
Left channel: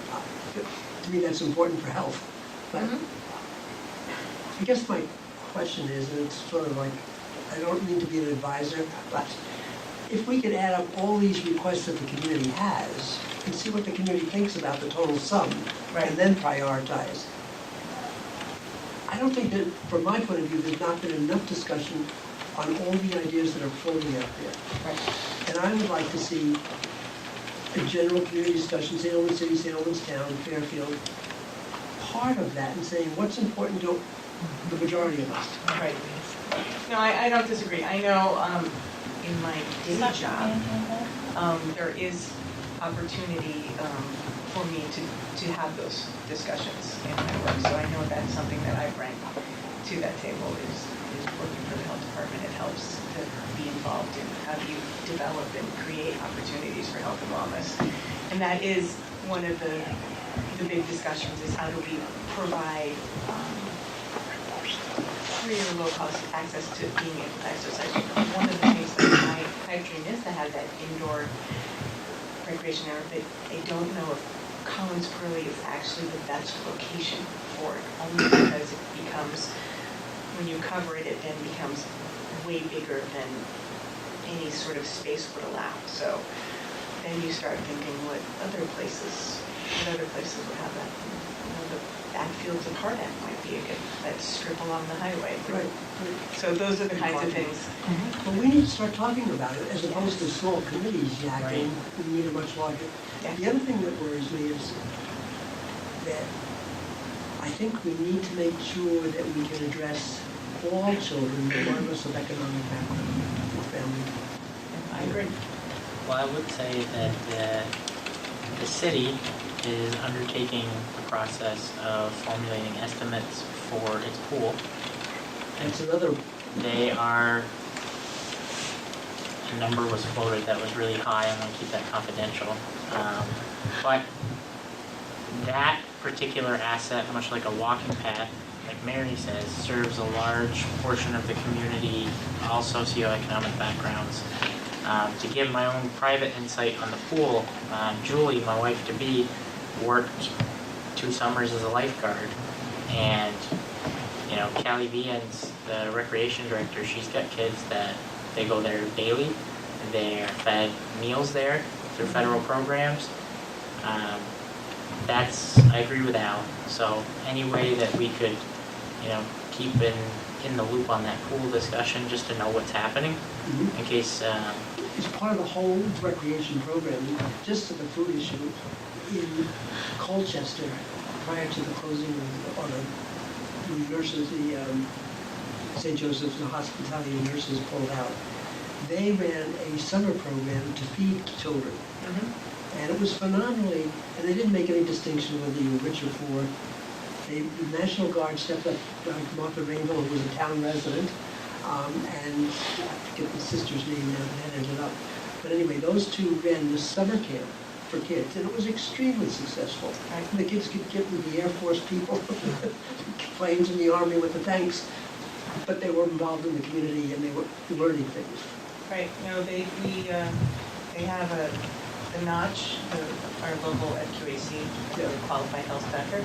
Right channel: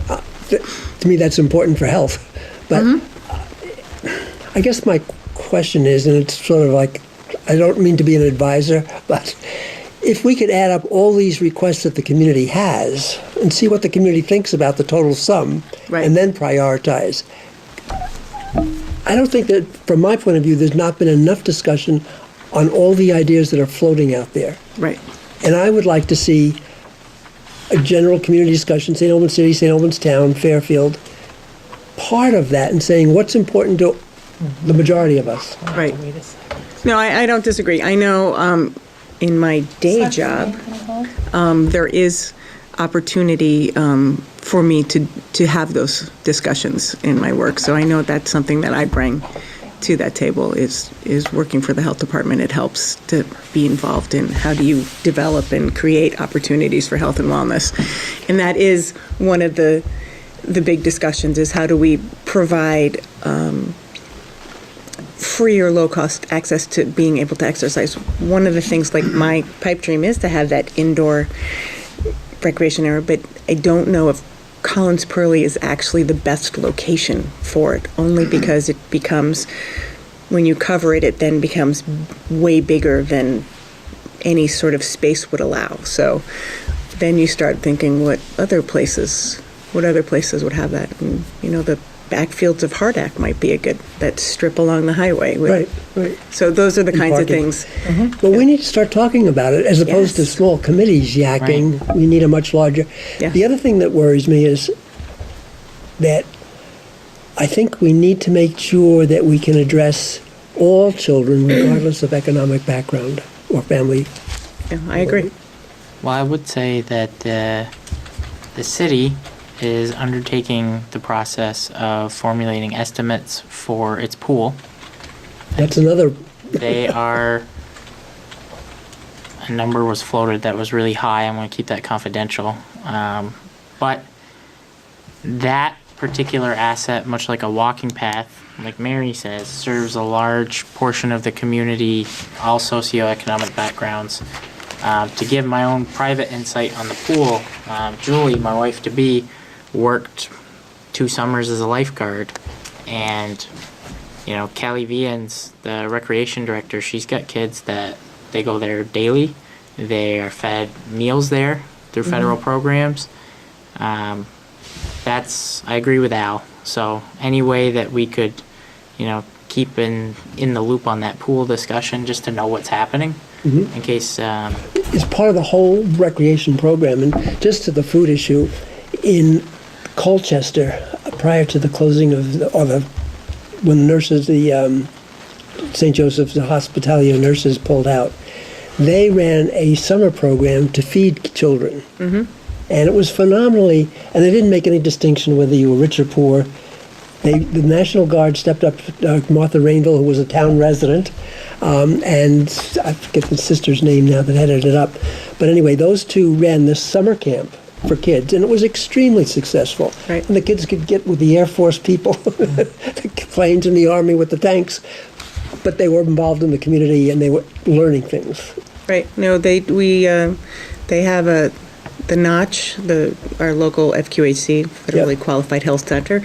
to me that's important for health. But I guess my question is, and it's sort of like, I don't mean to be an advisor, but if we could add up all these requests that the community has and see what the community thinks about the total sum, Right. and then prioritize. I don't think that, from my point of view, there's not been enough discussion on all the ideas that are floating out there. Right. And I would like to see a general community discussion, St. Albans City, St. Albans Town, Fairfield, part of that, and saying what's important to the majority of us. Right. No, I don't disagree. I know in my day job, there is opportunity for me to have those discussions in my work. So I know that's something that I bring to that table is working for the health department. It helps to be involved in how do you develop and create opportunities for health and wellness. And that is one of the big discussions is how do we provide free or low-cost access to being able to exercise. One of the things, like my pipe dream is to have that indoor recreation area, but I don't know if Collins Pearly is actually the best location for it, only because it becomes, when you cover it, it then becomes way bigger than any sort of space would allow. So then you start thinking what other places would have that. And, you know, the backfields of Hardack might be a good, that strip along the highway. Right, right. So those are the kinds of parking. things. But we need to start talking about it as opposed to Yes. small committees yakking. We need a much larger. Yeah. The other thing that worries me is that I think we need to make sure that we can address all children regardless of economic background or family. Yeah, I agree. well, I would say that the city is undertaking the process of formulating estimates for its pool. That's another, They are, a number was floated that was really high. I'm going to keep that confidential. But that particular asset, much like a walking path, like Mary says, serves a large portion of the community, all socioeconomic backgrounds. To give my own private insight on the pool, Julie, my wife-to-be, worked 2 summers as a lifeguard, and you know, Callie Vians, the recreation director, she's got kids that they go there daily. They're fed meals there through federal programs. I agree with Al. So any way that we could, you know, keep in the loop on that pool discussion, just to know what's happening, in case. it's part of the whole recreation program. And just to the food issue, in Colchester, prior to the closing of when the nurses, the St. Joseph's, the Hospitality nurses pulled out, they ran a summer program to feed children. And it was phenomenally, and they didn't make any distinction whether you were rich or poor. The National Guard stepped up, Martha Rainville, who was a town resident, and I forget the sister's name now that headed it up. But anyway, those two ran this summer camp for kids, and it was extremely successful. Right. And the kids could get with the Air Force people, the planes in the Army with the tanks, but they were involved in the community and they were learning things. Right. No, they have the Notch, our local FQHC, federally qualified health center.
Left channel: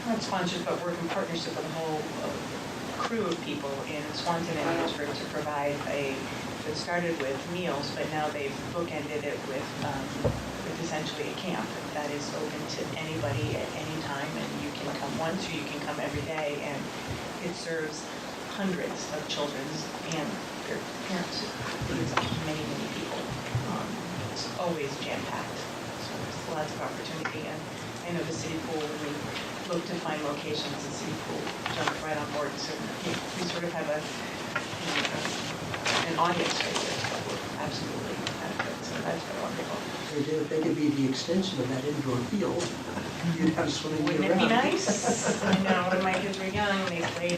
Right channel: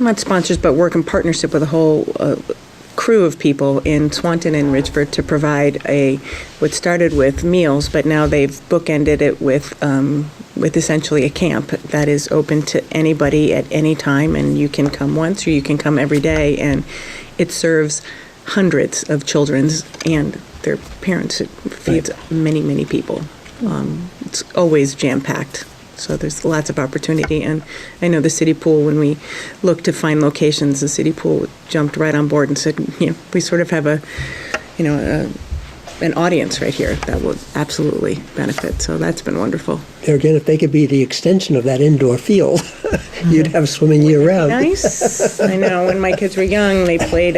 Not sponsors, but work in partnership with a whole crew of people in Swanton and Richford to provide what started with meals, but now they've bookended it with essentially a camp that is open to anybody at any time, and you can come once or you can come every day, and it serves hundreds of children and their parents. It feeds many, many people. It's always jam-packed. So there's lots of opportunity, and I know the city pool, when we looked to find locations, the city pool jumped right on board and said, we sort of have an audience right here that would absolutely benefit. So that's been wonderful. There again, if they could be the extension of that indoor field, you'd have swimming year-round. Nice. I know. When my kids were young, they played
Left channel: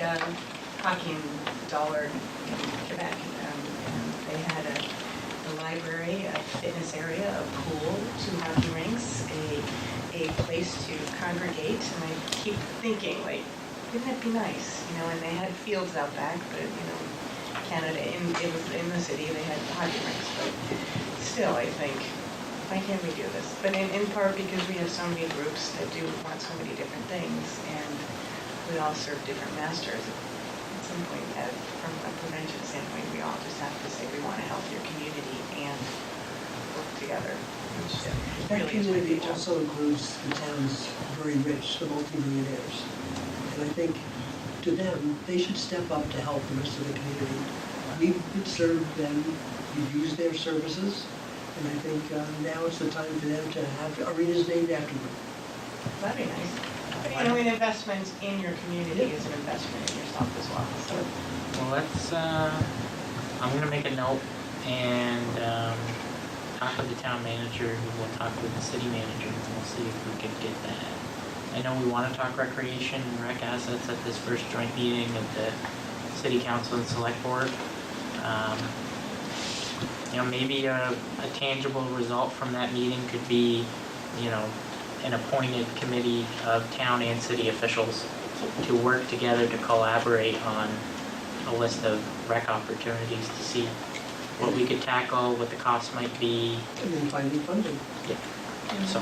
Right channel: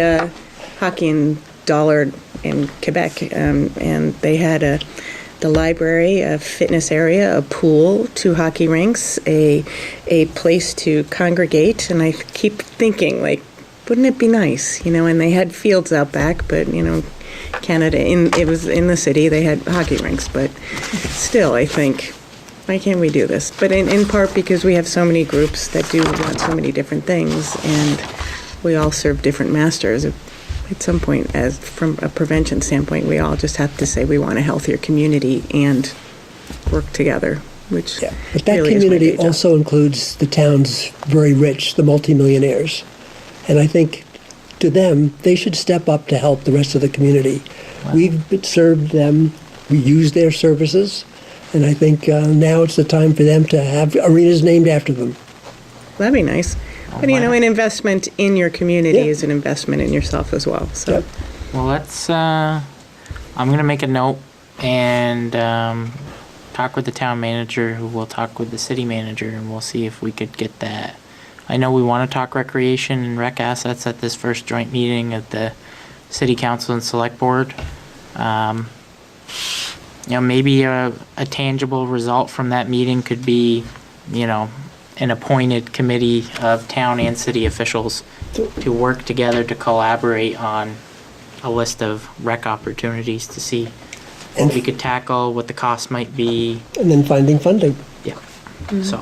hockey in Dollard in Quebec, and they had the library, a fitness area, a pool, 2 hockey rinks, a place to congregate, and I keep thinking, like, wouldn't it be nice, And they had fields out back, but Canada, it was in the city, they had hockey rinks, but still, I think, why can't we do this? But in part because we have so many groups that do want so many different things, and we all serve different masters. At some point, as from a prevention standpoint, we all just have to say we want a healthier community and work together, which Yeah, but that really is my community day job. also includes the towns very rich, the multimillionaires. And I think to them, they should step up to help the rest of the community. We've served them, we use their services, and I think now it's the time for them to have arenas named after them. That'd be nice. But an investment in your community Yeah. is an investment in yourself as well. So. Yep. Well, let's, I'm gonna make a note and talk with the town manager, who will talk with the city manager, and we'll see if we could get that. I know we wanna talk recreation and rec assets at this first joint meeting of the city council and select board. Maybe a tangible result from that meeting could be, an appointed committee of town and city officials to work together to collaborate on a list of rec opportunities to see what we could tackle, what the cost might be. And then finding funding. Yeah. So,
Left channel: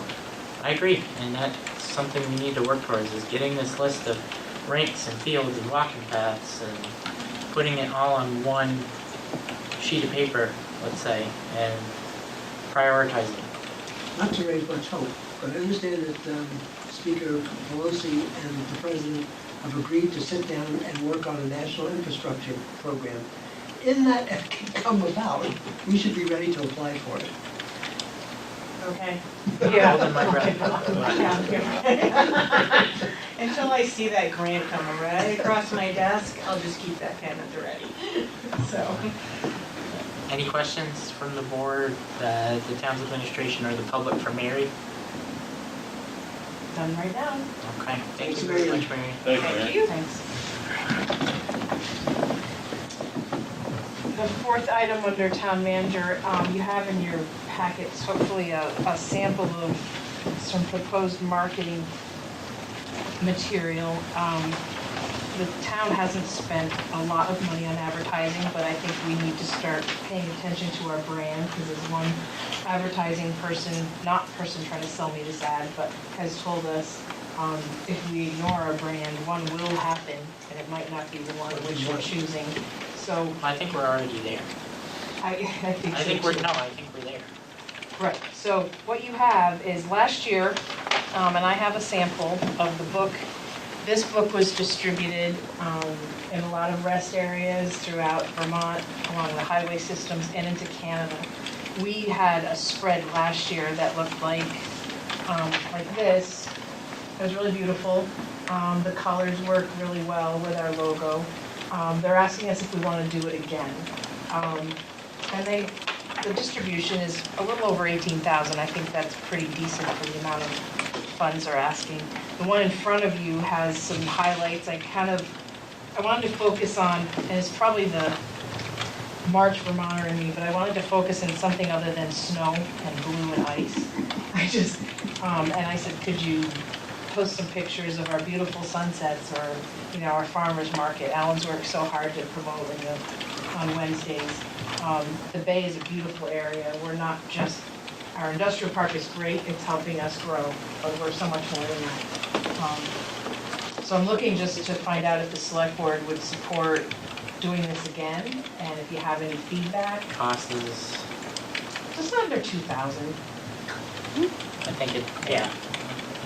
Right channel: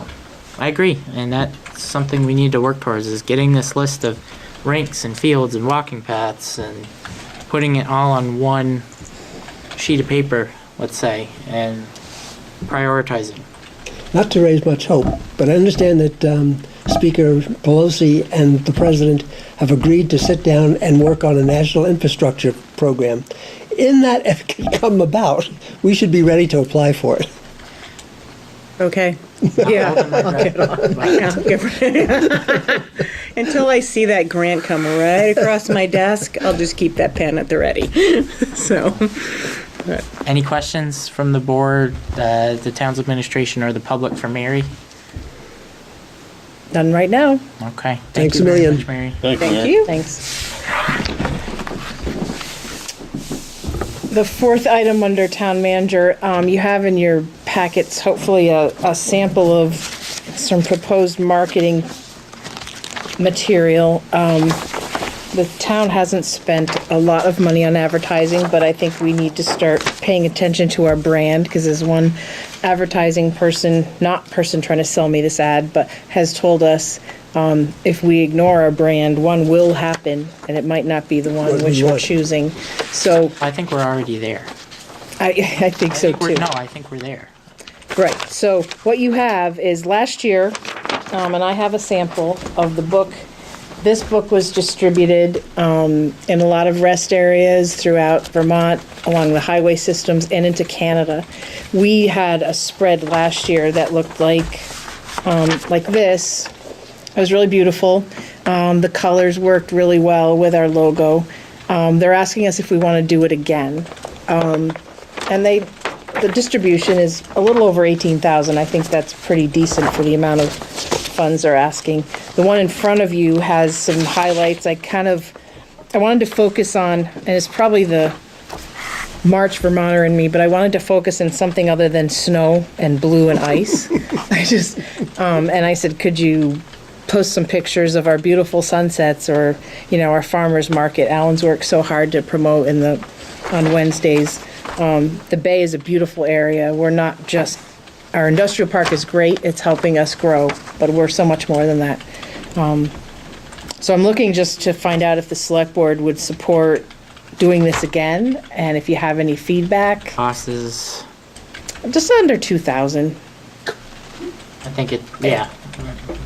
I agree, and that's something we need to work towards, is getting this list of rinks and fields and walking paths and putting it all on one sheet of paper, let's say, and prioritizing. Not to raise much hope, but I understand that Speaker Pelosi and the President have agreed to sit down and work on a national infrastructure program. In that if it can come about, we should be ready to apply for it. Okay. Yeah. Until I see that grant come right across my desk, I'll just keep that pen at the ready. So. Any questions from the board, the town's administration, or the public for Mary? Done right now. Okay. Thanks you a very million. much, Mary. Thank you. Thanks. The fourth item under town manager, you have in your packets hopefully a sample of some proposed marketing material. The town hasn't spent a lot of money on advertising, but I think we need to start paying attention to our brand, because there's one advertising person, not person trying to sell me this ad, but has told us if we ignore our brand, one will happen, and it might not be the one which we're choosing. So I think we're already there. I think so too. I think we're there. Right, so what you have is last year, and I have a sample of the book. This book was distributed in a lot of rest areas throughout Vermont, along the highway systems, and into Canada. We had a spread last year that looked like this. It was really beautiful. The colors worked really well with our logo. They're asking us if we want to do it again. And the distribution is a little over 18,000. I think that's pretty decent for the amount of funds they're asking. The one in front of you has some highlights. I wanted to focus on, and it's probably the March Vermonter in me, but I wanted to focus on something other than snow and blue and ice. And I said, could you post some pictures of our beautiful sunsets, or, our farmers market. Alan's worked so hard to promote on Wednesdays. The Bay is a beautiful area. We're not just, our industrial park is great, it's helping us grow, but we're so much more than that. So I'm looking just to find out if the select board would support doing this again, and if you have any feedback. Cost is, Just under 2,000. I think yeah.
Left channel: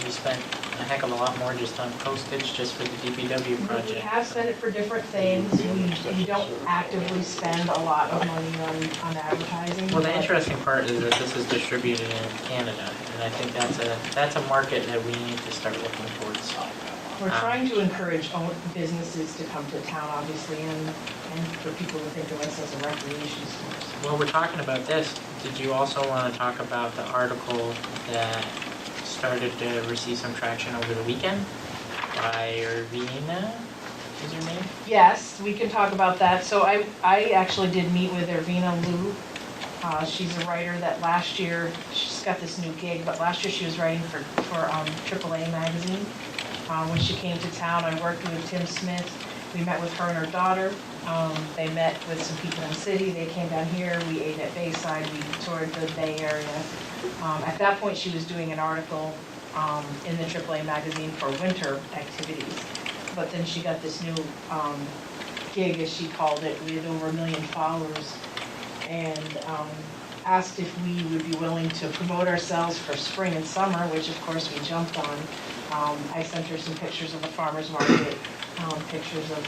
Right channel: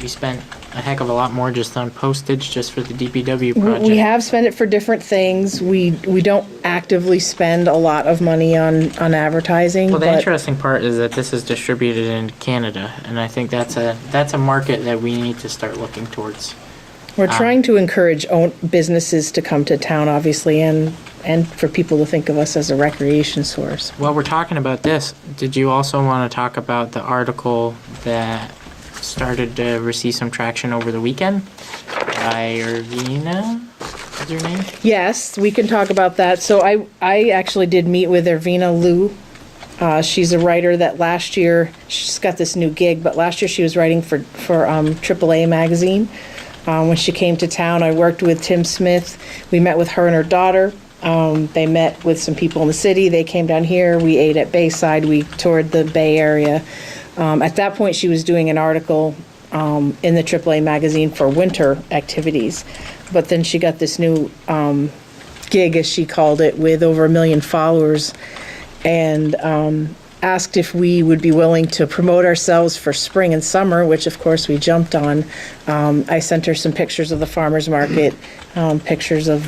We spent a heck of a lot more just on postage just for the DPW We project. have spent it for different things. We don't actively spend a lot of money on advertising, Well, the but interesting part is that this is distributed in Canada, and I think that's a market that we need to start looking towards. we're trying to encourage businesses to come to town, obviously, and for people to think of us as a recreation source. While we're talking about this, did you also want to talk about the article that started to receive some traction over the weekend by Irvina? Is your name? Yes, we can talk about that. So I actually did meet with Irvina Liu. She's a writer that last year, she's got this new gig, but last year she was writing for AAA magazine. When she came to town, I worked with Tim Smith. We met with her and her daughter. They met with some people in the city. They came down here. We ate at Bayside. We toured the Bay Area. At that point, she was doing an article in the AAA magazine for winter activities. But then she got this new gig, as she called it, with over 1 million followers, and asked if we would be willing to promote ourselves for spring and summer, which of course we jumped on. I sent her some pictures of the farmer's market, pictures of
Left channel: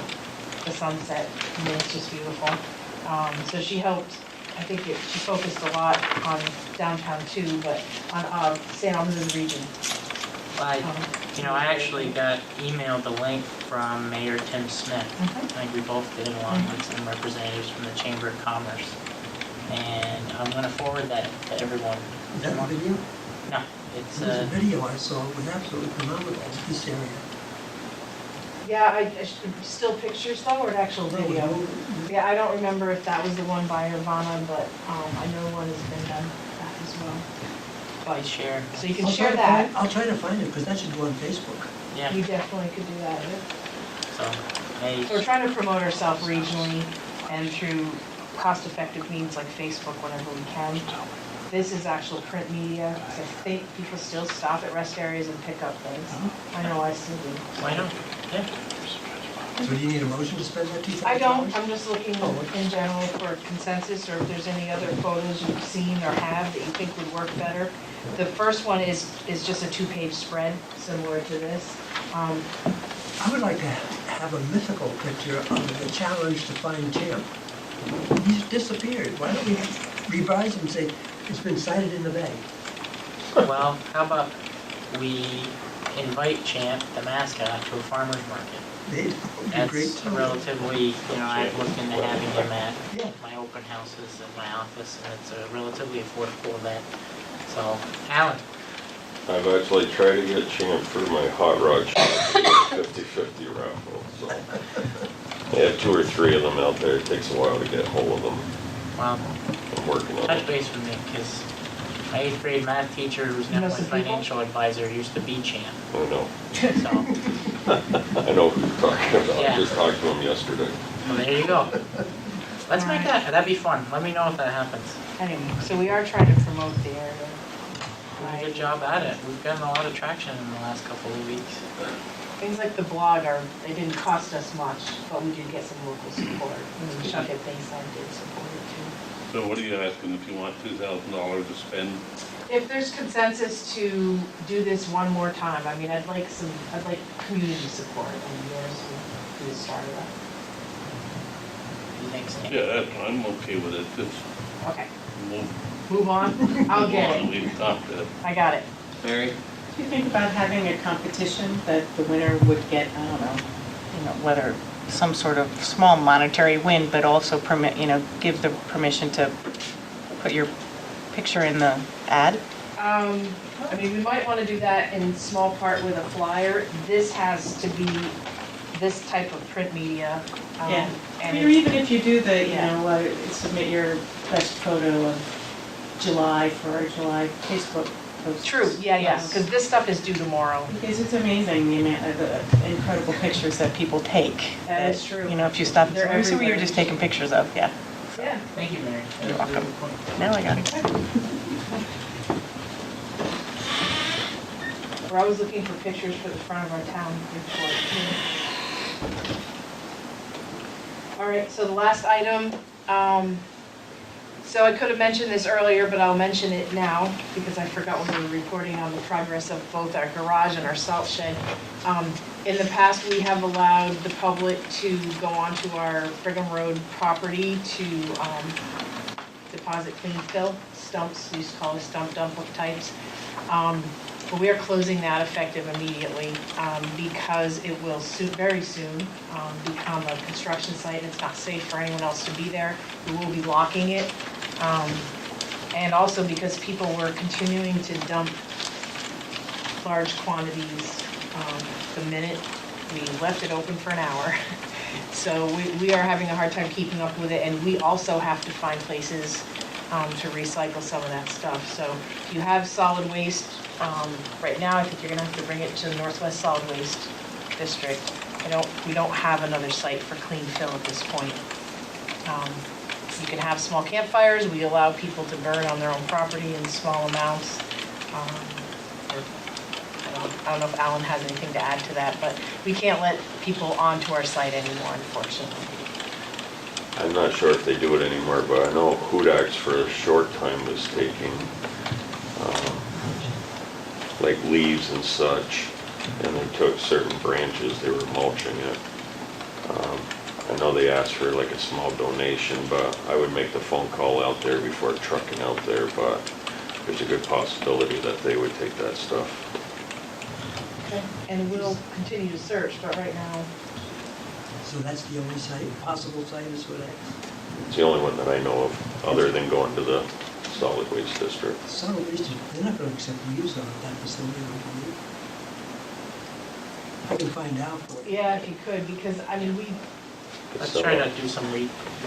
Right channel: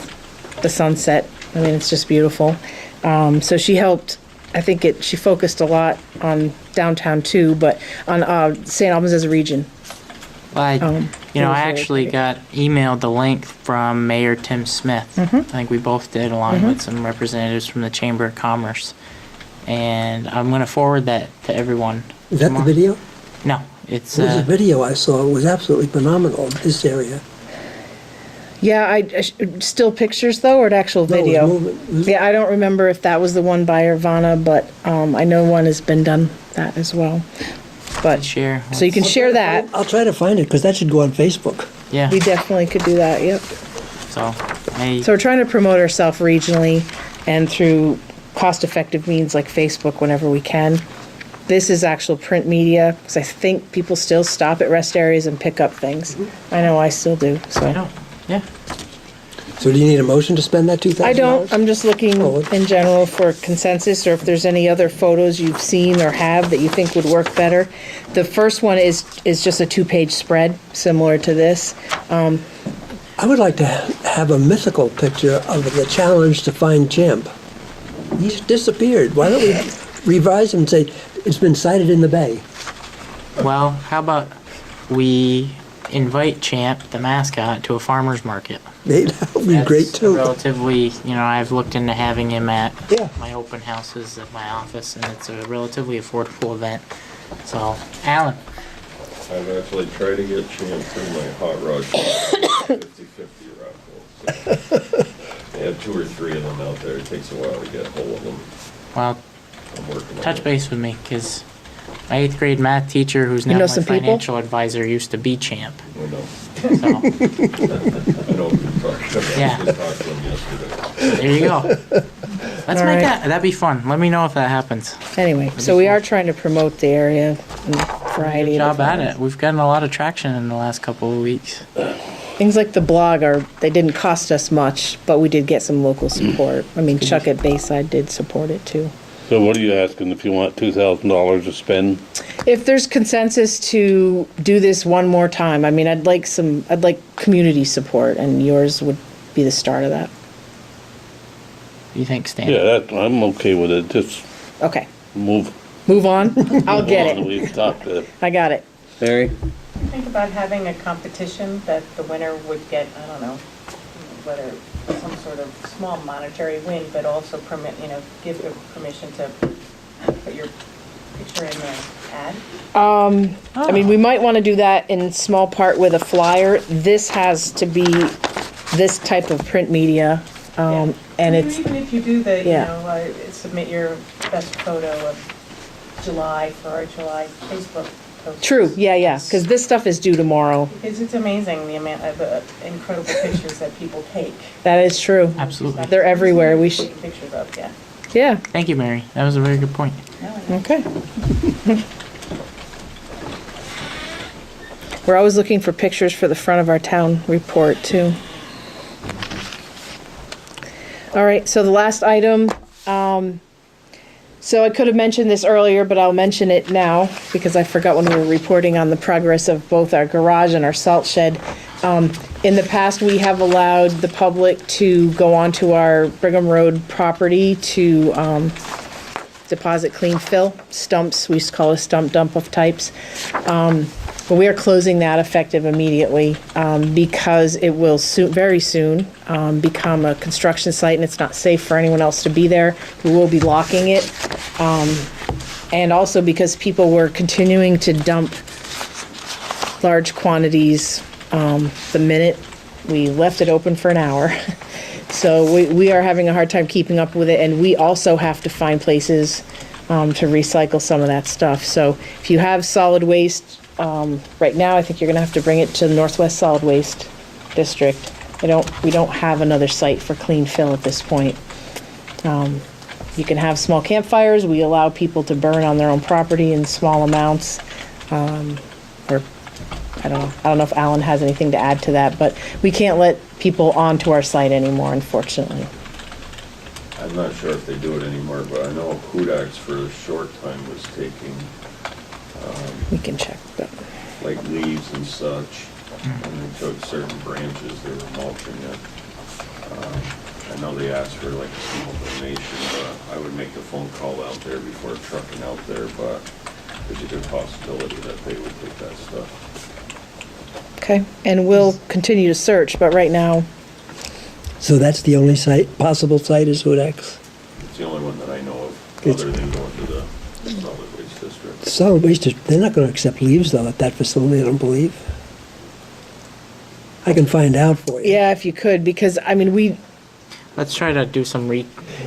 the sunset. I mean, it's just beautiful. So she helped. I think she focused a lot on downtown too, but on St. Albans as a region. Well, I actually got emailed the link from Mayor Tim Smith. I think we both did, along with some representatives from the Chamber of Commerce. And I'm going to forward that to everyone. Is that the video? No, it's There was a video I saw. It was absolutely phenomenal, this area. Yeah, still pictures though, or an actual No, it was video? movement. Yeah, I don't remember if that was the one by Irvana, but I know one has been done that as well. But share. so you can share that. I'll try to find it, because that should go on Facebook. Yeah. We definitely could do that. Yep. So So we're trying to promote ourselves regionally and through cost-effective means like Facebook whenever we can. This is actual print media, because I think people still stop at rest areas and pick up things. I know I still do. So I know. Yeah. So do you need a motion to spend that $2,000? I don't. I'm just looking Oh, okay. in general for consensus, or if there's any other photos you've seen or have that you think would work better. The first one is just a 2-page spread, similar to this. I would like to have a mythical picture of the challenge to find Champ. He's disappeared. Why don't we revise him and say, it's been sighted in the bay? Well, how about we invite Champ, the mascot, to a farmer's market? That would be That's great too. relatively, I've looked into having him at Yeah. my open houses at my office, and it's a relatively affordable event. So, Alan, I've actually tried to get Champ through my hot rod shop 50/50 raffle. So. I have 2 or 3 of them out there. It takes a while to get hold of them. well, I'm working on touch it. base with me, because my 8th grade math teacher, who's You now know my some people? financial advisor, used to be Champ. I know. So, I know who you're talking about. Yeah. I just talked to him yesterday. there you go. Let's All make right. that'd be fun. Let me know if that happens. Anyway, so we are trying to promote the area in a variety Good of job at it. We've gotten a lot of traction in the last couple of weeks. things like the blog they didn't cost us much, but we did get some local support. I mean, Chuck at Bayside did support it too. So what are you asking, if you want $2,000 to spend? If there's consensus to do this one more time, I mean, I'd like community support, and yours would be the start of that. You think, Stan? Yeah, I'm okay with it, just Okay, move move on. I'll get on, it. we've talked it. I got it. Barry? Do you think about having a competition that the winner would get, I don't know, whether some sort of small monetary win, but also give the permission to put your picture in the ad? I mean, we might want to do that in small part with a flyer. This has to be this type of print media, and it's Even if you do the, Yeah. submit your best photo of July for our July Facebook post. true. Yeah, because this stuff is due tomorrow. Because it's amazing the amount of the incredible pictures that people take. That is true. If you stop. They're everywhere. We're We just should- taking pictures of, yeah. Yeah. Thank you, Mary. That was a very good point. Now I got it. Okay. We're always looking for pictures for the front of our town report too. All right, so the last item, So I could have mentioned this earlier, but I'll mention it now because I forgot when we were reporting on the progress of both our garage and our salt shed. In the past, we have allowed the public to go onto our Brigham Road property to deposit clean fill stumps. We used to call a stump dump of types. But we are closing that effective immediately because it will very soon become a construction site and it's not safe for anyone else to be there. We will be locking it. And also because people were continuing to dump large quantities the minute we left it open for an hour. So we are having a hard time keeping up with it, and we also have to find places to recycle some of that stuff. So if you have solid waste, right now I think you're gonna have to bring it to the Northwest Solid Waste District. We don't have another site for clean fill at this point. You can have small campfires. We allow people to burn on their own property in small amounts. Or I don't know if Alan has anything to add to that, but we can't let people onto our site anymore, unfortunately. I'm not sure if they do it anymore, but I know Hudax for a short time was taking, We can check. But like leaves and such, and they took certain branches, they were mulching it. I know they asked for like a small donation, but I would make the phone call out there before trucking out there, but there's a good possibility that they would take that stuff. okay, and we'll continue to search, but right now, So that's the only possible site is Hudax? It's the only one that I know of, other than going to the solid waste district. Solid waste, they're not gonna accept leaves though at that facility, I don't believe. I can find out for you. yeah, if you could, because I mean, Let's try to do some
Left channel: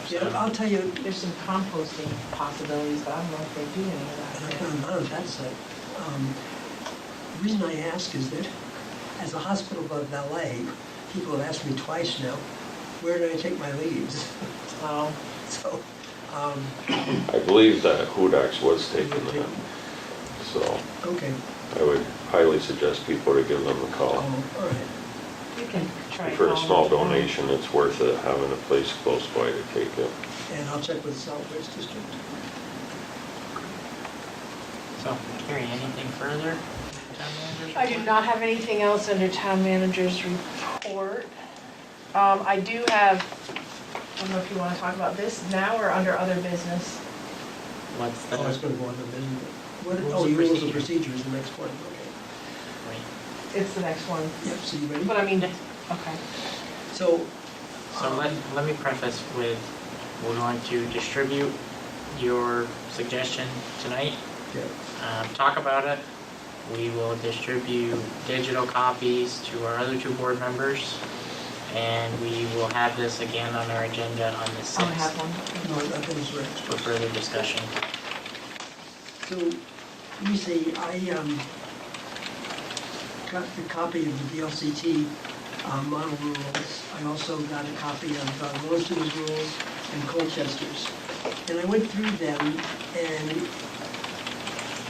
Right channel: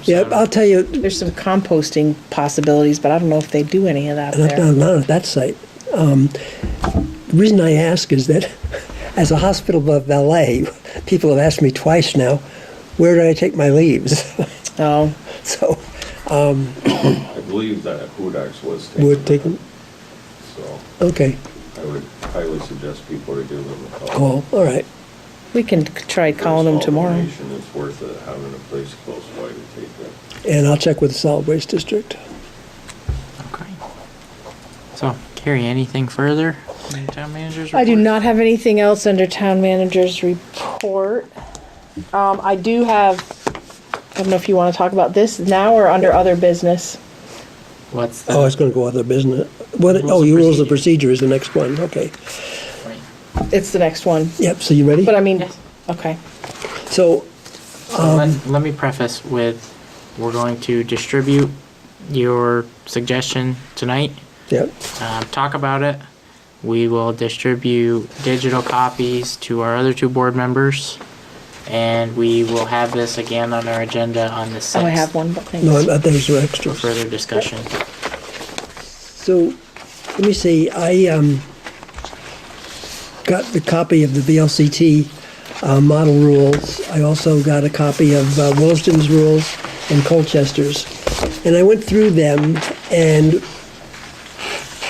Yeah, I'll tell you, there's some composting possibilities, but I don't know if they do any of that there. not at that site. The reason I ask is that as a hospital valet, people have asked me twice now, where do I take my leaves? Oh, So, I believe that Hudax was taking Would take that. them? So okay, I would highly suggest people to give them a call. all right. we can try For a calling them small tomorrow. donation, it's worth it having a place close by to take it. And I'll check with the solid waste district. So, Carrie, anything further? in the Town manager's I do report? not have anything else under town manager's report. I do have, I don't know if you want to talk about this now or under other business. What's the? Oh, it's gonna go other business. What, Rules oh, of your rules of procedure. procedure is the next one, okay. It's the next one, Yep, so you ready? but I mean, Yes. okay. So, So let me preface with, we're going to distribute your suggestion tonight, yep, talk about it. We will distribute digital copies to our other two board members, and we will have this again on our agenda on the 6th. Oh, I have one, but thanks. no, those are For extras. further discussion. So, let me see, I got the copy of the VLCT model rules. I also got a copy of Williston's rules and Colchester's. And I went through them, and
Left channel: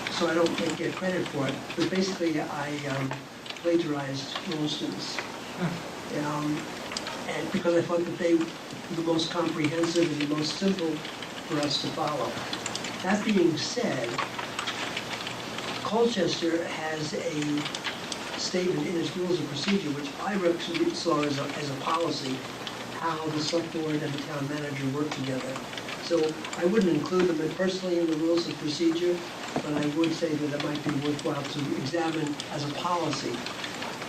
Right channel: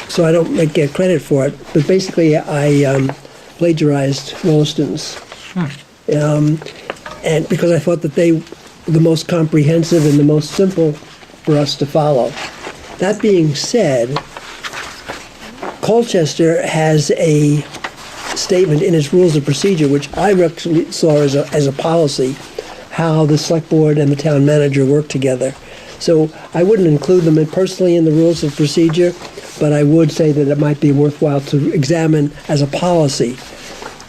so I don't get credit for it, but basically I plagiarized Williston's. And because I thought that they were the most comprehensive and the most simple for us to follow. That being said, Colchester has a statement in its rules of procedure, which I actually saw as a policy, how the select board and the town manager work together. So I wouldn't include them personally in the rules of procedure, but I would say that it might be worthwhile to examine as a policy.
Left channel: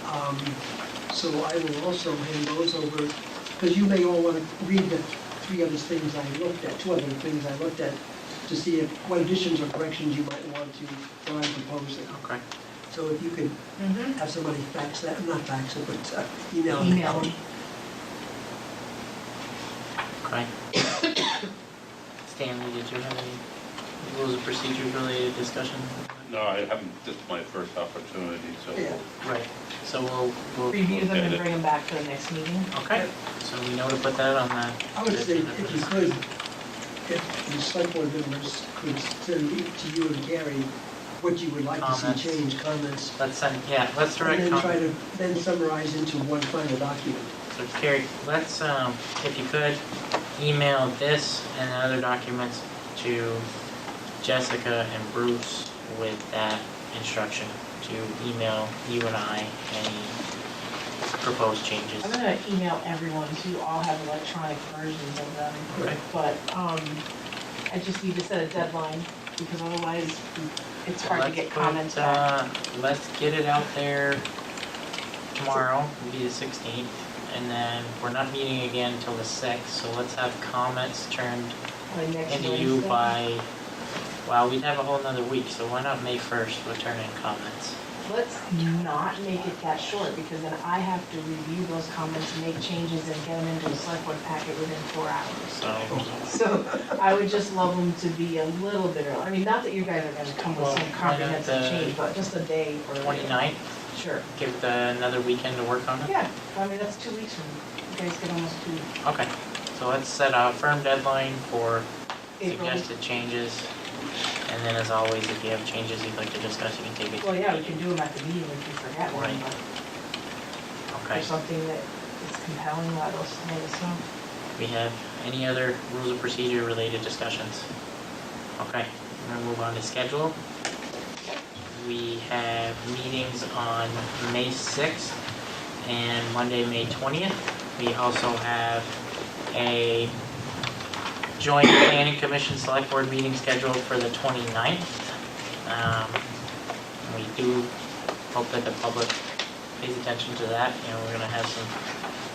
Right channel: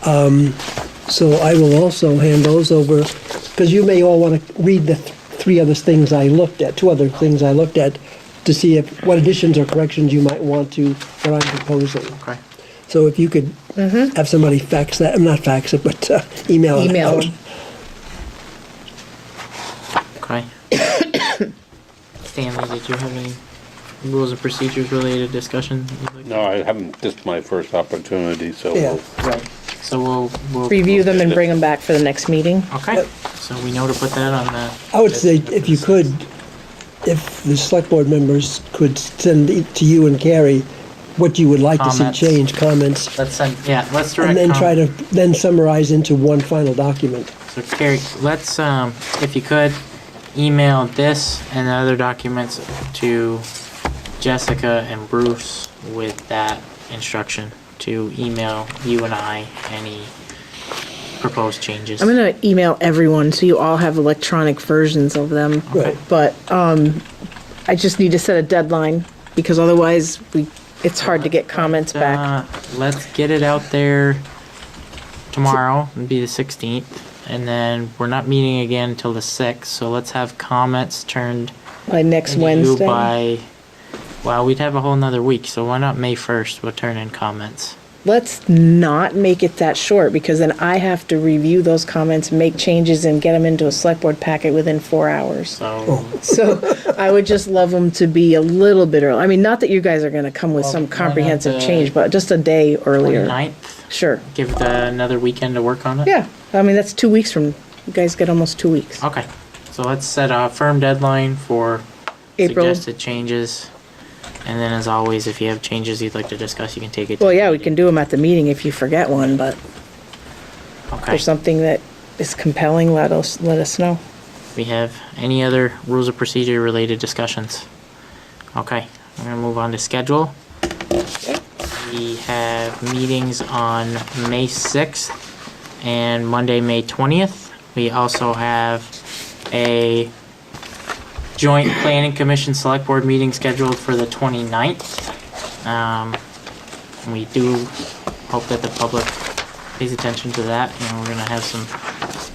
So I will also hand those over, because you may all want to read the two other things I looked at, to see what additions or corrections you might want to what I'm proposing. Okay. So if you could have somebody fax that, not fax it, but email it Email out. them. Okay. Stanley, did you have any rules of procedures related discussion? No, I haven't, this is my first opportunity, so Yeah. Right. So we'll Review them and bring them back for the next meeting. Okay. So we know to put that on the. I would say if you could, if the select board members could send to you and Carrie what you would like to see Comments. change, comments, Let's send. Yeah. Let's direct. and then try to then summarize into one final document. So Carrie, let's if you could email this and the other documents to Jessica and Bruce with that instruction to email you and I any proposed changes. I'm gonna email everyone so you all have electronic versions of them. Okay. But I just need to set a deadline because otherwise it's hard to get comments back. Let's get it out there tomorrow. It'll be the 16th. And then we're not meeting again until the 6th. So let's have comments turned By next into Wednesday. you by, well, we'd have a whole nother week. So why not May 1st? We'll turn in comments. Let's not make it that short because then I have to review those comments, make changes, and get them into a select board packet within 4 hours. So So I would just love them to be a little bit early. I mean, not that you guys are going to come with Well, some why not comprehensive the change, but just a day earlier. 29th. Sure. Give another weekend to work on it. Yeah. I mean, that's 2 weeks from. You guys get almost 2 weeks. Okay. So let's set a firm deadline for April. suggested changes. And then, as always, if you have changes you'd like to discuss, you can take it. Well, yeah, we can do them at the meeting if you forget one, but if Okay. there's something that is compelling, let us know. We have any other rules of procedure related discussions? Okay, we're gonna move on to schedule. We have meetings on May 6th and Monday, May 20th. We also have a joint planning commission select board meeting scheduled for the 29th. We do hope that the public pays attention to that. You know, we're gonna have some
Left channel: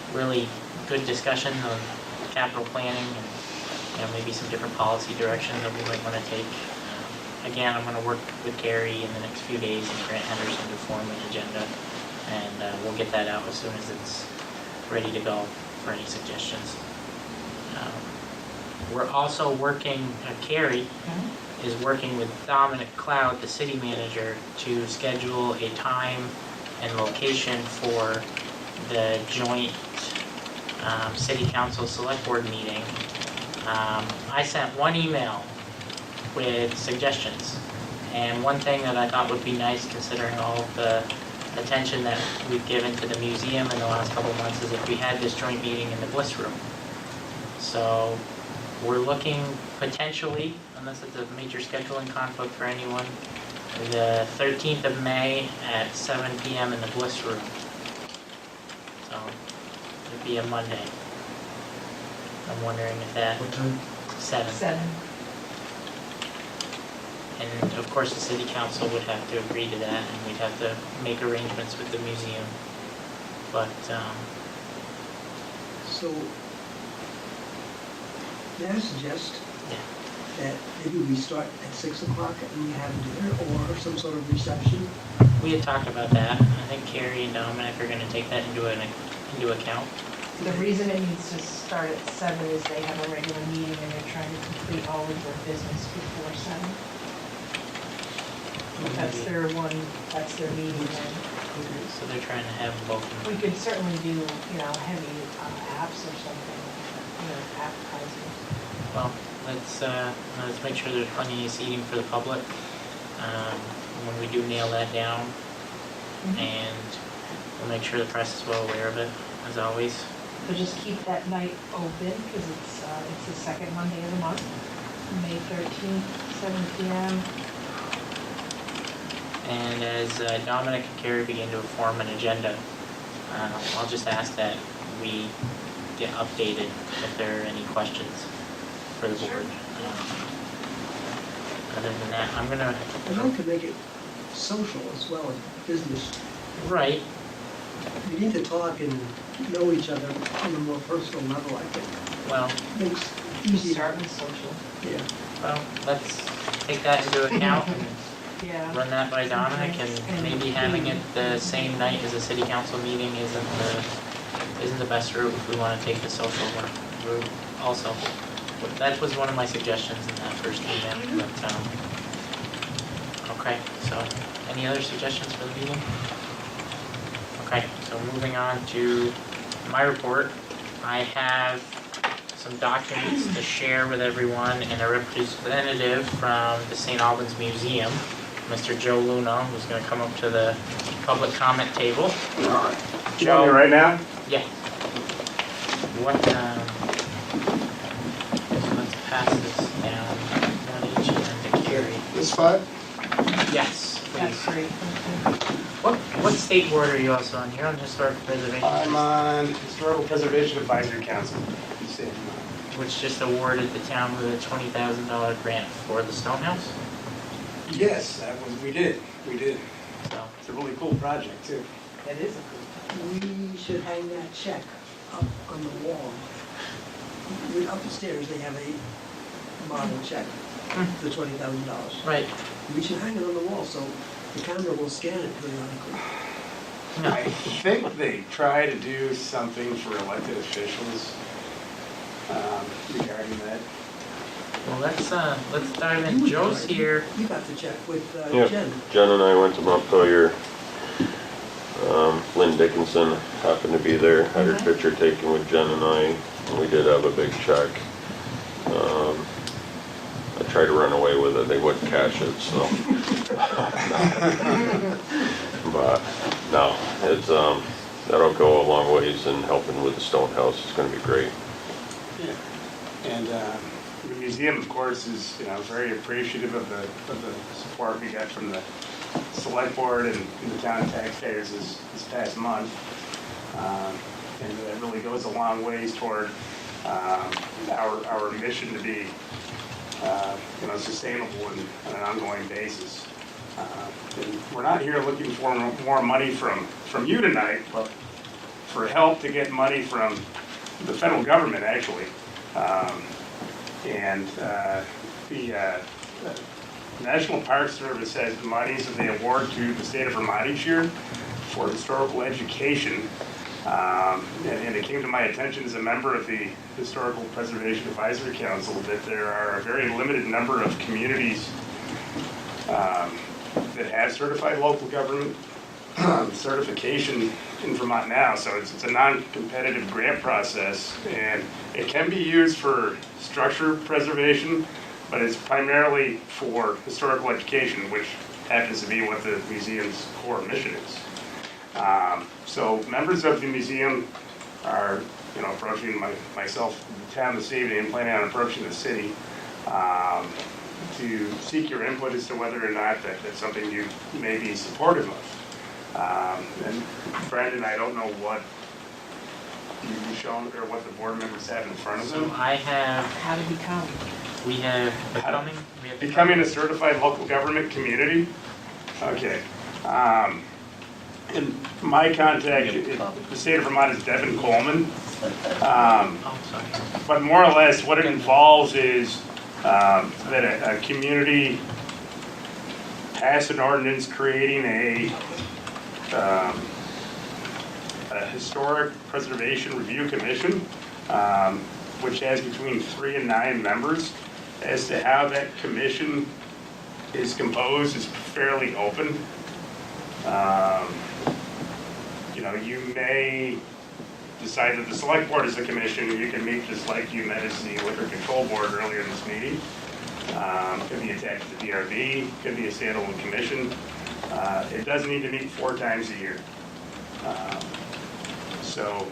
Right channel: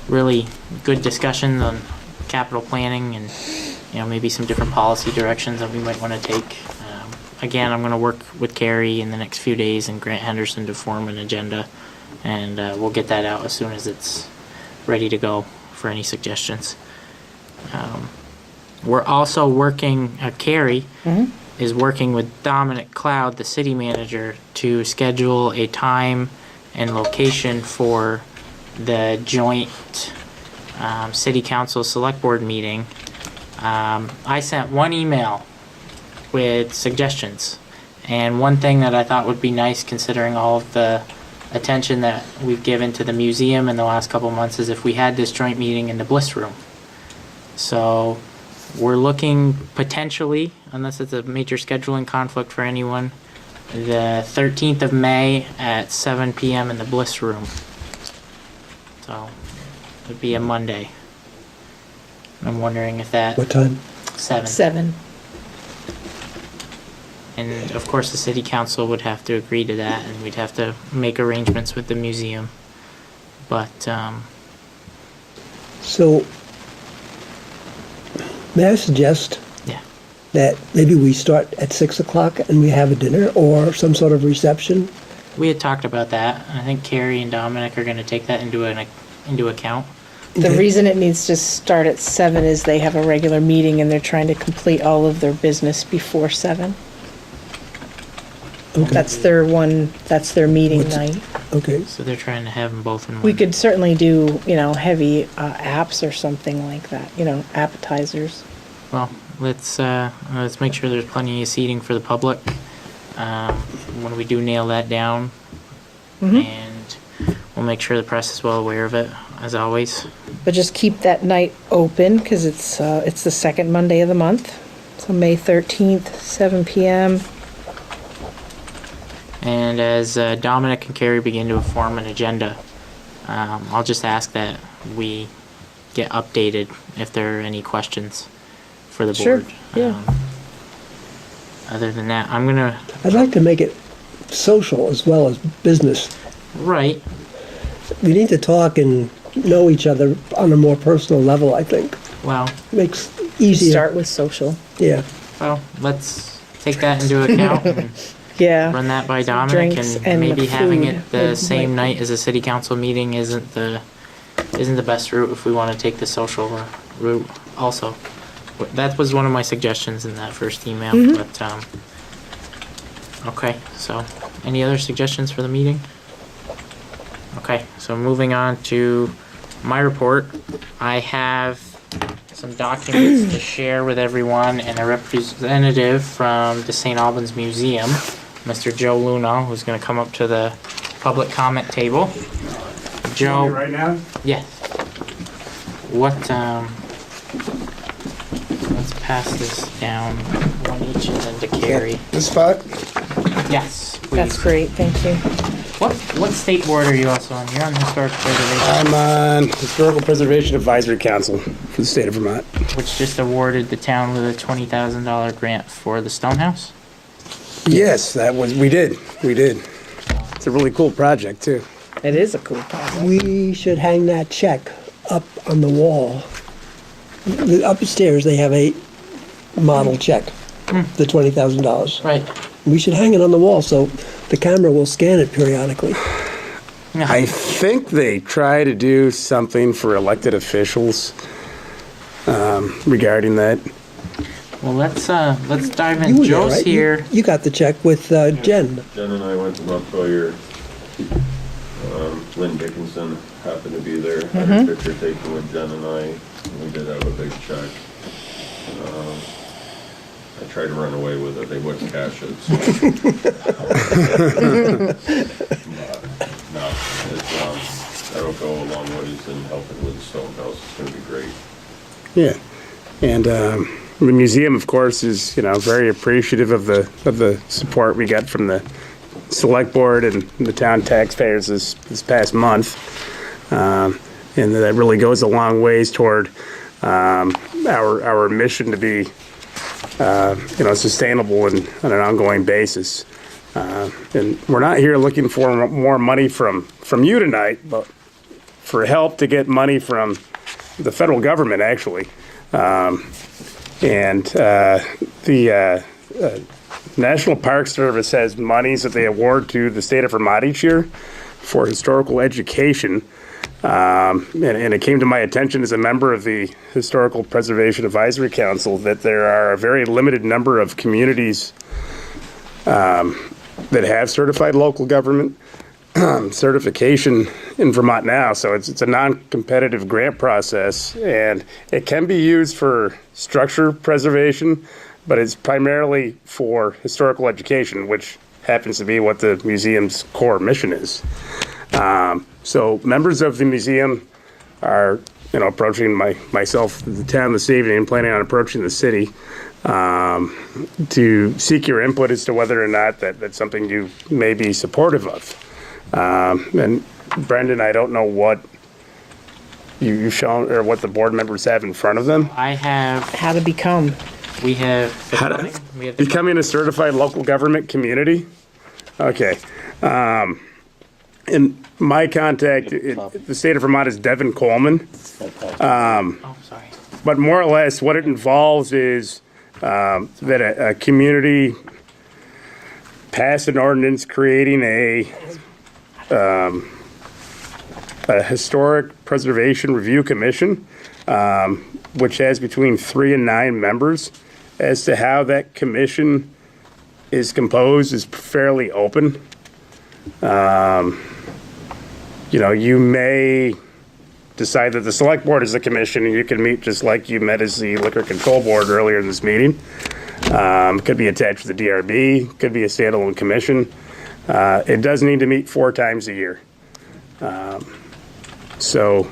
really good discussions on capital planning and, you know, maybe some different policy directions that we might want to take. Again, I'm going to work with Carrie in the next few days and Grant Henderson to form an agenda, and we'll get that out as soon as it's ready to go for any suggestions. We're also working, Carrie is working with Dominic Cloud, the city manager, to schedule a time and location for the joint city council select board meeting. I sent one email with suggestions, and one thing that I thought would be nice considering all of the attention that we've given to the museum in the last couple of months is if we had this joint meeting in the Bliss Room. So we're looking potentially, unless it's a major scheduling conflict for anyone, the 13th of May at 7 p.m. in the Bliss Room. So it'd be a Monday. I'm wondering if that What time? 7. 7. And of course the city council would have to agree to that, and we'd have to make arrangements with the museum. But So, may I suggest yeah, that maybe we start at 6 o'clock and we have a dinner or some sort of reception? we had talked about that. I think Carrie and Dominic are going to take that into account. The Okay. reason it needs to start at 7 is they have a regular meeting and they're trying to complete all of their business before 7. Okay. That's their meeting What's- night. Okay. So they're trying to have them both in one. We could certainly do, heavy apps or something like that, appetizers. Well, let's make sure there's plenty of seating for the public when we do nail that down, and we'll make sure the press is well aware of it, as always. But just keep that night open because it's the second Monday of the month. So May 13th, 7 p.m. And as Dominic and Carrie begin to form an agenda, I'll just ask that we get updated if there are any questions for the board. Sure, yeah. Other than that, I'm gonna, I'd like to make it social as well as business. right, We need to talk and know each other on a more personal level, I think. well, Makes easier. Start with social. Yeah. let's take that into account and Yeah. run that by Dominic, drinks and and the maybe having food it the is same right. night as a city council meeting isn't the best route if we want to take the social route also. But that was one of my suggestions in that first email, but okay, so any other suggestions for the meeting? Okay, so moving on to my report, I have some documents to share with everyone and a representative from the St. Albans Museum, Mr. Joe Luna, who's going to come up to the public comment table. Joe, right now? yeah. What pass this down, one each of them to carry. This spot? Yes, That's please. great, thank you. What state board are you also on? You're on the Historic Preservation, I'm on Historical Preservation Advisory Council for the state of Vermont. which just awarded the town with a $20,000 grant for the Stonehouse. Yes, we did. It's a really cool project too. It is a cool project. We should hang that check up on the wall. Upstairs, they have a model check, the $20,000. Right. We should hang it on the wall so the camera will scan it periodically. I think they try to do something for elected officials regarding that. Well, let's dive You in. were there, Joe's right? here. You got the check with Yeah, Jen. Jen and I went to Montpelier. Lynn Dickinson happened to be there. Had her picture taken with Jen and I. And we did have a big check. I tried to run away with it. They wouldn't cash it, so. But no, that'll go a long ways in helping with the Stonehouse. It's going to be great. Yeah, and the museum, of course, is very appreciative of the support we got from the Selectboard and the town taxpayers this past month, and that really goes a long ways toward our mission to be sustainable and on an ongoing basis. And we're not here looking for more money from you tonight, but for help to get money from the federal government, actually. The National Park Service has monies that they award to the state of Vermont each year for historical education. And it came to my attention as a member of the Historical Preservation Advisory Council that there are a very limited number of communities that have certified local government certification in Vermont now. So it's a non-competitive grant process, and it can be used for structure preservation, but it's primarily for historical education, which happens to be what the museum's core mission is. So members of the museum are, approaching myself, the town this evening, and planning on approaching the city to seek your input as to whether or not that's something you may be supportive of. And Brendan, I don't know what you've shown or what the board members have in front of them. I have. How to become. We have the How- funding. We have the Becoming a certified local government community? Okay. And my contact, the state of Vermont is Devin Coleman. Oh, sorry. But more or less, what it involves is that a community pass an ordinance creating a historic preservation review commission, which has between 3 and 9 members. As to how that commission is composed is fairly open. You may decide that the select board is a commission, and you can meet just like you met as the liquor control board earlier in this meeting. Could be attached to the DRB, could be a standalone commission. It does need to meet 4 times a year. So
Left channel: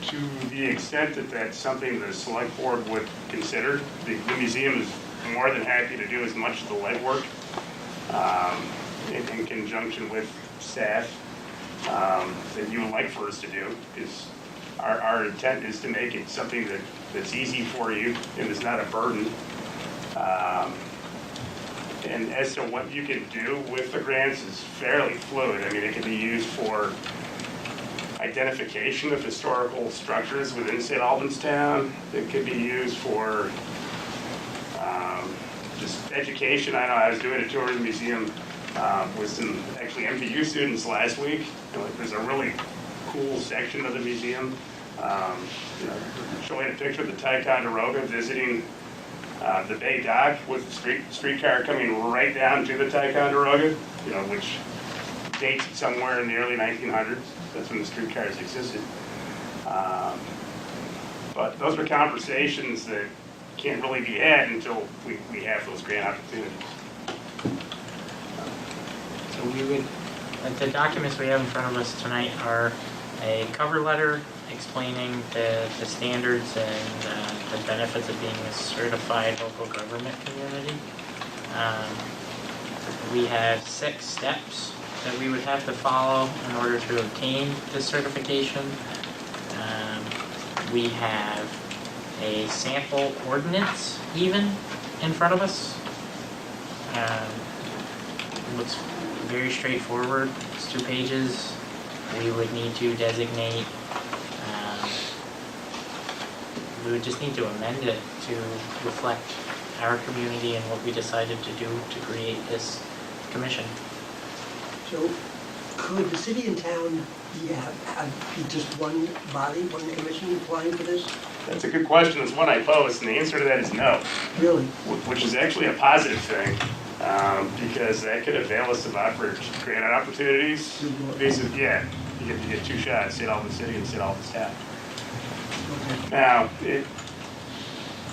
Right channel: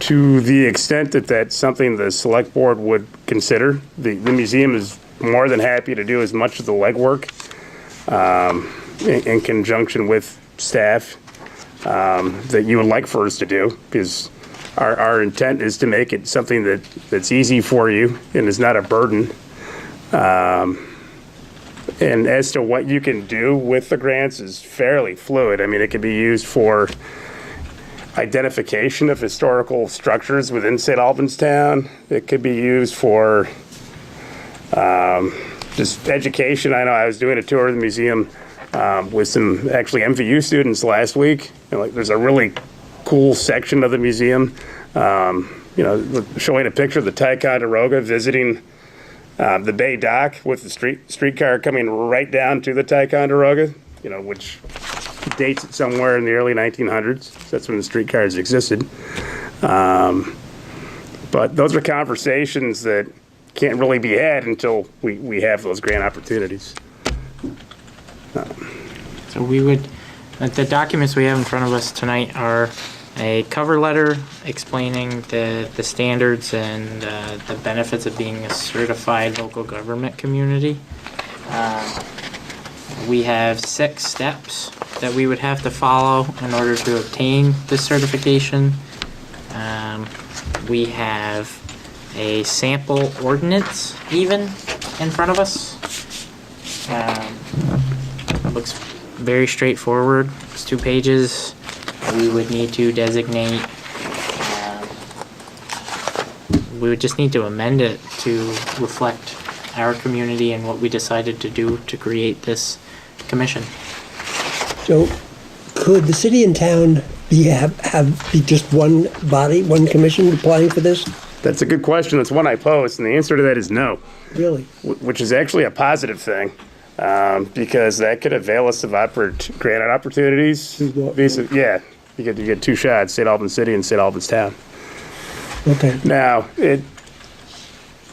to the extent that that's something the select board would consider, the museum is more than happy to do as much of the legwork in conjunction with staff that you would like for us to do, because our intent is to make it something that's easy for you and is not a burden. And as to what you can do with the grants is fairly fluid. I mean, it can be used for identification of historical structures within St. Albans town. It could be used for just education. I know I was doing a tour of the museum with some actually MVU students last week. There's a really cool section of the museum, showing a picture of the Ticonderoga visiting the Bay Dock with the streetcar coming right down to the Ticonderoga, which dates it somewhere in the early 1900s. That's when the streetcars existed. But those are conversations that can't really be had until we have those grant opportunities. So we would, the documents we have in front of us tonight are a cover letter explaining the standards and the benefits of being a certified local government community. We have 6 steps that we would have to follow in order to obtain this certification. We have a sample ordinance even in front of us. Looks very straightforward. It's 2 pages. We would need to designate, we would just need to amend it to reflect our community and what we decided to do to create this commission. So, could the city and town be just one body, one commission applying for this? That's a good question. It's one I posed, and the answer to that is no. Really? Which is actually a positive thing, because that could avail us of grant opportunities. Basically, yeah, you get 2 shots: St. Albans City and St. Albans Town. Okay. Now,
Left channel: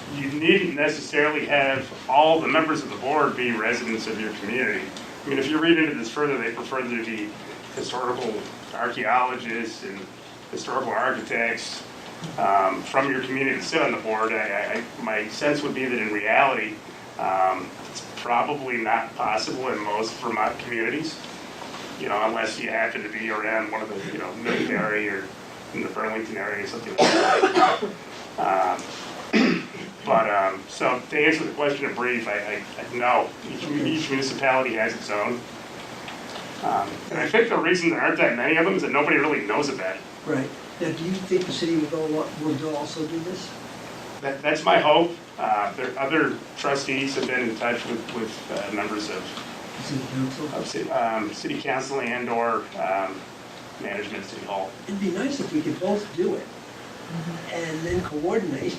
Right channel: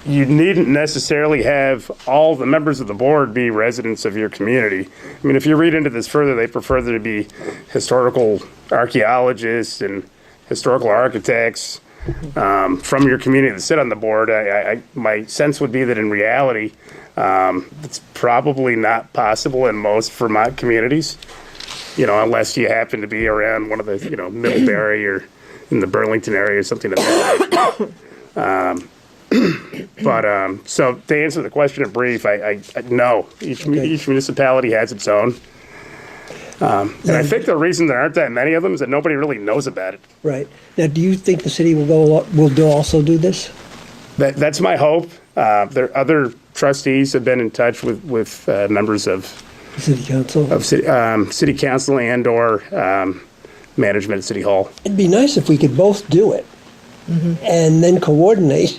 you needn't necessarily have all the members of the board be residents of your community. I mean, if you read into this further, they prefer there to be historical archaeologists and historical architects from your community to sit on the board. My sense would be that in reality, it's probably not possible in most Vermont communities, unless you happen to be around one of the, Middlebury or in the Burlington area or something like that. So to answer the question in brief, I no. Each municipality has its own. And I think the reason there aren't that many of them is that nobody really knows about it. Right. Now, do you think the city will also do this? That's my hope. Other trustees have been in touch with members of City council? Of city council and/or management at City Hall. It'd be nice if we could both do it and then coordinate.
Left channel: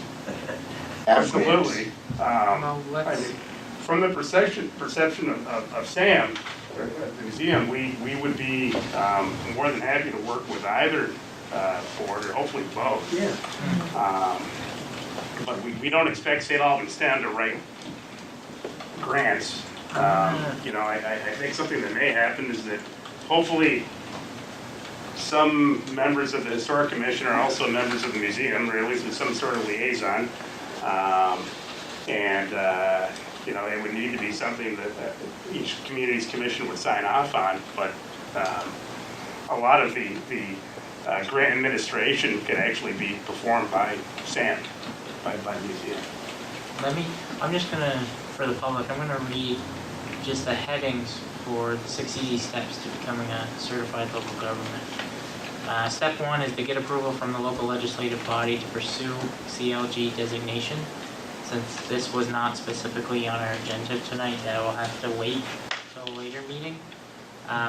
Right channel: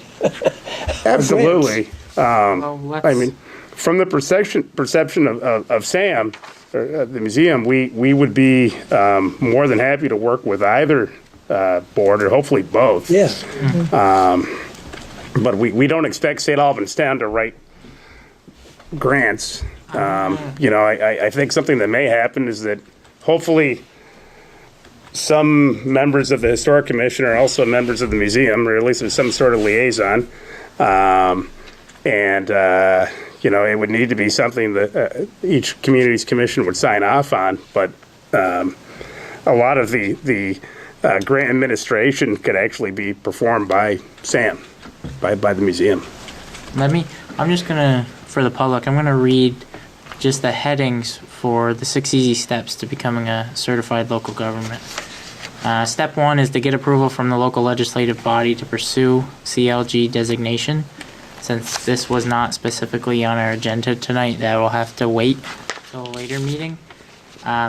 Absolutely. Well, I mean, from the perception of Sam, or the museum, we would be more than happy to work with either board, or hopefully both. Yes. But we don't expect St. Albans Town to write grants. I think something that may happen is that hopefully some members of the Historic Commission are also members of the museum, or at least there's some sort of liaison. It would need to be something that each community's commission would sign off on. But a lot of the grant administration could actually be performed by Sam, by the museum. I'm just gonna, for the public, I'm gonna read just the headings for the 6 easy steps to becoming a certified local government. Step 1 is to get approval from the local legislative body to pursue CLG designation. Since this was not specifically on our agenda tonight, that will have to wait till a later meeting.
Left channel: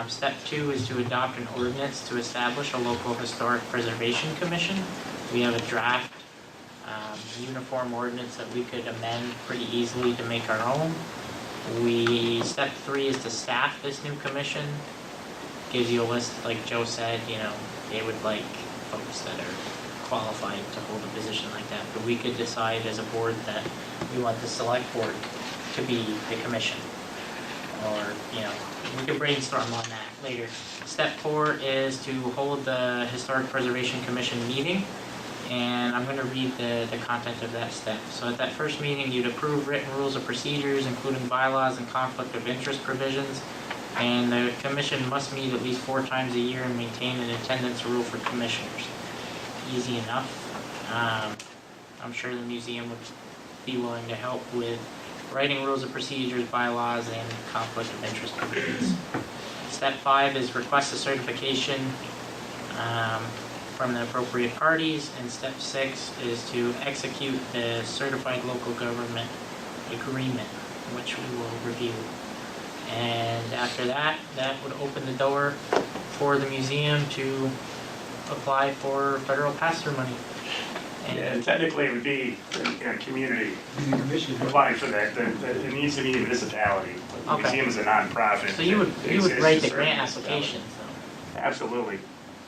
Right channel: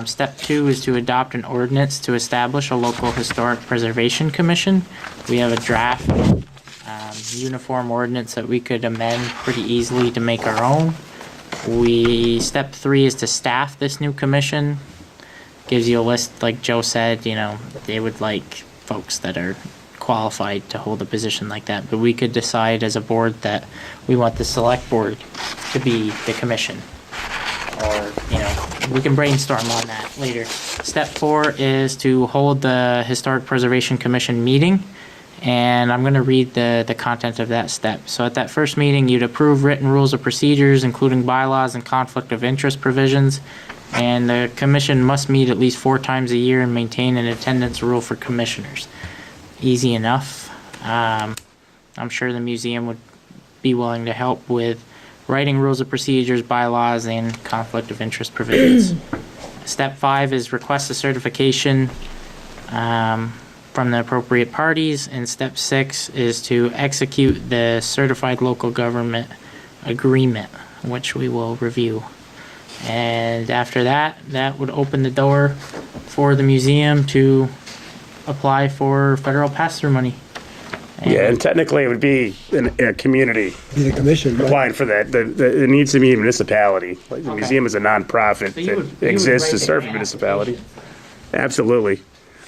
Step 2 is to adopt an ordinance to establish a local historic preservation commission. We have a draft uniform ordinance that we could amend pretty easily to make our own. Step 3 is to staff this new commission. Gives you a list, like Joe said, they would like folks that are qualified to hold a position like that. But we could decide as a board that we want the Selectboard to be the commission. Or, we can brainstorm on that later. Step 4 is to hold the Historic Preservation Commission meeting. And I'm going to read the content of that step. So at that first meeting, you'd approve written rules of procedures, including bylaws and conflict of interest provisions. And the commission must meet at least 4 times a year and maintain an attendance rule for commissioners. Easy enough. I'm sure the museum would be willing to help with writing rules of procedures, bylaws, and conflict of interest provisions. Step 5 is request a certification from the appropriate parties, and step 6 is to execute the certified local government agreement, which we will review. And after that would open the door for the museum to apply for federal pass-through money. And technically it would be in a community The commission. Right? applying for that. It needs to be a municipality. Like the museum is a nonprofit that exists to serve a municipality. Absolutely.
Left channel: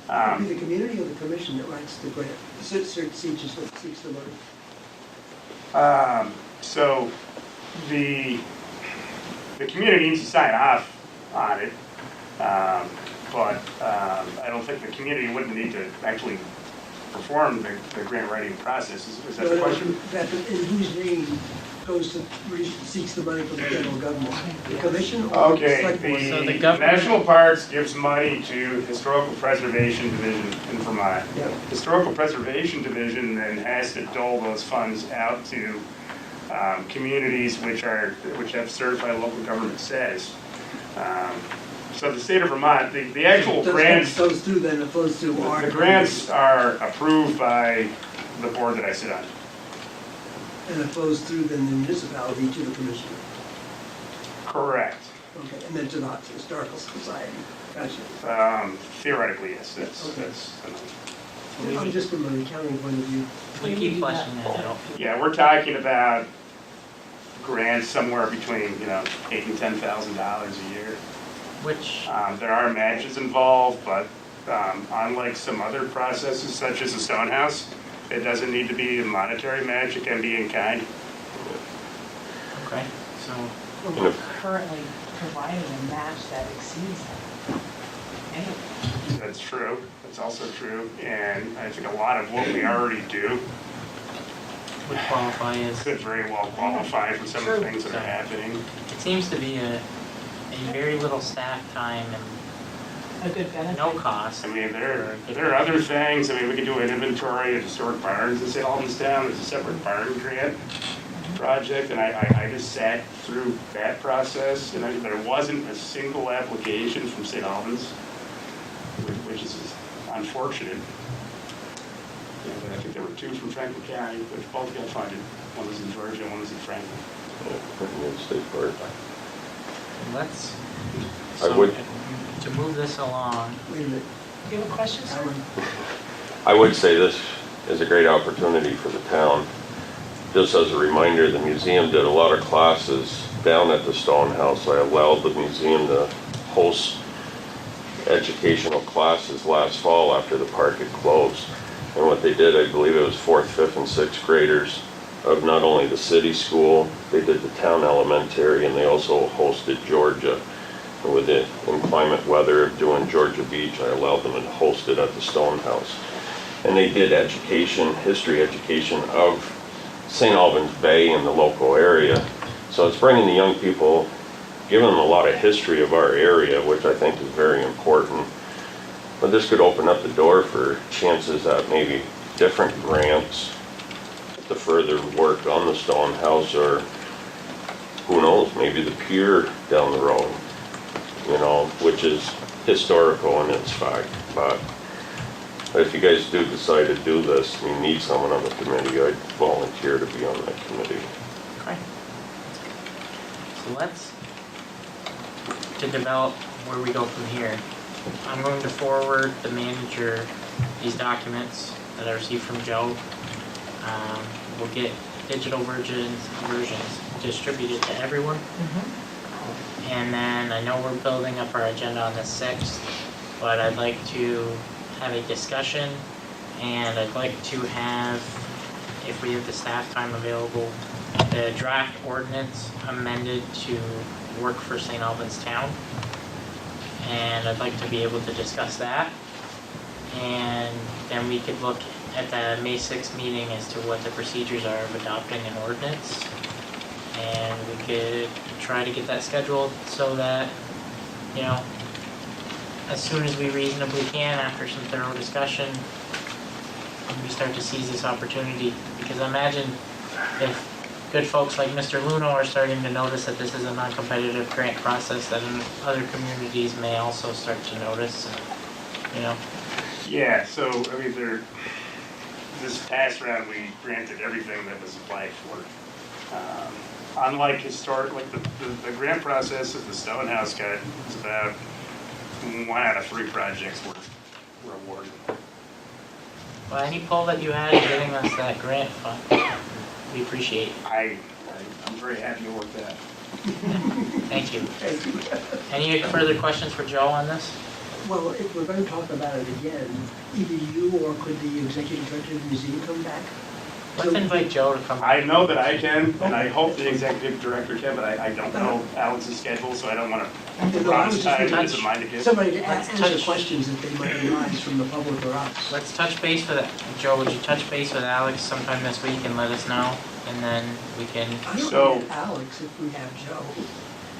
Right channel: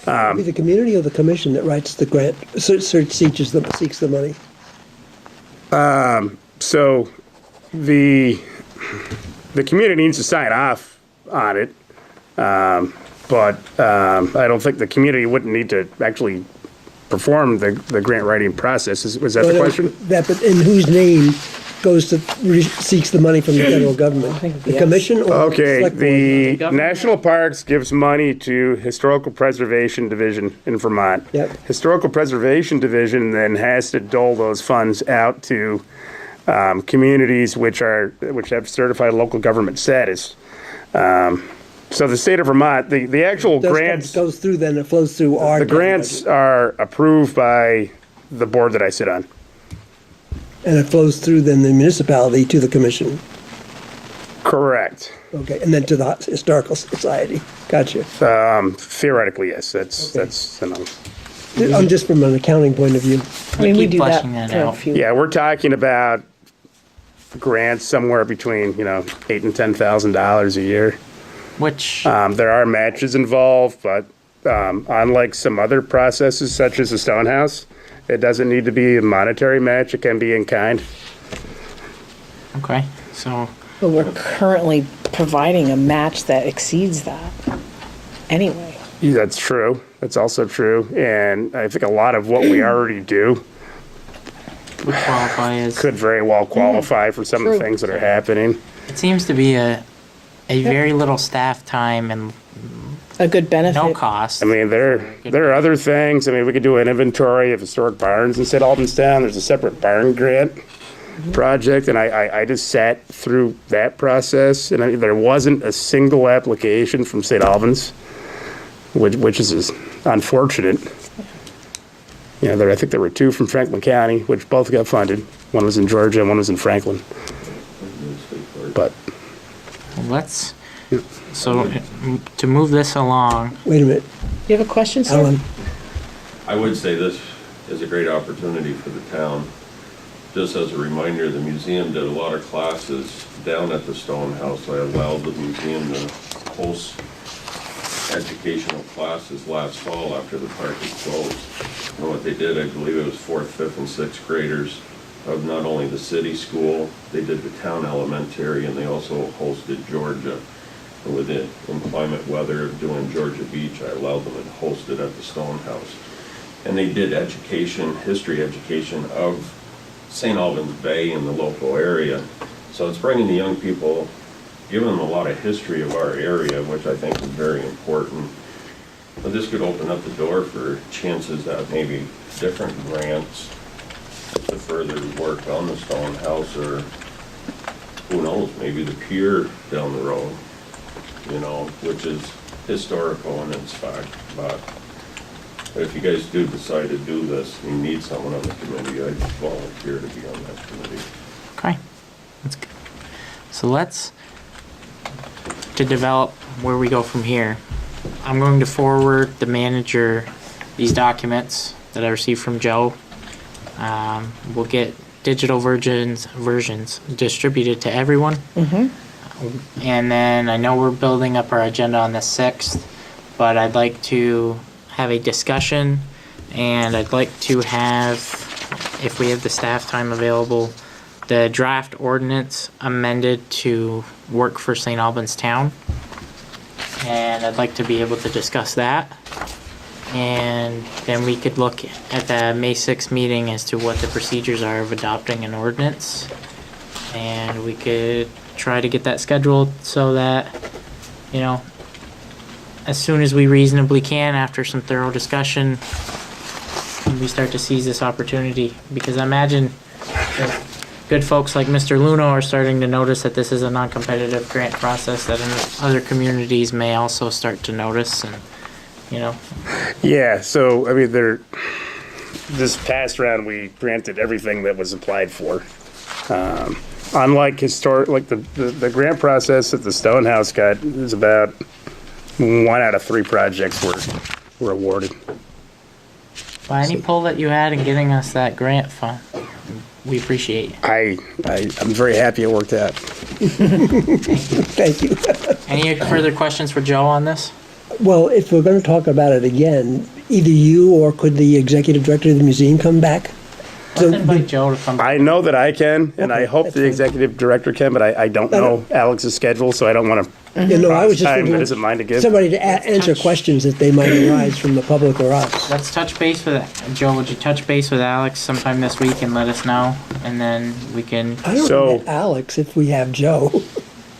It'd be the community or the commission that writes the grant, seeks the money? So the community needs to sign off on it. but I don't think the community wouldn't need to actually perform the grant writing process. Was that the question? That, but in whose name goes to, seeks the money from the federal government? The commission or? Okay, select board? the government- National Parks gives money to Historical Preservation Division in Vermont. Yep. Historical Preservation Division then has to dole those funds out to communities which have certified local government status. So the state of Vermont, the actual Those grants, funds goes through, then it flows through our. the grants are approved by the board that I sit on. And it flows through then the municipality to the commission. Correct. Okay, and then to the historical society. Gotcha. Theoretically, yes, that's the money. I'm just from an accounting point of view. I mean, we keep do that fleshing that for a out. few. Yeah, we're talking about grants somewhere between, $8,000 and $10,000 a year. Which, There are matches involved, but unlike some other processes such as the Stonehouse, it doesn't need to be a monetary match, it can be in kind. okay, so, But we're currently providing a match that exceeds that anyway. That's true, that's also true, and I think a lot of what we already do would qualify as, could very well qualify for some of the True. things that are happening. it seems to be a very little staff time and A good benefit. no cost. I mean, there are other things. I mean, we could do an inventory of historic barns in St. Albans Town. There's a separate barn grant project, and I just sat through that process, and there wasn't a single application from St. Albans, which is unfortunate. I think there were 2 from Franklin County, which both got funded. One was in Georgia, and one was in Franklin. But Let's, so, to move this along, Wait a minute, You have a question, sir? Alan, I would say this is a great opportunity for the town. Just as a reminder, the museum did a lot of classes down at the Stonehouse. I allowed the museum to host educational classes last fall after the park had closed. And what they did, I believe it was 4th, 5th, and 6th graders of not only the city school, they did the town elementary, and they also hosted Georgia. And with the inclement weather of doing Georgia Beach, I allowed them to host it at the Stonehouse. And they did education, history education of St. Albans Bay and the local area. So it's bringing the young people, giving them a lot of history of our area, which I think is very important. But this could open up the door for chances at maybe different grants to further work on the Stonehouse, or who knows, maybe the pier down the road, which is historical in its fact. But if you guys do decide to do this, you need someone on the committee, I'd volunteer to be on that committee. okay, that's good. So to develop where we go from here, I'm going to forward the manager these documents that I received from Joe. We'll get digital versions distributed to everyone. And then I know we're building up our agenda on the 6th, but I'd like to have a discussion, and I'd like to have, if we have the staff time available, the draft ordinance amended to work for St. Albans Town. And I'd like to be able to discuss that. And then we could look at the May 6th meeting as to what the procedures are of adopting an ordinance. And we could try to get that scheduled so that, as soon as we reasonably can, after some thorough discussion, we start to seize this opportunity. Because I imagine that good folks like Mr. Luno are starting to notice that this is a non-competitive grant process that in other communities may also start to notice, and, yeah, so I mean, this past round we granted everything that was applied for. Unlike the grant process that the Stonehouse got, it was about 1 out of 3 projects were awarded. By any pull that you had in giving us that grant fund, we appreciate it. I'm very happy it worked out. Thank you. thank you. Any further questions for Joe on this? Well, if we're going to talk about it again, either you or could the executive director of the museum come back? Let's invite Joe to come. I know that I can, and I hope the executive director can, but I don't know Alex's schedule, so I don't want to You know, I was just Time thinking doesn't mind to give. somebody to Let's answer touch- questions that they might arise from the public or us. Let's touch base with, Joe, would you touch base with Alex sometime this week and let us know? And then we can, I don't So- know Alex if we have Joe.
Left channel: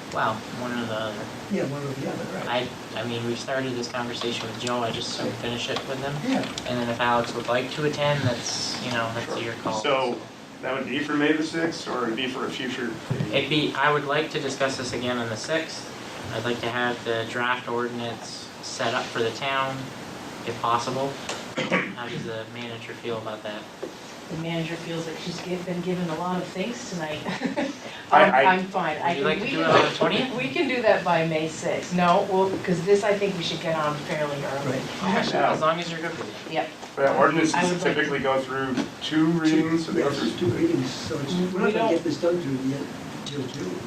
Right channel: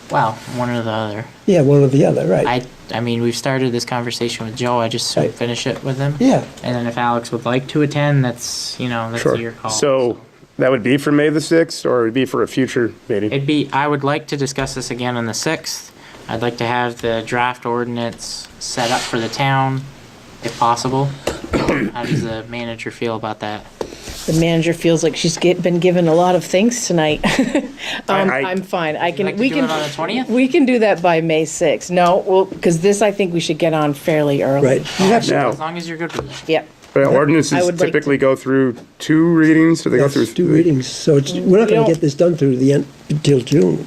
well, one or the other. Yeah, one or the other, right? I mean, we've started this conversation with Joe, I just Right. finish it with him. Yeah, And then if Alex would like to attend, that's, that's Sure. your call. So that would be for May the 6th, or it'd be for a future meeting? I would like to discuss this again on the 6th. I'd like to have the draft ordinance set up for the town, if possible. How does the manager feel about that? The manager feels like she's been given a lot of things tonight. I'm fine. Would you like to do it on the 20th? We can do that by May 6th. No, well, because this I think we should get on fairly early. right. Now, As long as you're good with it. Yep. but I ordinances would like typically go through 2 readings, or they go through That's 2 readings, so it's, we're not We gonna don't- get this done through the end, until June.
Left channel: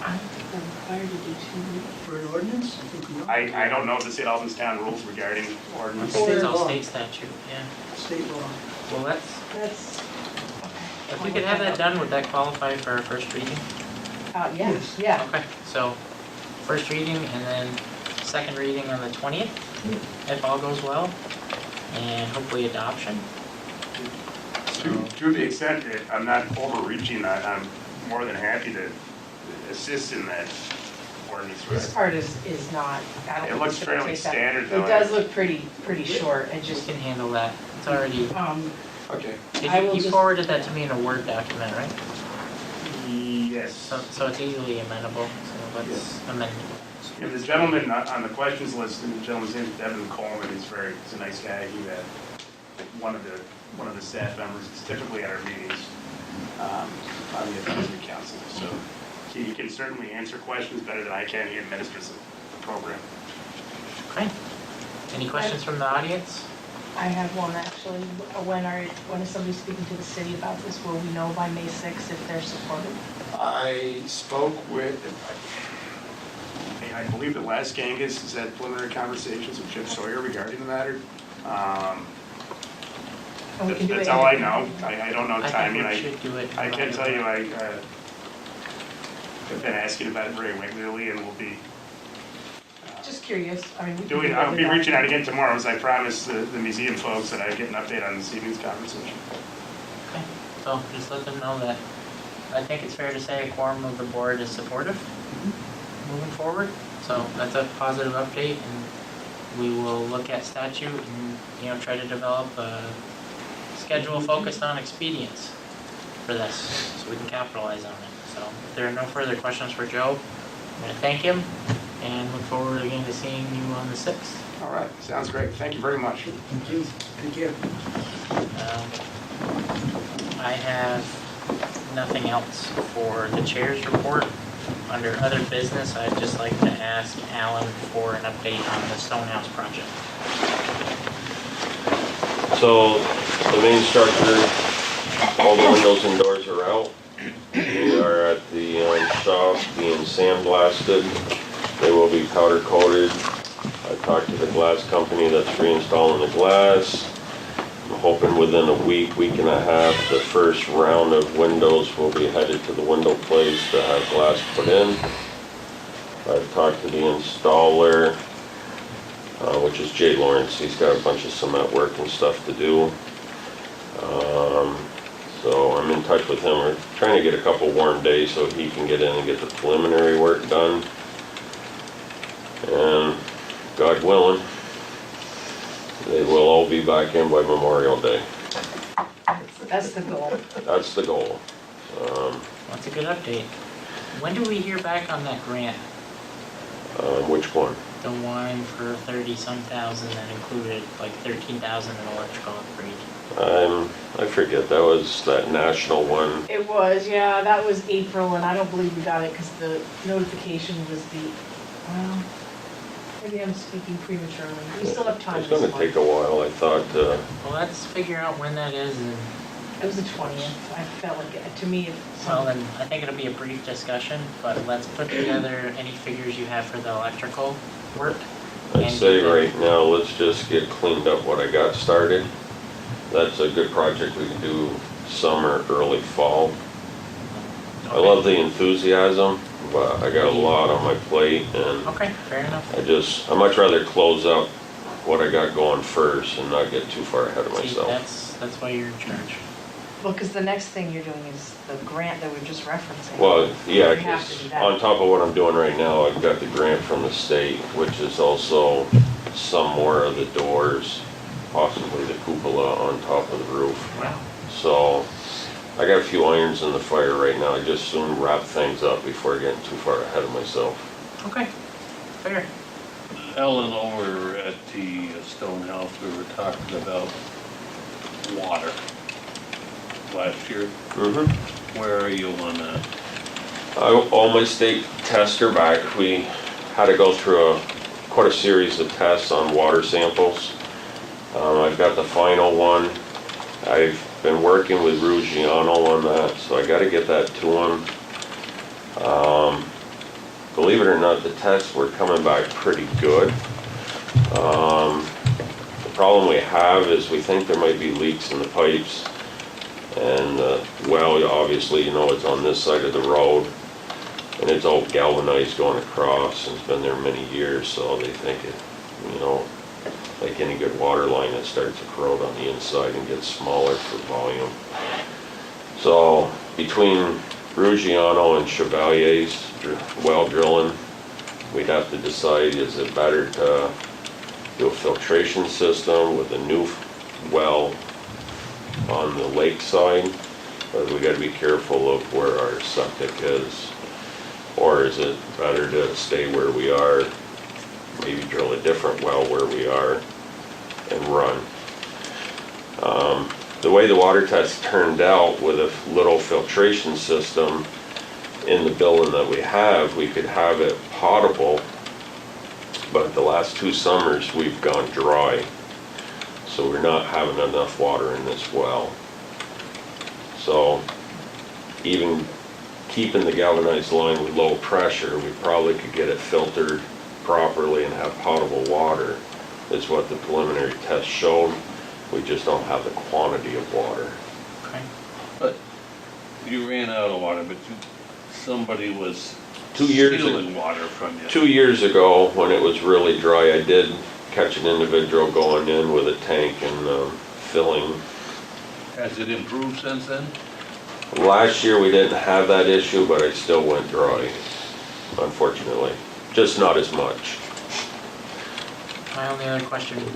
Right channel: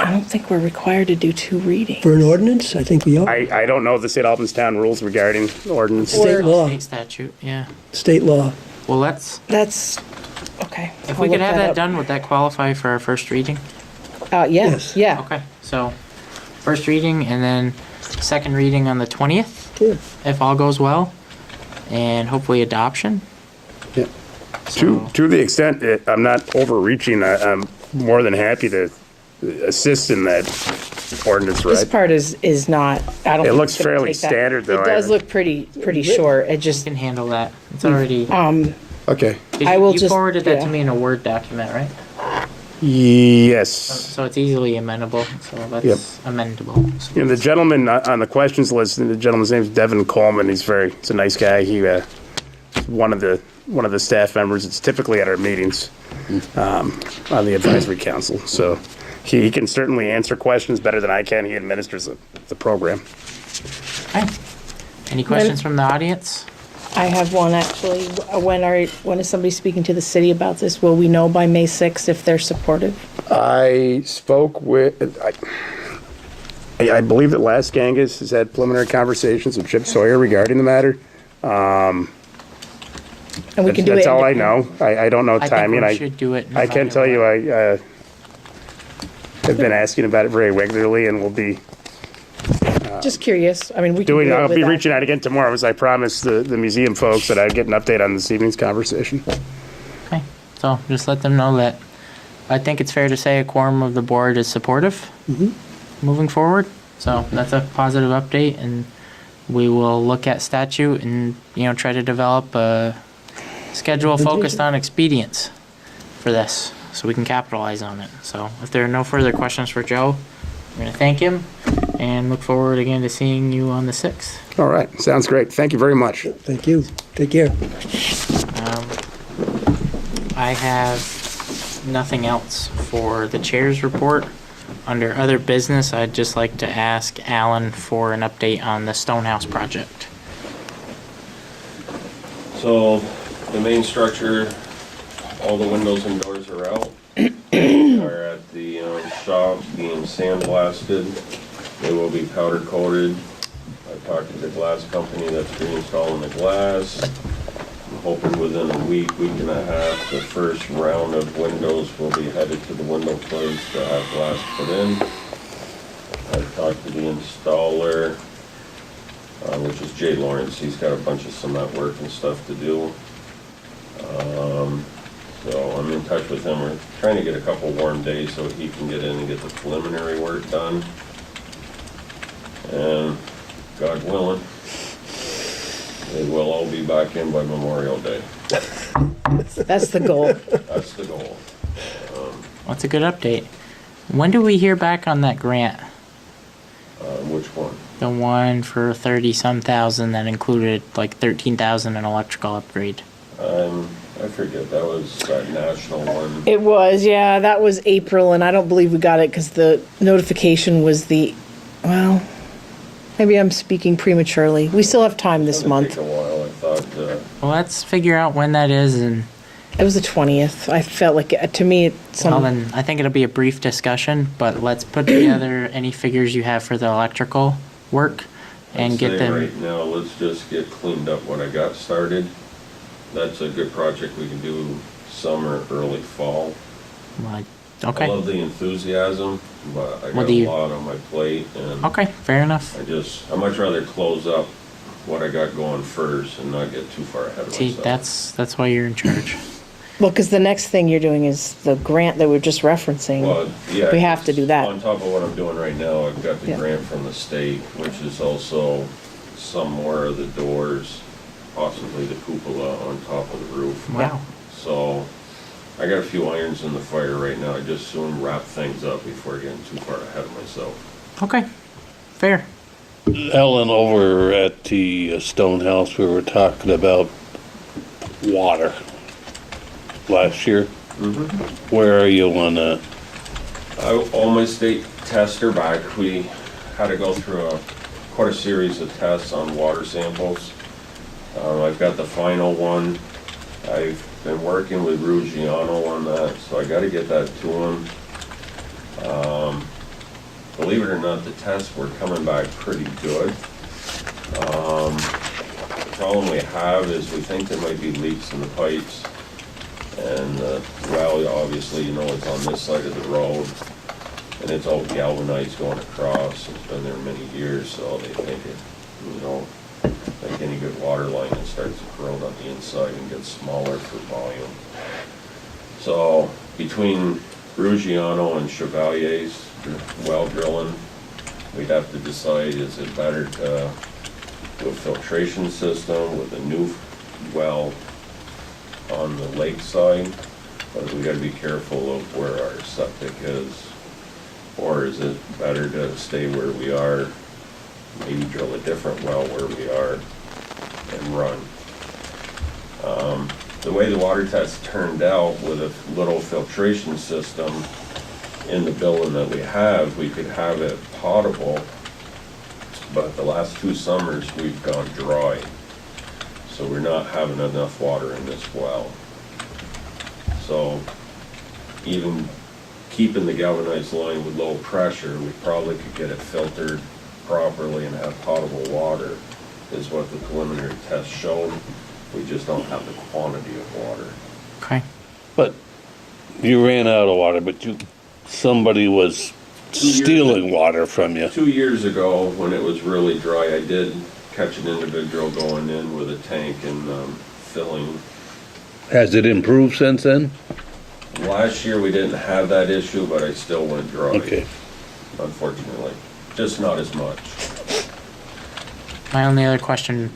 I don't think we're required to do 2 readings. For an ordinance, I think we are. I don't know the state Albans town rules regarding ordinance. State It's law. a state statute, yeah. State law. Well, let's, That's, okay. if I'll we could look have that up. done, would that qualify for our first reading? Yes, Yes. yeah. Okay, so first reading and then second reading on the 20th, Good. if all goes well, and hopefully adoption. Yeah. So, To the extent that I'm not overreaching, I'm more than happy to assist in that ordinance, This right? part is not, I don't. It think looks it's gonna fairly take that- standard, though. It does look pretty short. It we just, can handle that. It's already. Okay. I will You just- forwarded that yeah. to me in a Word document, right? Yes. So it's easily amendable. So that's Yep. amendable. You know, the gentleman on the questions list, the gentleman's name is Devin Coleman. He's a nice guy. He one of the staff members. It's typically at our meetings on the advisory council. So he can certainly answer questions better than I can. He administers the program. Okay. Any questions from the audience? I have one actually. When is somebody speaking to the city about this? Will we know by May 6th if they're supportive? I spoke with, I believe that Last Gangus has had preliminary conversations with Chip Sawyer regarding the matter. And we can do it. That's all I know. I don't know I think timing. we should do it. in I can front tell of you, the- I've been asking about it very regularly, and we'll be Just curious. I mean, we can do it I'll be without- reaching out again tomorrow, as I promised the museum folks that I'd get an update on this evening's conversation. Okay. So just let them know that I think it's fair to say a quorum of the board is supportive moving forward. So that's a positive update, and we will look at statute and try to develop a schedule focused on expedience for this, so we can capitalize on it. So if there are no further questions for Joe, I'm gonna thank him and look forward again to seeing you on the 6th. All right, sounds great. Thank you very much. Thank you. Take care. I have nothing else for the chair's report. Under other business, I'd just like to ask Alan for an update on the Stonehouse project. So the main structure, all the windows and doors are out. They are at the shop being sandblasted. They will be powder coated. I talked to the glass company that's reinstalling the glass. I'm hoping within a week, week and a half, the first round of windows will be headed to the window place to have glass put in. I talked to the installer, which is Jay Lawrence. He's got a bunch of cement work and stuff to do. So I'm in touch with him. We're trying to get a couple warm days so he can get in and get the preliminary work done. And God willing, they will all be back in by Memorial Day. That's the goal. That's the goal. That's a good update. When do we hear back on that grant? Which one? The one for 30-some thousand that included like 13,000 in electrical upgrade. I forget, that was that national one. It was, yeah, that was April, and I don't believe we got it because the notification was well, maybe I'm speaking prematurely. We still have time this It's gonna month. take a while, I thought. Well, let's figure out when that is, and It was the 20th. I felt like, to me, well, then I think it'll be a brief discussion, but let's put together any figures you have for the electrical work and I'd get say them. right now, let's just get cleaned up what I got started. That's a good project we can do summer, early fall. I Okay. love the enthusiasm. but I What got do a you- lot on my plate, and Okay, fair enough. I much rather close up what I got going first and not get too far ahead of See, myself. that's why you're in charge. Well, because the next thing you're doing is the grant that we're just referencing. Well, yeah. We have to do that. On top of what I'm doing right now, I've got the Yeah. grant from the state, which is also some more of the doors, possibly the cupola on top of the roof. Wow. So I got a few irons in the fire right now. I just soon wrap things up before getting too far ahead of myself. Okay, fair. Ellen, over at the Stone House, we were talking about water last year. Where are you on that? All my state tests are back. We had to go through quite a series of tests on water samples. I've got the final one. I've been working with Ruggiano on that, so I gotta get that to him. Believe it or not, the tests were coming back pretty good. The problem we have is we think there might be leaks in the pipes. And well, obviously, you know, it's on this side of the road, and it's all galvanized going across, and it's been there many years, so they think it, you know, like any good water line, it starts to corrode on the inside and gets smaller for volume. So between Ruggiano and Chevalier's well drilling, we'd have to decide, is it better to do a filtration system with a new well on the lake side, but we gotta be careful of where our septic is. Or is it better to stay where we are, maybe drill a different well where we are and run? The way the water test turned out with a little filtration system in the building that we have, we could have it potable, but the last 2 summers we've gone dry. So we're not having enough water in this well. So even keeping the galvanized line with low pressure, we probably could get it filtered properly and have potable water, is what the preliminary test showed. We just don't have the quantity of water. Okay. But you ran out of water, but somebody was 2 years stealing water from you. 2 years ago, when it was really dry, I did catch an individual going in with a tank and filling. Has it improved since then? Last year, we didn't have that issue, but I still went dry, Okay. unfortunately. Just not as much. My only other question,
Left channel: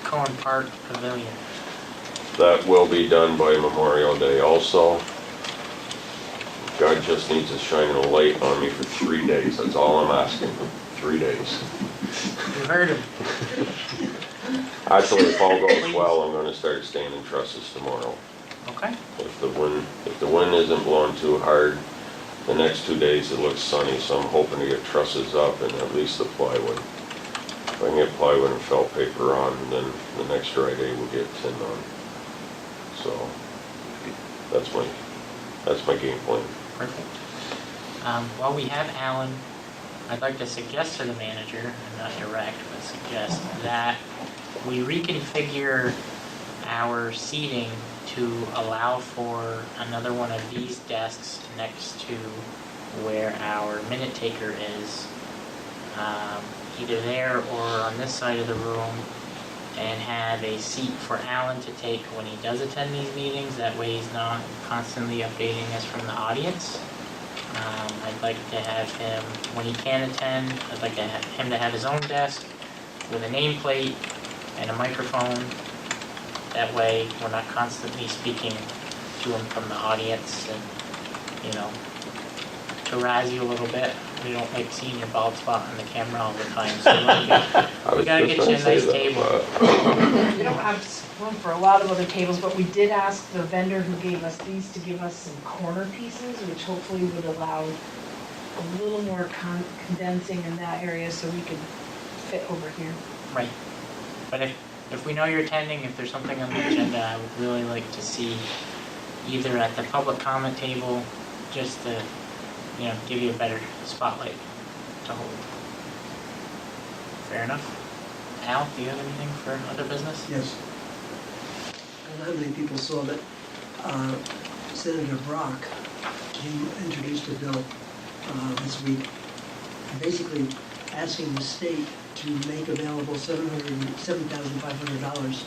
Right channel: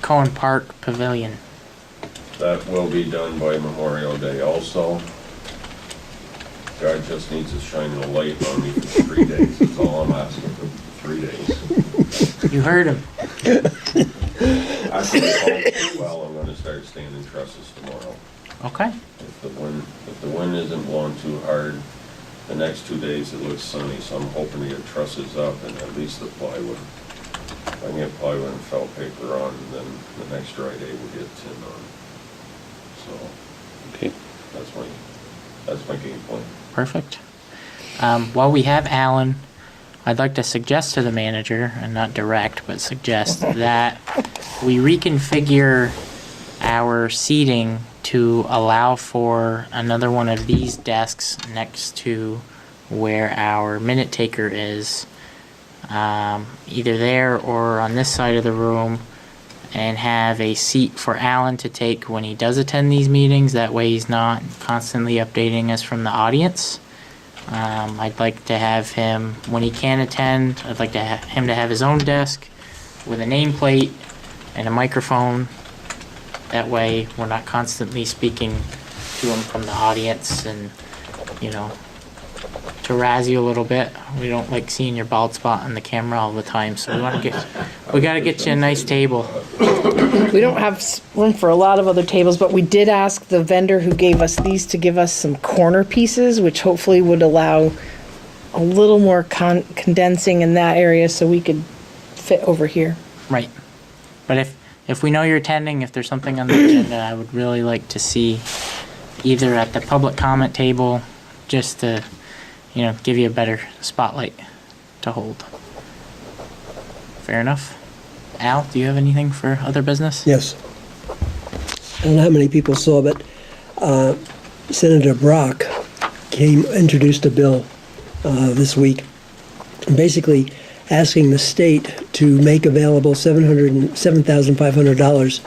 Cohen Park Pavilion. That will be done by Memorial Day also. God just needs to shine a light on me for 3 days, that's all I'm asking, 3 days. You heard him. Actually, if all goes well, I'm gonna start standing trusses tomorrow. Okay. If the wind isn't blowing too hard, the next 2 days it looks sunny, so I'm hoping to get trusses up and at least the plywood. If I can get plywood and felt paper on, then the next dry day we'll get tin on. So, Okay. that's my game plan. Perfect. While we have Alan, I'd like to suggest to the manager, and not direct, but suggest that we reconfigure our seating to allow for another one of these desks next to where our minute taker is, either there or on this side of the room, and have a seat for Alan to take when he does attend these meetings. That way he's not constantly updating us from the audience. I'd like to have him, when he can attend, I'd like to him to have his own desk with a nameplate and a microphone. That way we're not constantly speaking to him from the audience, and, you know, to razz you a little bit. We don't like seeing your bald spot on the camera all the time, so we gotta get you a nice table. We don't have room for a lot of other tables, but we did ask the vendor who gave us these to give us some corner pieces, which hopefully would allow a little more condensing in that area so we could fit over here. Right. But if we know you're attending, if there's something on the agenda, I would really like to see either at the public comment table, just to, you know, give you a better spotlight to hold. Fair enough. Al, do you have anything for other business? Yes. I don't know how many people saw, but Senator Brock introduced a bill this week, basically asking the state to make available $7,500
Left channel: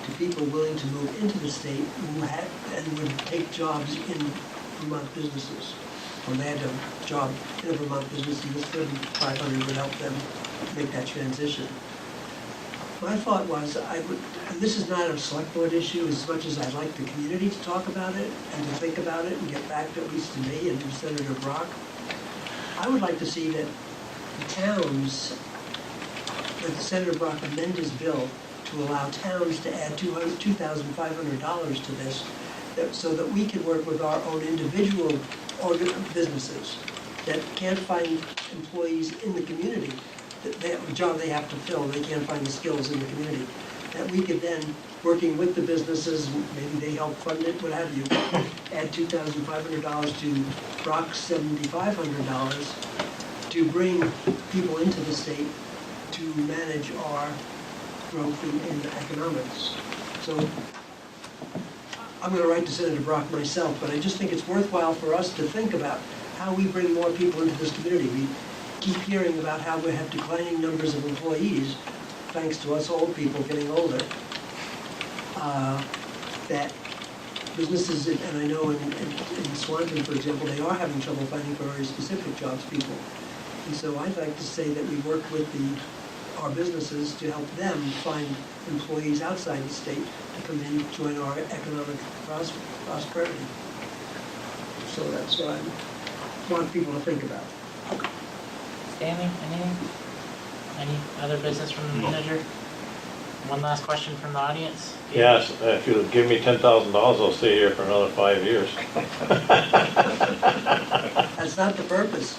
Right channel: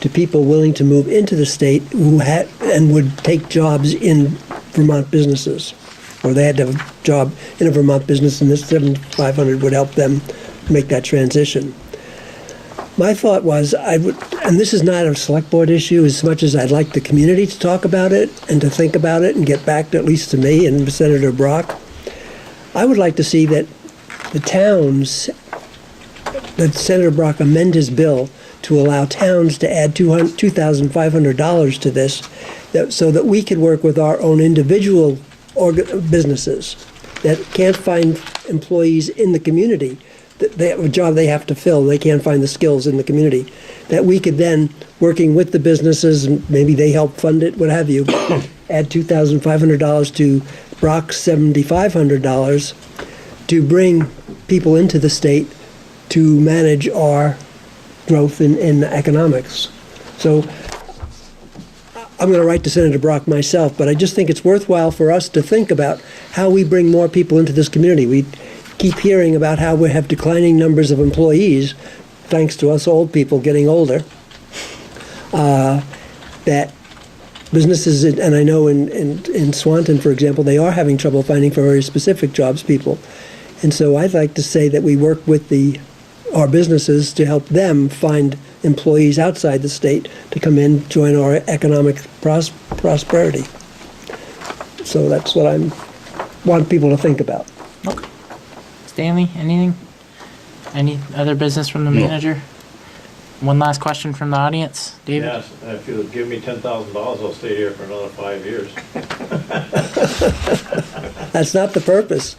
to people willing to move into the state who had and would take jobs in Vermont businesses, or they had to have a job in a Vermont business, and this $7,500 would help them make that transition. My thought was and this is not a select board issue as much as I'd like the community to talk about it and to think about it and get back to, at least to me and Senator Brock. I would like to see that Senator Brock amend his bill to allow towns to add $2,500 to this, so that we could work with our own individual businesses that can't find employees in the community. They have a job they have to fill, they can't find the skills in the community. That we could then, working with the businesses, and maybe they help fund it, what have you, add $2,500 to Brock's $7,500 to bring people into the state to manage our growth in economics. So I'm going to write to Senator Brock myself, but I just think it's worthwhile for us to think about how we bring more people into this community. We keep hearing about how we have declining numbers of employees, thanks to us old people getting older, that businesses, and I know in Swanton, for example, they are having trouble finding for very specific jobs people. And so I'd like to say that we work with our businesses to help them find employees outside the state to come in, join our economic prosperity. So that's what I want people to think about. Okay. Stanley, anything? Any other business from the manager? One last question from the audience. David? Yes, if you'll give me $10,000, I'll stay here for another 5 years. That's not the purpose.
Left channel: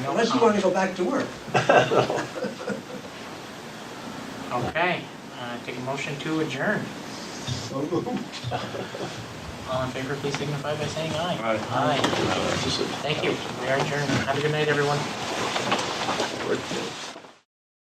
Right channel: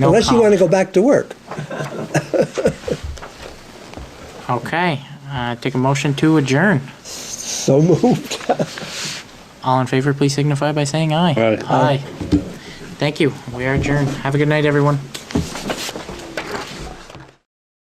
No Unless you want to comment. go back to work. Okay, take a motion to adjourn. So moved. All in favor, please signify by saying aye. Aye. Aye. Thank you. We are adjourned. Have a good night, everyone.